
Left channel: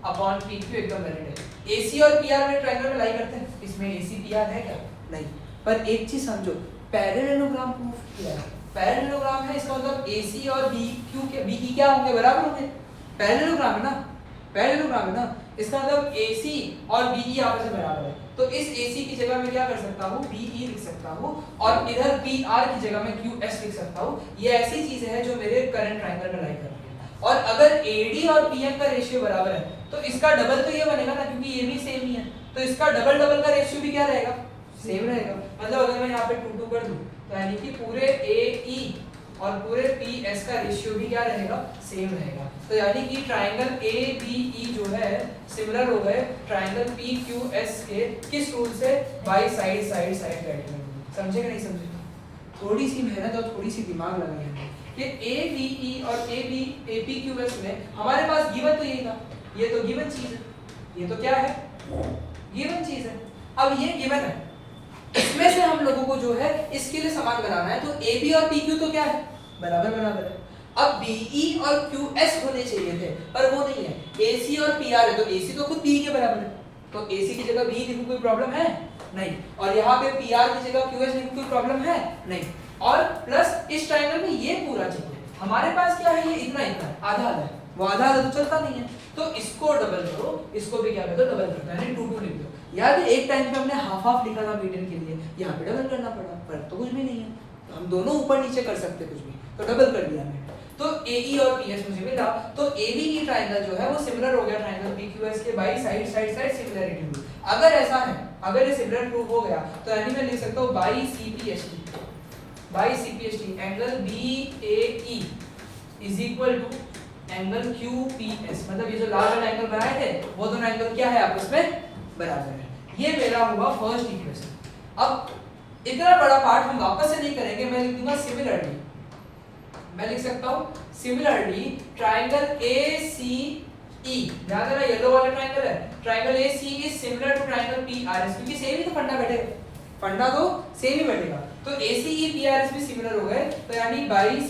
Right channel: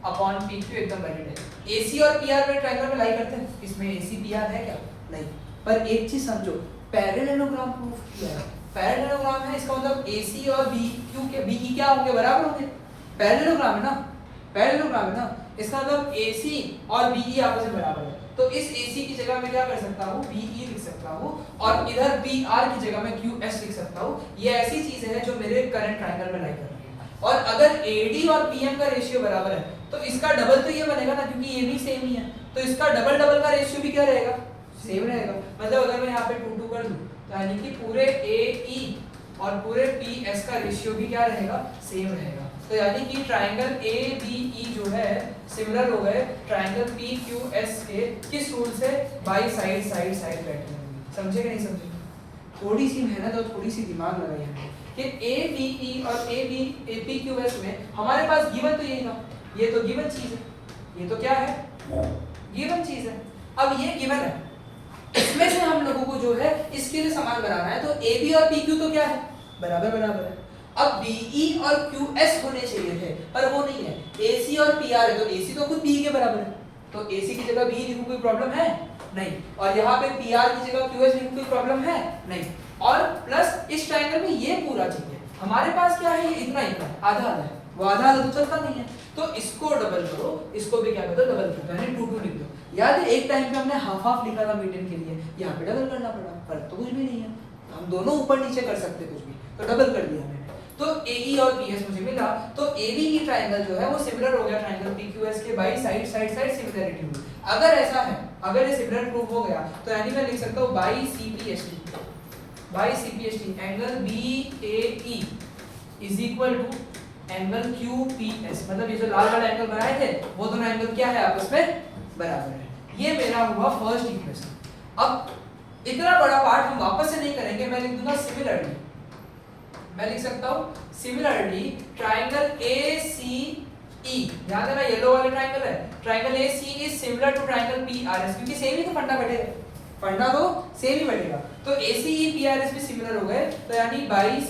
अपॉन PQ एकदम वैलिड है। AC और PR में ट्रायंगल में लाई करते हैं, इसमें AC PR है क्या? नहीं। पर एक चीज समझो, पैरेललोग्राम प्रूफ किया है। पैरेललोग्राम है, इसका मतलब AC और BQ के BE क्या होंगे? बराबर होंगे। पैरेललोग्राम है ना, पैरेललोग्राम है ना, इसका मतलब AC और BE आपस में बराबर है। तो इस AC की जगह मैं क्या कर सकता हूँ? BE लिख सकता हूँ, और इधर PR की जगह मैं QS लिख सकता हूँ। ये ऐसी चीज है जो मेरे करंट ट्रायंगल में लाई कर रही है। और अगर AD और PM का रेशियो बराबर है तो इसका डबल तो ये बनेगा ना, क्योंकि ये भी सेम ही है, तो इसका डबल का रेशियो भी क्या रहेगा? सेम रहेगा। मतलब अगर मैं यहाँ पे 2 कर दूं तो यानी कि पूरे AE और पूरे PS का रेशियो भी क्या रहेगा? सेम रहेगा। तो यानी कि ट्रायंगल ABE जो है सिमिलर हो गए ट्रायंगल PQS के किस रूल से? By side criteria. समझे कि नहीं समझे? थोड़ी सी मेहनत और थोड़ी सी दिमाग लगाई हमने, कि ABE और APQS में हमारे पास गिवन तो यही था, ये तो गिवन चीज है, ये तो क्या है, गिवन चीज है। अब ये गिवन है, इसमें से हम लोगों को जो है इसके लिए समान बनाना है, तो AB और PQ तो क्या है, बराबर बराबर है। अब BE और QS होने चाहिए थे पर वो नहीं है, AC और PR है, तो AC तो खुद BE के बराबर है, तो AC की जगह BE लिखूं कोई प्रॉब्लम है नहीं, और यहाँ पे PR की जगह QS लिखूं कोई प्रॉब्लम है नहीं, और प्लस इस ट्रायंगल में ये पूरा चाहिए। हमारे पास क्या है, ये इतना इतना है, आधा आधा है, वो आधा आधा तो चलता नहीं है, तो इसको डबल करो, इसको भी क्या कर दो, डबल कर दो, यानी 2 2 लिख दो। याद है एक टाइम पे हमने हाफ हाफ लिखा था मीडियन के लिए, यहाँ पे डबल करना पड़ा, फर्क तो कुछ भी नहीं है, हम दोनों ऊपर नीचे कर सकते कुछ भी, तो डबल कर दिया हमने। तो AE और PS मुझे मिला, तो ABE ट्रायंगल जो है वो सिमिलर हो गया ट्रायंगल PQS के by side side side similarity. अगर ऐसा है, अगर ये सिमिलर प्रूफ हो गया तो यानी मैं लिख सकता हूँ by CPHT angle BAE is equal to angle QPS, मतलब ये जो लाल वाला एंगल बनाए थे वो दोनों एंगल क्या है, आपस में बराबर है। ये मेरा हुआ फर्स्ट इक्वेशन। अब इतना बड़ा पार्ट हम वापस से नहीं करेंगे, मैं लिख दूंगा सिमिलरली, मैं लिख सकता हूं सिमिलरली ट्रायंगल ACE, ध्यान देना येलो वाला ट्रायंगल है, triangle ACE is similar to triangle PRS, क्योंकि सेम ही तो फंडा बैठेगा, फंडा तो सेम ही बैठेगा, तो ACE PRS भी सिमिलर हो गए, तो यानी बाई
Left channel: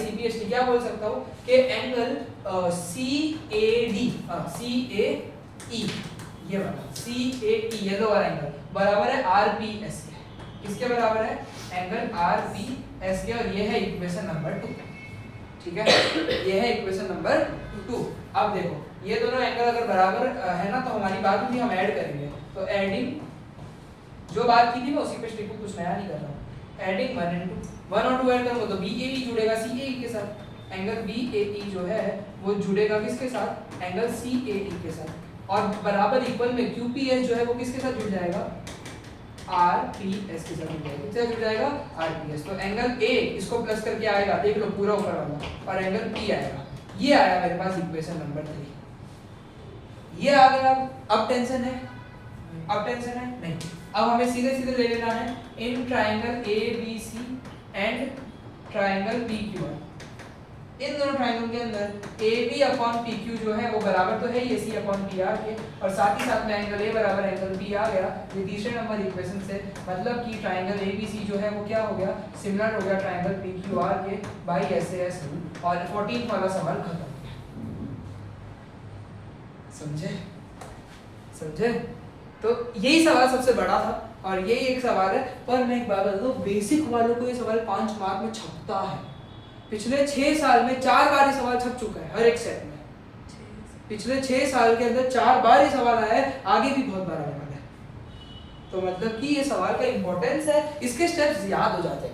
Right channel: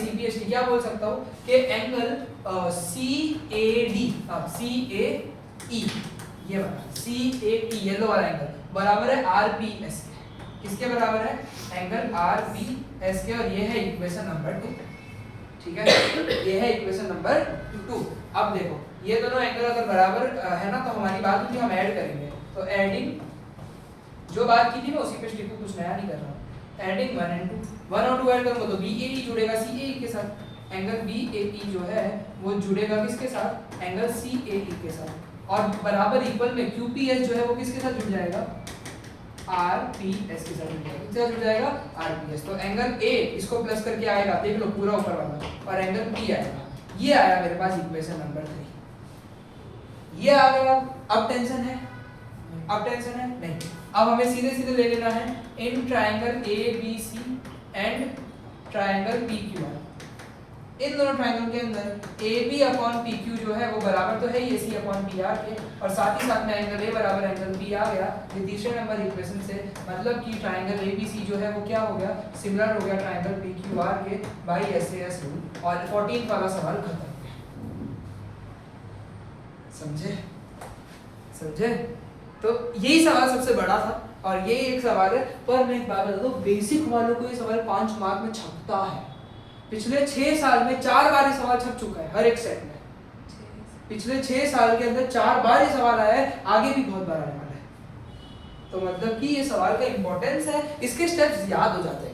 CPHT क्या बोल सकता हूं कि एंगल CAE ये वाला CAE येलो वाला एंगल बराबर है RPS के, किसके बराबर है, एंगल RPS के, और ये है इक्वेशन नंबर 2, ठीक है, ये है इक्वेशन नंबर 2। अब देखो ये दोनों एंगल अगर बराबर है ना, तो हमारी बात होती है, हम ऐड करेंगे, तो एडिंग जो बात की थी मैं उसी पे लिखूं, कुछ नया नहीं कर रहा हूं, एडिंग 1 and 2, 1 और 2 ऐड करूंगा तो BAE जुड़ेगा CAE के साथ, एंगल BAE जो है वो जुड़ेगा किसके साथ, एंगल CAE के साथ, और बराबर इक्वल में QPS जो है वो किसके साथ जुड़ जाएगा, RPS के साथ जुड़ जाएगा, किससे जुड़ जाएगा, RPS। तो एंगल A इसको प्लस करके आएगा, देख लो पूरा ऊपर वाला, और एंगल P आएगा, ये आया मेरे पास इक्वेशन नंबर 3, ये आ गया। अब टेंशन है, अब टेंशन है नहीं, अब हमें सीधे सीधे ले लेना है in triangle ABC and triangle PQR, इन दोनों ट्रायंगल के अंदर AB अपॉन PQ जो है वो बराबर तो है ही AC अपॉन PR के, और साथ ही साथ में एंगल A बराबर एंगल P आ गया, ये तीसरे नंबर इक्वेशन से, मतलब कि ट्रायंगल ABC जो है वो क्या हो गया, सिमिलर हो गया ट्रायंगल PQR के बाई SAS रूल, और 14 वाला सवाल खत्म हो गया। समझे? तो यही सवाल सबसे बड़ा था, और यही एक सवाल है, पर मैं एक बात बता दूं, बेसिक वालों को ये सवाल 5 मार्क में छपता है, पिछले 6 साल में 4 बार ये सवाल छप चुका है हर एक सेट में, पिछले 6 साल के अंदर 4 बार ये सवाल आया है, आगे भी बहुत बार आने वाला है, तो मतलब कि ये सवाल का इंपॉर्टेंस है, इसके स्टेप्स याद हो जाते हैं,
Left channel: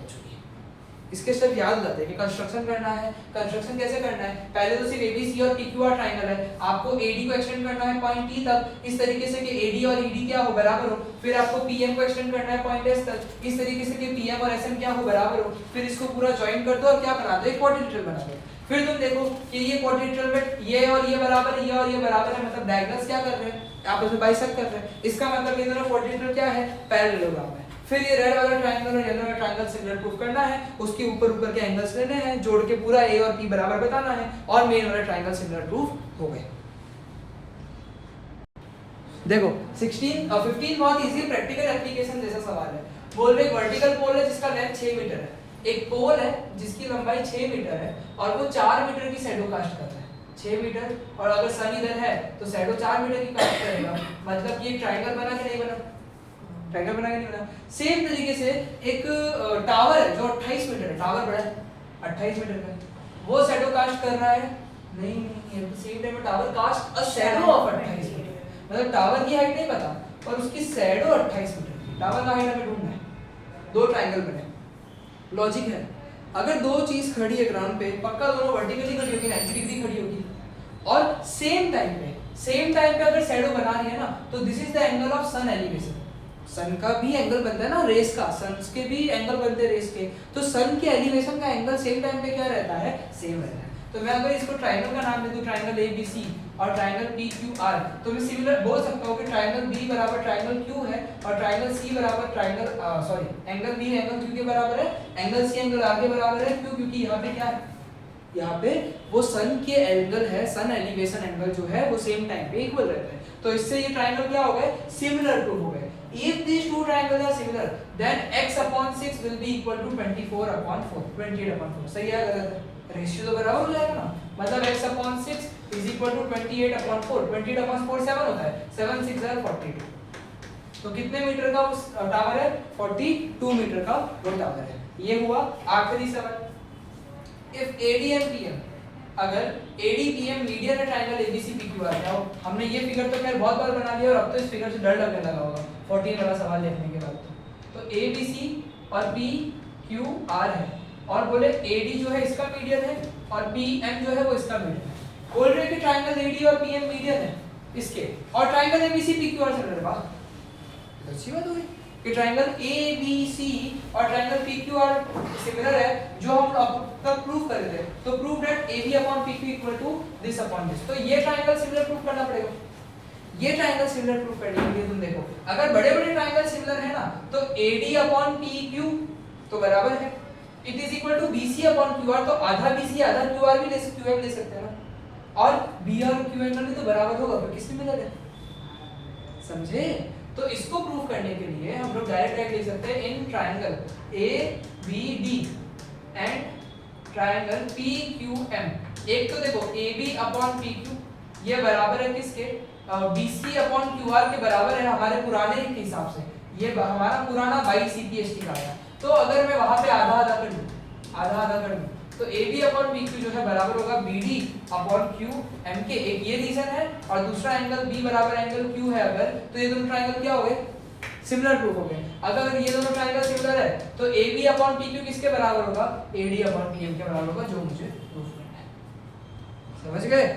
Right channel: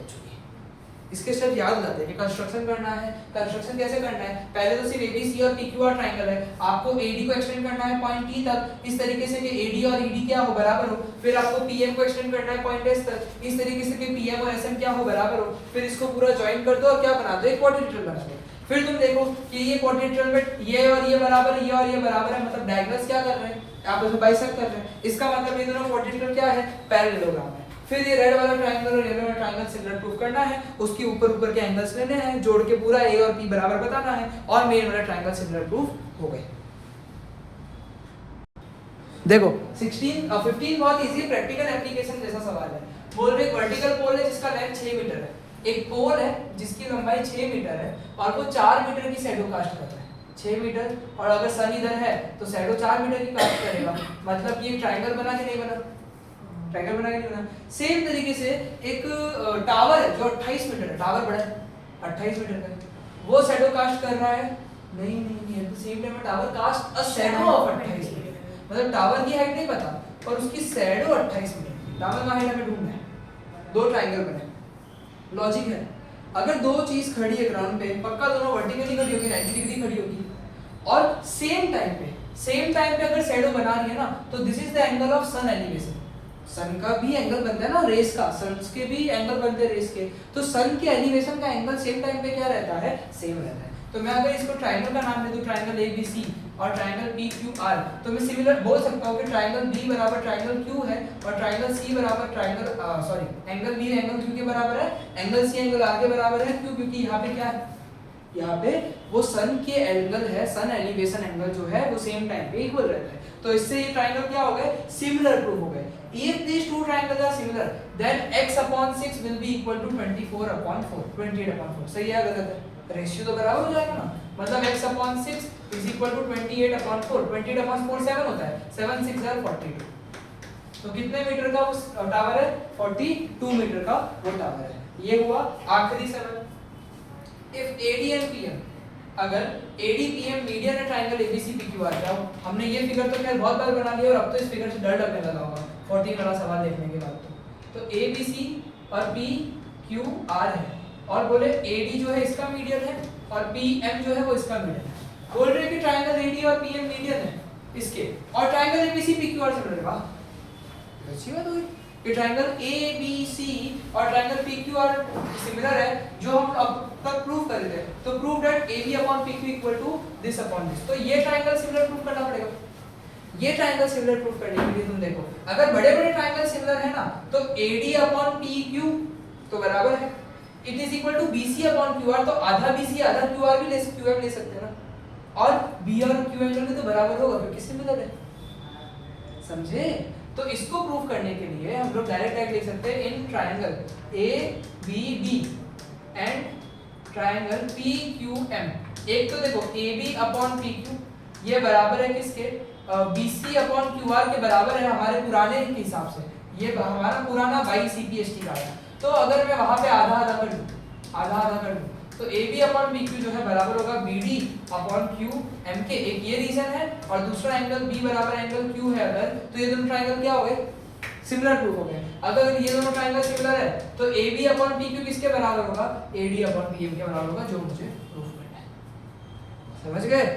इसके स्टेप याद हो जाते हैं कि कंस्ट्रक्शन करना है, कंस्ट्रक्शन कैसे करना है, पहले तो सिर्फ ABC और PQR ट्रायंगल है, आपको AD को एक्सटेंड करना है पॉइंट T तक, इस तरीके से कि AD और ED क्या हो, बराबर हो, फिर आपको PM को एक्सटेंड करना है पॉइंट S तक, इस तरीके से कि PM और SM क्या हो, बराबर हो, फिर इसको पूरा ज्वाइन कर दो और क्या बना दो, एक क्वाड्रिलेटरल बना दो। फिर तुम देखो कि ये क्वाड्रिलेटरल में ये और ये बराबर है, ये और ये बराबर है, मतलब डायगोनल्स क्या कर रहे हैं, आपस में बाइसेक्ट कर रहे हैं, इसका मतलब ये दोनों क्वाड्रिलेटरल क्या है, पैरेललोग्राम है। फिर ये रेड वाला ट्रायंगल और येलो वाला ट्रायंगल सिमिलर प्रूफ करना है, उसके ऊपर ऊपर के एंगल्स लेने हैं, जोड़ के पूरा A और P बराबर बताना है, और मेन वाला ट्रायंगल सिमिलर प्रूफ हो गए। देखो 15 बहुत इजी प्रैक्टिकल एप्लीकेशन जैसा सवाल है, बोल रहे वर्टिकल पोल है जिसका लेंथ 6 मीटर है, एक पोल है जिसकी लंबाई 6 मीटर है, और वो 4 मीटर की शैडो कास्ट कर रहा है, 6 मीटर, और अगर सन इधर है तो शैडो 4 मीटर की कास्ट करेगा, मतलब ये ट्रायंगल बना कि नहीं बना, ट्रायंगल बना के नहीं बना। सेम तरीके से एक टावर है जो 28 मीटर है, टावर बड़ा है 28 मीटर का, वो शैडो कास्ट कर रहा है, नहीं at the same time tower cast a shadow of 28 metre, मतलब टावर की हाइट नहीं पता पर उसकी शैडो 28 मीटर की, टावर का हाइट हमें ढूंढना है, दो ट्रायंगल बने, लॉजिक है, अगर दो चीज खड़ी है ग्राउंड पे, पक्का दोनों वर्टिकली खड़ी होगी, 90 डिग्री खड़ी होगी, और सेम टाइम पे अगर शैडो बना रही है ना, तो this is the angle of sun elevation, sun का भी एंगल बनता है ना रेस का, सन के भी एंगल बनते हैं रेस के, तो सन के एलिवेशन का एंगल सेम टाइम पे क्या रहता है, सेम रहता है, तो मैं अगर इसको ट्राइंगल का नाम दे दूं ट्राइंगल ABC और ट्राइंगल PQR, तो मैं सिमिलर बोल सकता हूं कि ट्राइंगल B बराबर ट्राइंगल Q है और ट्राइंगल C बराबर triangle angle B angle Q के बराबर है, एंगल C एंगल R के बराबर है। क्यों? क्योंकि यहाँ पे क्या है, यहाँ पे वो सन के एंगल है, सन एलिवेशन एंगल जो है वो सेम टाइम पे इक्वल रहता है। तो इससे ये ट्राइंगल क्या हो गए, सिमिलर प्रूफ हो गए। If these two triangles are similar, then x/6 will be equal to 24/4, 28/4। सही है गलत है? रेशियो तो बराबर हो जाएगा ना, मतलब x/6 is equal to 28/4। 28/4 7 होता है, 7 6 are 42। तो कितने मीटर का उस टावर है, 42 मीटर का वो टावर है। ये हुआ आखिरी सवाल। If AD and PM, अगर AD PM मीडियन है ट्राइंगल ABC PQR, क्या हो? हमने ये फिगर तो खैर बहुत बार बना लिया और अब तो इस फिगर से डर लगने लगा होगा 14 वाला सवाल देखने के बाद। तो ABC और PQR है और बोले AD जो है इसका मीडियन है और PM जो है वो इसका मीडियन है। बोल रहे कि ट्राइंगल AD और PM मीडियन है इसके और ट्राइंगल ABC PQR से मिल रहा है। अच्छी बात हो गई कि ट्राइंगल ABC और ट्राइंगल PQR सिमिलर है, जो हम अब तक प्रूव कर रहे थे। तो prove that AB/PQ equal to this upon this. तो ये ट्राइंगल सिमिलर प्रूव करना पड़ेगा। ये ट्राइंगल सिमिलर प्रूव करने के लिए तुम देखो, अगर बड़े-बड़े ट्राइंगल सिमिलर है ना, तो AD/PQ तो बराबर है, it is equal to BC/QR। तो आधा BC आधा QR भी QM ले सकते हैं ना, और B और Q एंगल भी तो बराबर होगा क्योंकि सिमिलर है। समझे? तो इसको प्रूव करने के लिए हम लोग डायरेक्ट लिख सकते हैं in triangle ABD and triangle PQM। एक तो देखो AB/PQ ये बराबर है किसके, BC/QR के बराबर है हमारे पुराने के हिसाब से। ये हमारा पुराना 22 CPST का है। तो अगर मैं वहां पे आधा आधा कर दूं तो AB/PQ जो है बराबर होगा BD/QM के। एक ये रीजन है और दूसरा एंगल B बराबर एंगल Q है। अगर तो ये दोनों ट्राइंगल क्या हो गए, सिमिलर प्रूफ हो गए। अगर ये दोनों ट्राइंगल सिमिलर है तो AB/PQ किसके बराबर होगा, AD/PM के बराबर होगा, जो मुझे प्रूफ करना है। समझ गए?